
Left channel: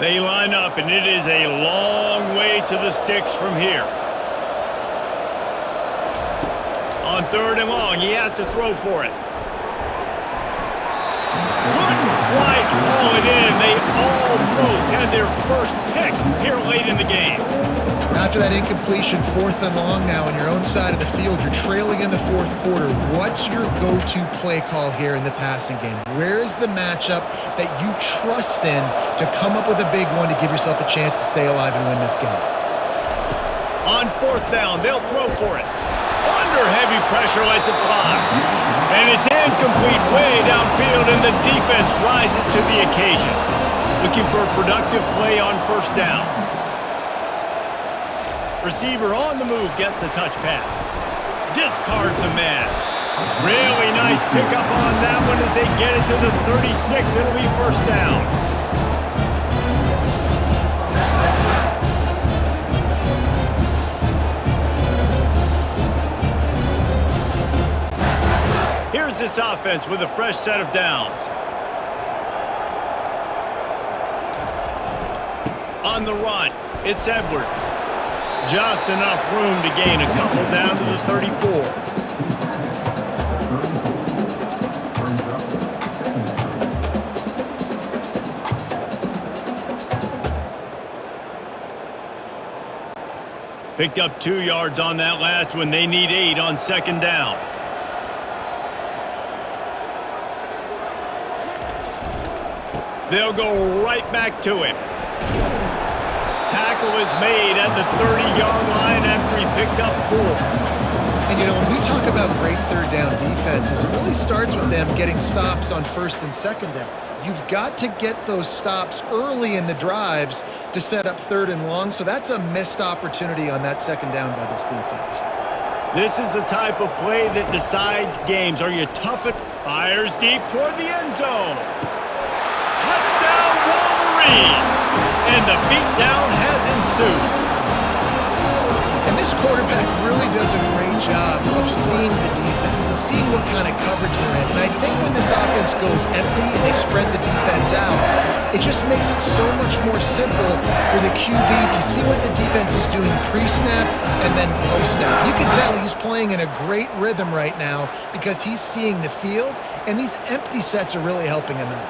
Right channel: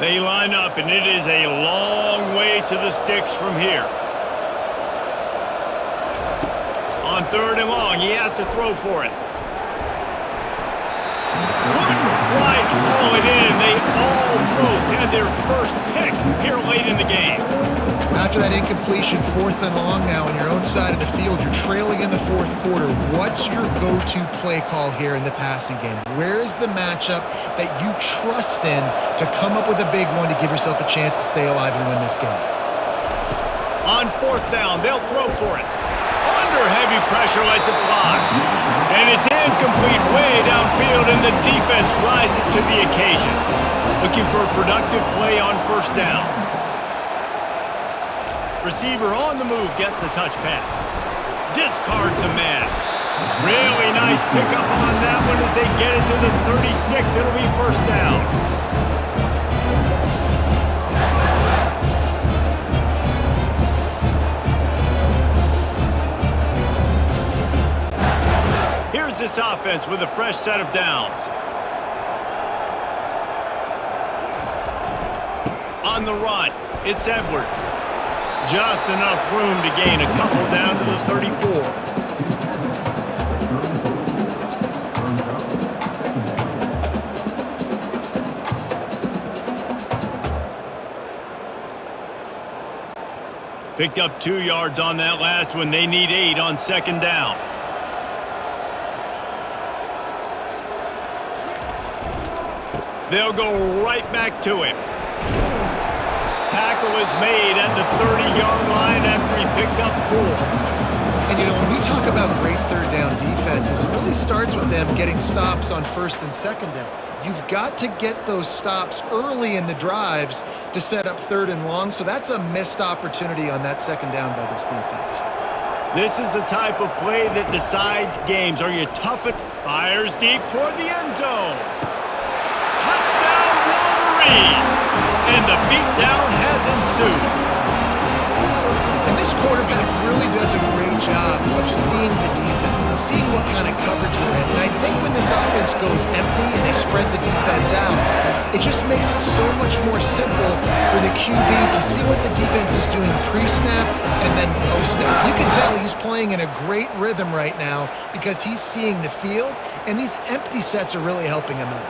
They line up, and it is a long way to the sticks from here. On third and long, he has to throw for it. Couldn't quite haul it in. They almost had their first pick here late in the game. After that incompletion, fourth and long now on your own side of the field, you're trailing in the fourth quarter. What's your go-to play call here in the passing game? Where is the matchup that you trust in to come up with a big one to give yourself a chance to stay alive and win this game? On fourth down, they'll throw for it. Under heavy pressure, lets it fly. And it's incomplete way downfield, and the defense rises to the occasion. Looking for a productive play on first down. Receiver on the move gets the touch pass. Discards a man. Really nice pickup on that one as they get it to the 36. It'll be first down. Here's this offense with a fresh set of downs. On the run, it's Edwards. Just enough room to gain a couple down to the 34. Picked up 2 yards on that last one. They need 8 on second down. They'll go right back to him. Tackle is made at the 30-yard line after he picked up 4. And, you know, when we talk about great third down defenses, it really starts with them getting stops on first and second down. You've got to get those stops early in the drives to set up third and long, so that's a missed opportunity on that second down by this defense. This is the type of play that decides games. Are you tough? Fires deep toward the end zone. Touchdown Wolverines! And the beatdown has ensued. And this quarterback really does a great job of seeing the defense and seeing what kind of coverage they're in. And I think when this offense goes empty and they spread the defense out, it just makes it so much more simple for the QB to see what the defense is doing pre-snap and then post-snap. You can tell he's playing in a great rhythm right now because he's seeing the field, and these empty sets are really helping him out.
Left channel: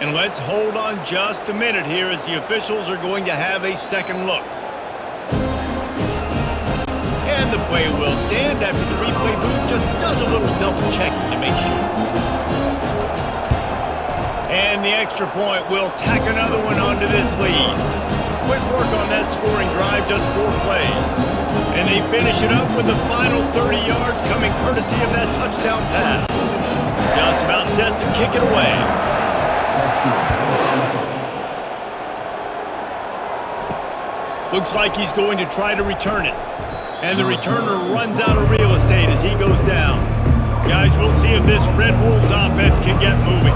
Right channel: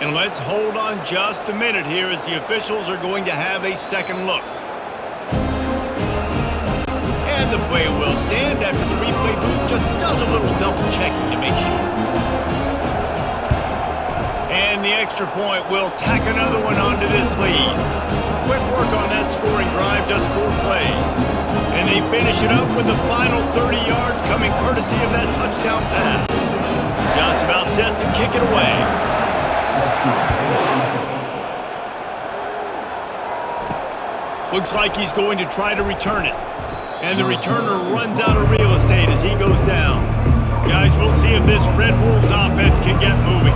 And let's hold on just a minute here as the officials are going to have a second look. And the play will stand after the replay booth just does a little double checking to make sure. And the extra point will tack another one onto this lead. Quick work on that scoring drive, just 4 plays. And they finish it up with the final 30 yards coming courtesy of that touchdown pass. Just about set to kick it away. Looks like he's going to try to return it. And the returner runs out of real estate as he goes down. Guys, we'll see if this Red Wolves offense can get moving.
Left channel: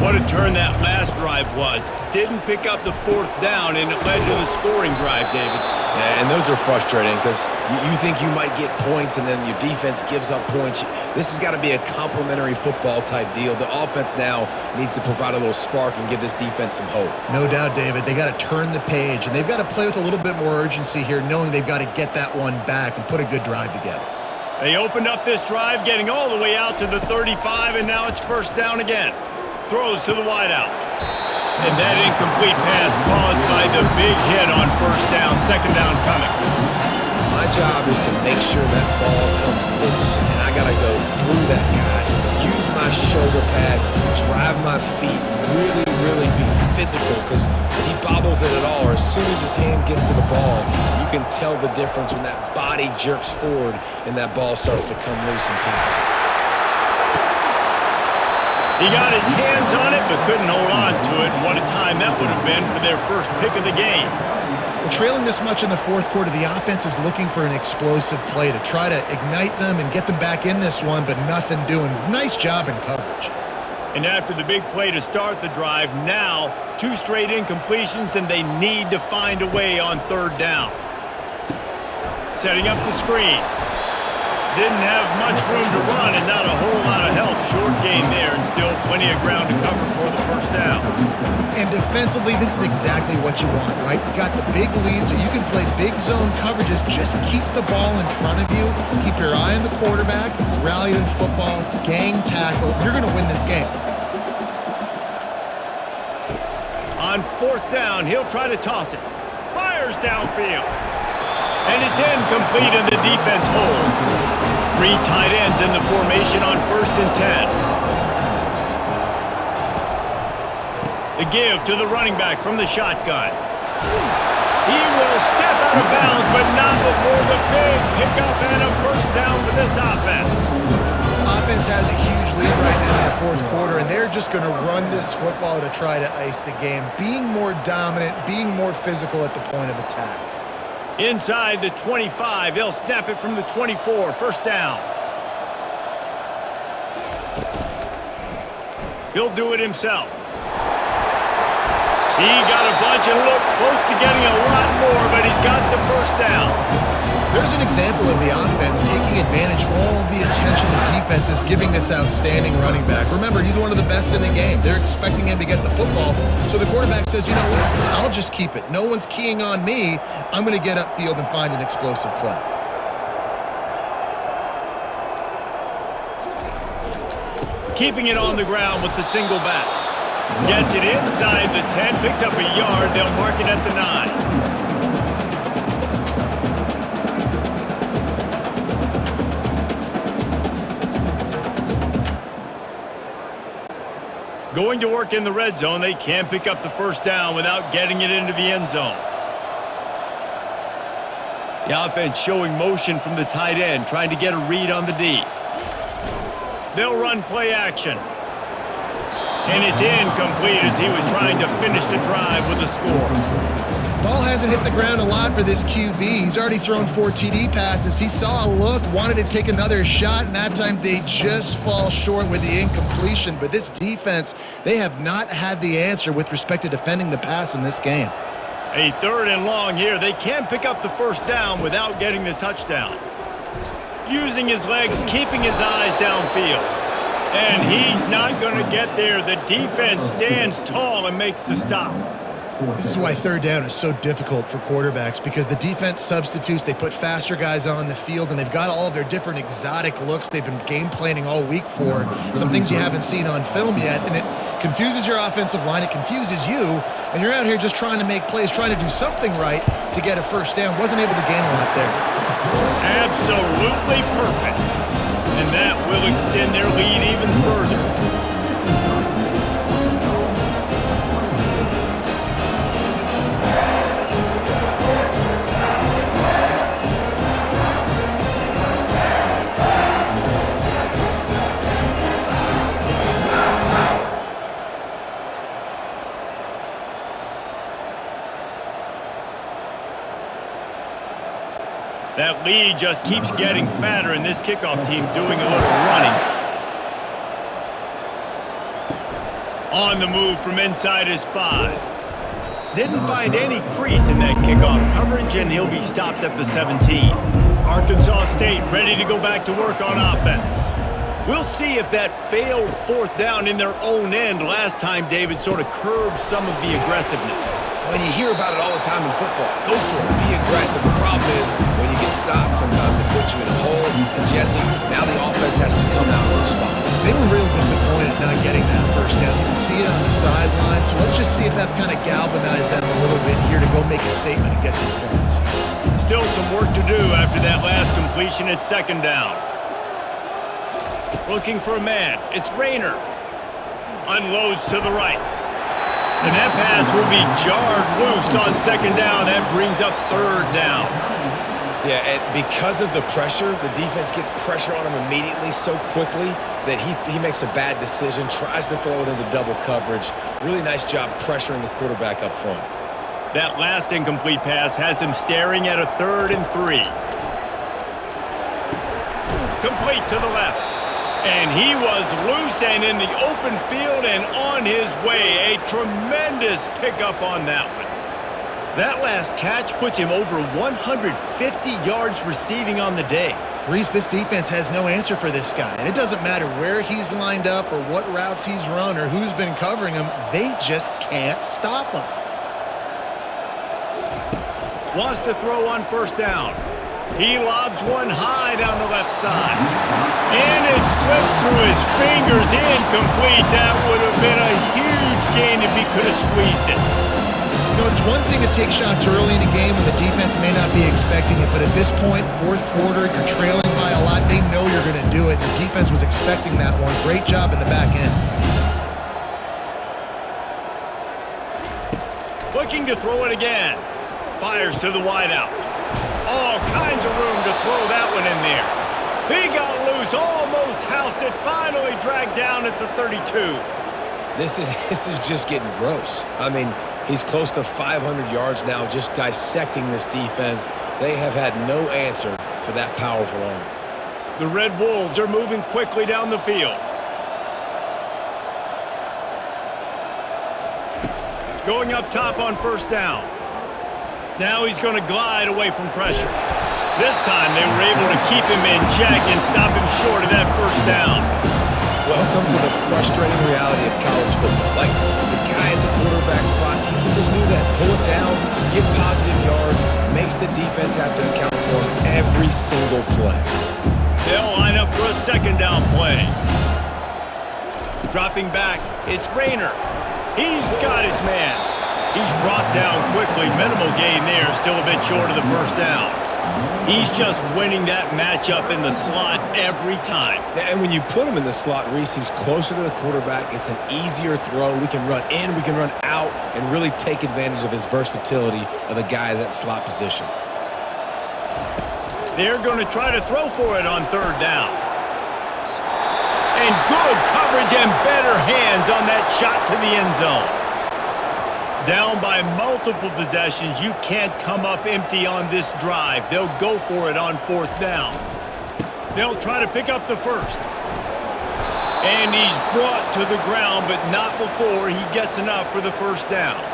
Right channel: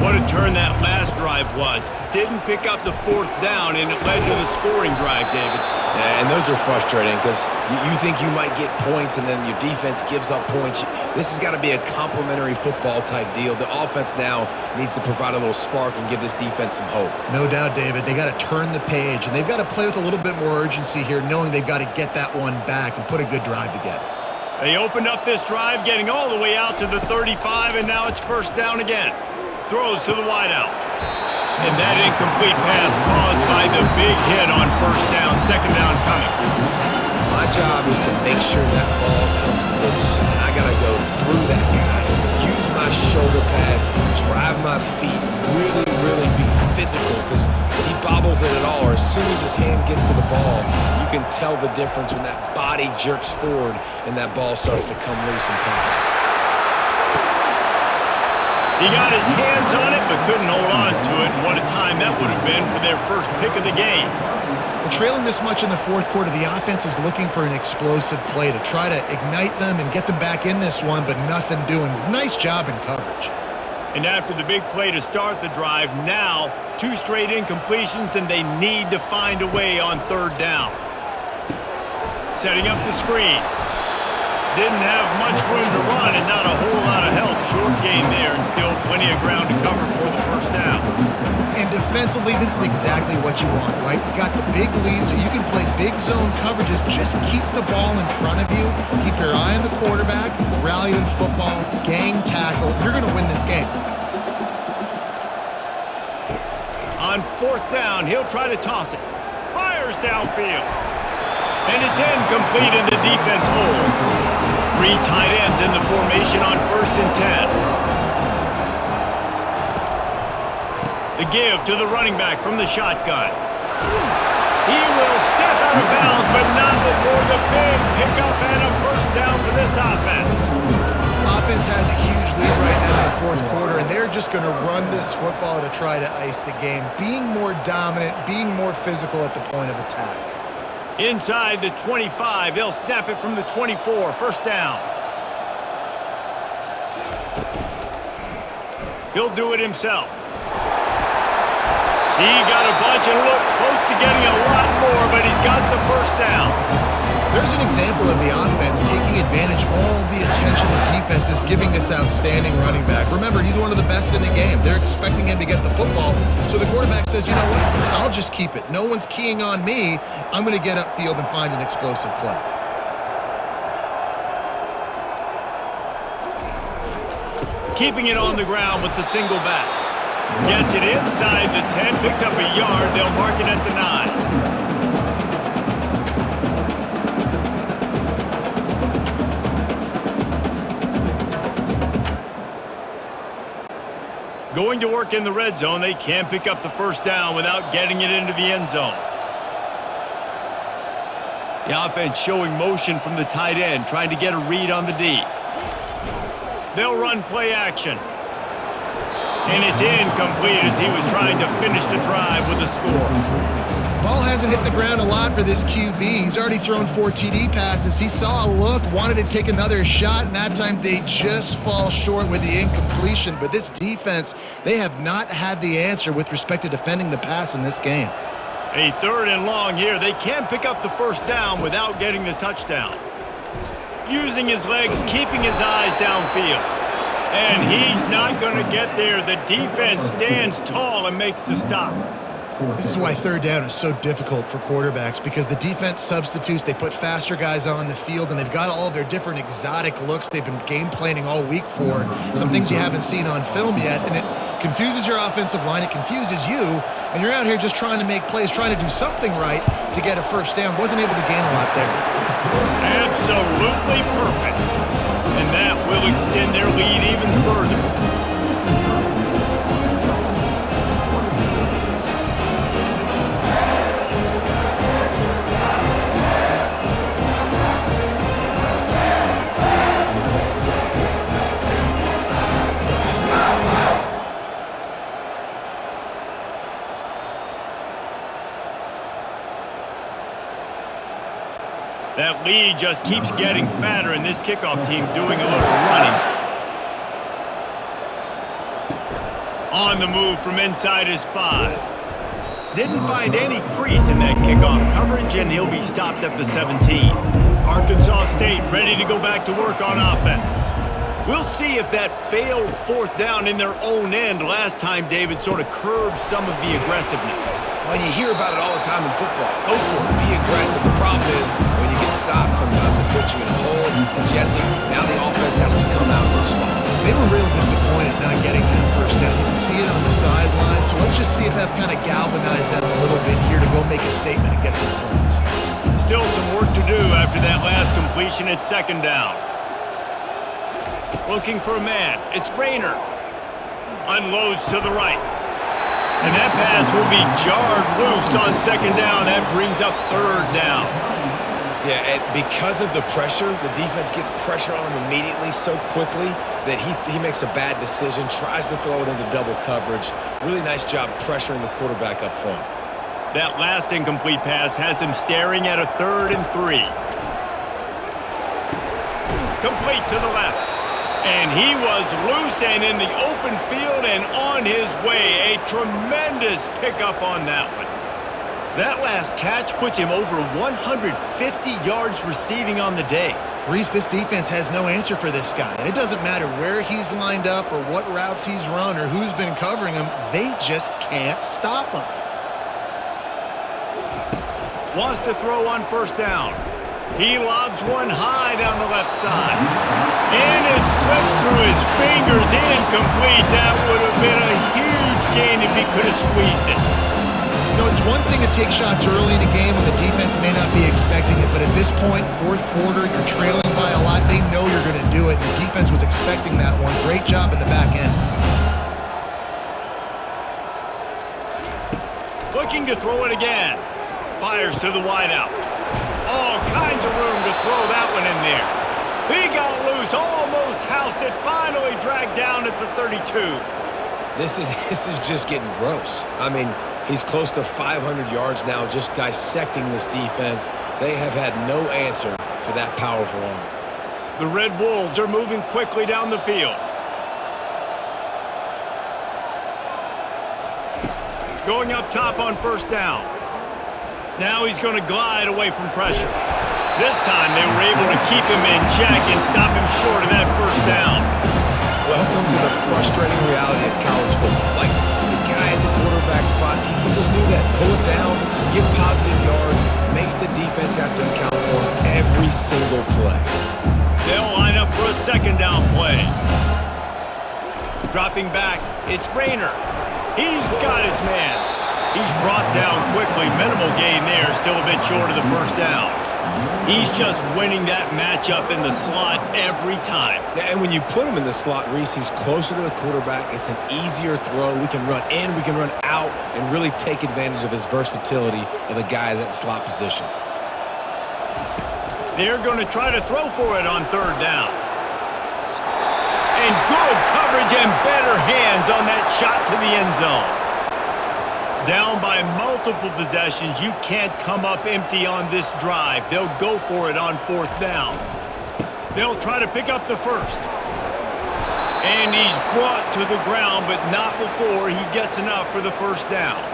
What a turn that last drive was. Didn't pick up the 4th down, and it led to the scoring drive, David. And those are frustrating because you think you might get points and then your defense gives up points. This has got to be a complementary football type deal. The offense now needs to provide a little spark and give this defense some hope. No doubt, David. They got to turn the page, and they've got to play with a little bit more urgency here, knowing they've got to get that one back and put a good drive together. They opened up this drive, getting all the way out to the 35, and now it's first down again. Throws to the wideout. And that incomplete pass caused by the big hit on first down, second down coming. My job is to make sure that ball comes loose, and I got to go through that guy, use my shoulder pad, drive my feet, really be physical, because if he bobbles it at all, or as soon as his hand gets to the ball, you can tell the difference when that body jerks forward and that ball starts to come loose and pop out. He got his hands on it, but couldn't hold on to it. And what a time that would have been for their first pick of the game. Well, trailing this much in the fourth quarter, the offense is looking for an explosive play to try to ignite them and get them back in this one, but nothing doing. Nice job in coverage. And after the big play to start the drive, now 2 straight incompletions, and they need to find a way on third down. Setting up the screen. Didn't have much room to run and not a whole lot of help. Short gain there and still plenty of ground to cover for the first down. And defensively, this is exactly what you want, right? You got the big lead so you can play big zone coverages. Just keep the ball in front of you. Keep your eye on the quarterback. Rally to the football. Gang tackle. You're going to win this game. On fourth down, he'll try to toss it. Fires downfield. And it's incomplete, and the defense holds. 3 tight ends in the formation on 1st and 10. The give to the running back from the shotgun. He will step out of bounds, but not before the big pickup and a first down for this offense. Offense has a huge lead right now in the fourth quarter, and they're just going to run this football to try to ice the game, being more dominant, being more physical at the point of attack. Inside the 25, they'll snap it from the 24, first down. He'll do it himself. He got a bunch and looked close to getting a lot more, but he's got the first down. There's an example of the offense taking advantage of all the attention the defense is giving this outstanding running back. Remember, he's one of the best in the game. They're expecting him to get the football, so the quarterback says, you know what, I'll just keep it. No one's keying on me. I'm going to get upfield and find an explosive play. Keeping it on the ground with the single back. Gets it inside the 10, picks up a yard. They'll mark it at the 9. Going to work in the red zone, they can't pick up the first down without getting it into the end zone. The offense showing motion from the tight end, trying to get a read on the D. They'll run play action. And it's incomplete as he was trying to finish the drive with a score. Ball hasn't hit the ground a lot for this QB. He's already thrown 4 TD passes. He saw a look, wanted to take another shot, and that time they just fall short with the incompletion. But this defense, they have not had the answer with respect to defending the pass in this game. A 3rd and long here. They can pick up the first down without getting the touchdown. Using his legs, keeping his eyes downfield. And he's not going to get there. The defense stands tall and makes the stop. This is why 3rd down is so difficult for quarterbacks, because the defense substitutes, they put faster guys on the field, and they've got all of their different exotic looks they've been game planning all week for, some things you haven't seen on film yet, and it confuses your offensive line, it confuses you, and you're out here just trying to make plays, trying to do something right to get a first down. Wasn't able to gain a lot there. Absolutely perfect. And that will extend their lead even further. That lead just keeps getting fatter, and this kickoff team doing a little running. On the move from inside his 5. Didn't find any crease in that kickoff coverage, and he'll be stopped at the 17. Arkansas State ready to go back to work on offense. We'll see if that failed 4th down in their own end last time, David, sort of curbed some of the aggressiveness. Well, you hear about it all the time in football. Go for it. Be aggressive. The problem is when you get stopped, sometimes it puts you in a hole. And, Jesse, now the offense has to come out and respond. They were real disappointed not getting that first down. You can see it on the sideline. So let's just see if that's kind of galvanized them a little bit here to go make a statement and get some points. Still some work to do after that last completion at 2nd down. Looking for a man. It's Rayner. Unloads to the right. And that pass will be jarred loose on 2nd down. That brings up 3rd down. Yeah, and because of the pressure, the defense gets pressure on him immediately so quickly that he makes a bad decision, tries to throw it into double coverage. Really nice job pressuring the quarterback up front. That last incomplete pass has him staring at a 3rd and 3. Complete to the left. And he was loose and in the open field and on his way. A tremendous pickup on that one. That last catch puts him over 150 yards receiving on the day. Reese, this defense has no answer for this guy. And it doesn't matter where he's lined up or what routes he's run or who's been covering him. They just can't stop him. Wants to throw on 1st down. He lobs one high down the left side. And it slips through his fingers, incomplete. That would have been a huge gain if he could have squeezed it. You know, it's one thing to take shots early in a game when the defense may not be expecting it, but at this point, 4th quarter, you're trailing by a lot. They know you're going to do it. The defense was expecting that one. Great job in the back end. Looking to throw it again. Fires to the wideout. All kinds of room to throw that one in there. He got loose, almost housed it, finally dragged down at the 32. This is just getting gross. I mean, he's close to 500 yards now just dissecting this defense. They have had no answer for that powerful arm. The Red Wolves are moving quickly down the field. Going up top on 1st down. Now he's going to glide away from pressure. This time they were able to keep him in check and stop him short of that 1st down. Welcome to the frustrating reality of college football. Like, the guy at the quarterback spot, he can just do that. Pull it down, get positive yards, makes the defense have to account for him every single play. They'll line up for a 2nd down play. Dropping back, it's Rayner. He's got his man. He's brought down quickly. Minimal gain there, still a bit short of the first down. He's just winning that matchup in the slot every time. And when you put him in the slot, Reese, he's closer to the quarterback. It's an easier throw. We can run in, we can run out, and really take advantage of his versatility of the guy in that slot position. They're going to try to throw for it on third down. And good coverage and better hands on that shot to the end zone. Down by multiple possessions, you can't come up empty on this drive. They'll go for it on fourth down. They'll try to pick up the first. And he's brought to the ground, but not before he gets enough for the first down.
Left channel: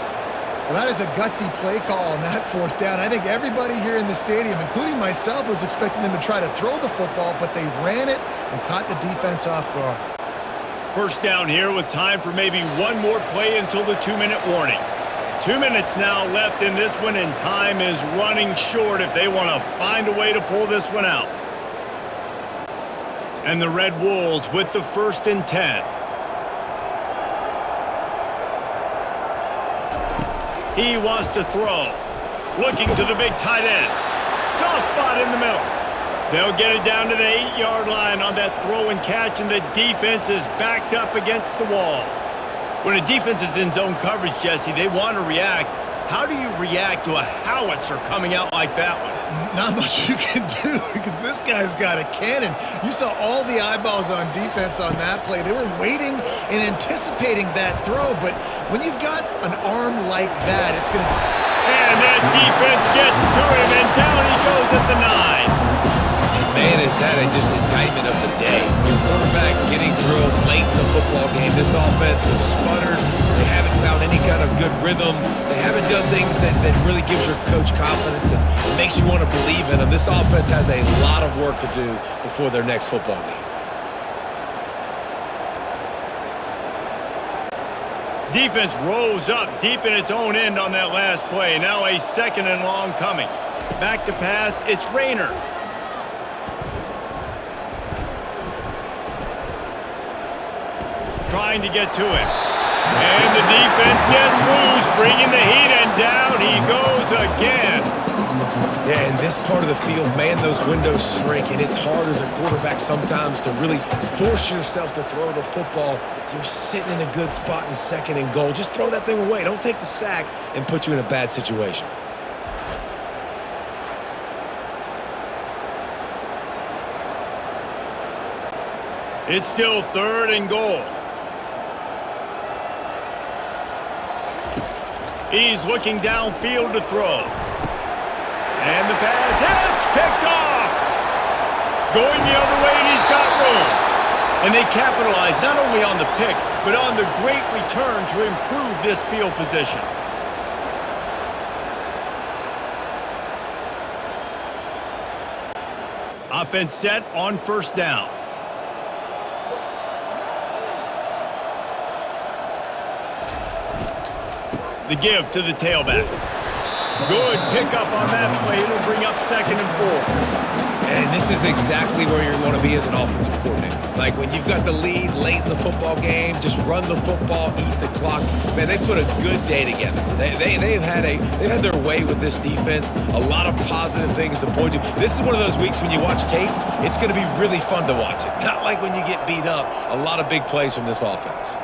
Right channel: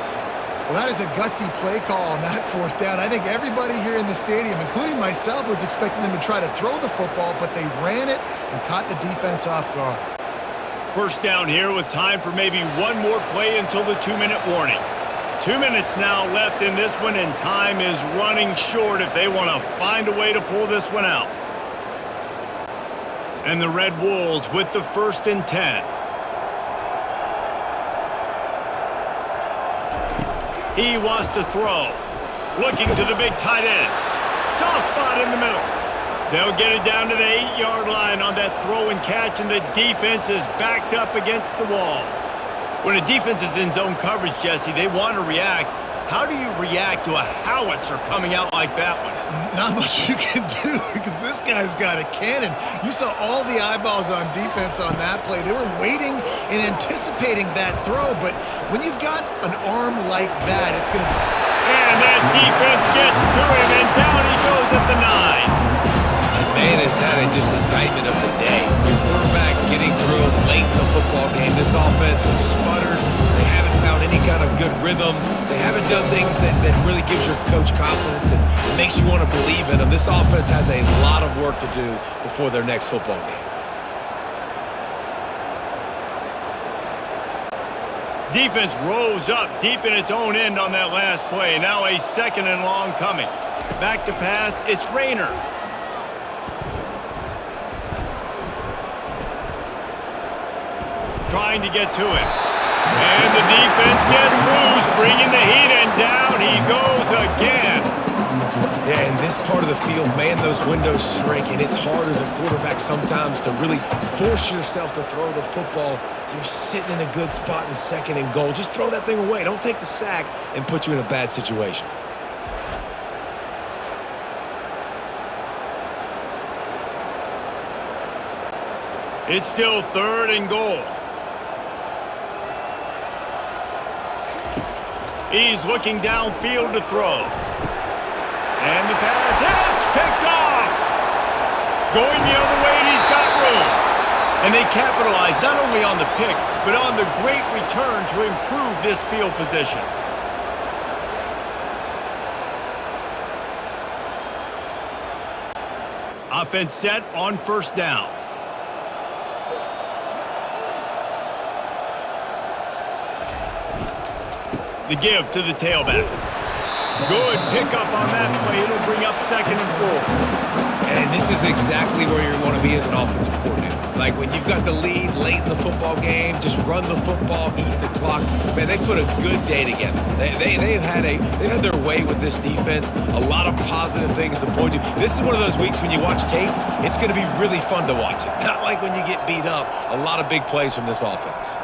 Well, that is a gutsy play call on that fourth down. I think everybody here in the stadium, including myself, was expecting them to try to throw the football, but they ran it and caught the defense off guard. First down here with time for maybe one more play until the 2-minute warning. 2 minutes now left in this one, and time is running short if they want to find a way to pull this one out. And the Red Wolves with the 1st and 10. He wants to throw. Looking to the big tight end. Soft spot in the middle. They'll get it down to the 8-yard line on that throw and catch, and the defense is backed up against the wall. When a defense is in zone coverage, Jesse, they want to react. How do you react to a howitzer coming out like that one? Not much you can do because this guy's got a cannon. You saw all the eyeballs on defense on that play. They were waiting and anticipating that throw, but when you've got an arm like that, it's going to be... And that defense gets to him, and down he goes at the 9. And man, is that just indictment of the day. Your quarterback getting drilled late in the football game. This offense has sputtered. They haven't found any kind of good rhythm. They haven't done things that really gives your coach confidence and makes you want to believe in them. This offense has a lot of work to do before their next football game. Defense rose up deep in its own end on that last play. Now a 2nd and long coming. Back to pass, it's Rayner. Trying to get to him. And the defense gets loose, bringing the heat, and down he goes again. Yeah, in this part of the field, man, those windows shrink, and it's hard as a quarterback sometimes to really force yourself to throw the football. You're sitting in a good spot in 2nd and goal. Just throw that thing away. Don't take the sack and put you in a bad situation. It's still 3rd and goal. He's looking downfield to throw. And the pass hits, picked off. Going the other way, and he's got room. And they capitalize not only on the pick, but on the great return to improve this field position. Offense set on 1st down. The give to the tailback. Good pickup on that play. It'll bring up 2nd and 4. And this is exactly where you want to be as an offensive coordinator. Like when you've got the lead late in the football game, just run the football, eat the clock. Man, they put a good day together. They've had their way with this defense. A lot of positive things to point to. This is one of those weeks when you watch tape, it's going to be really fun to watch it. Not like when you get beat up. A lot of big plays from this offense.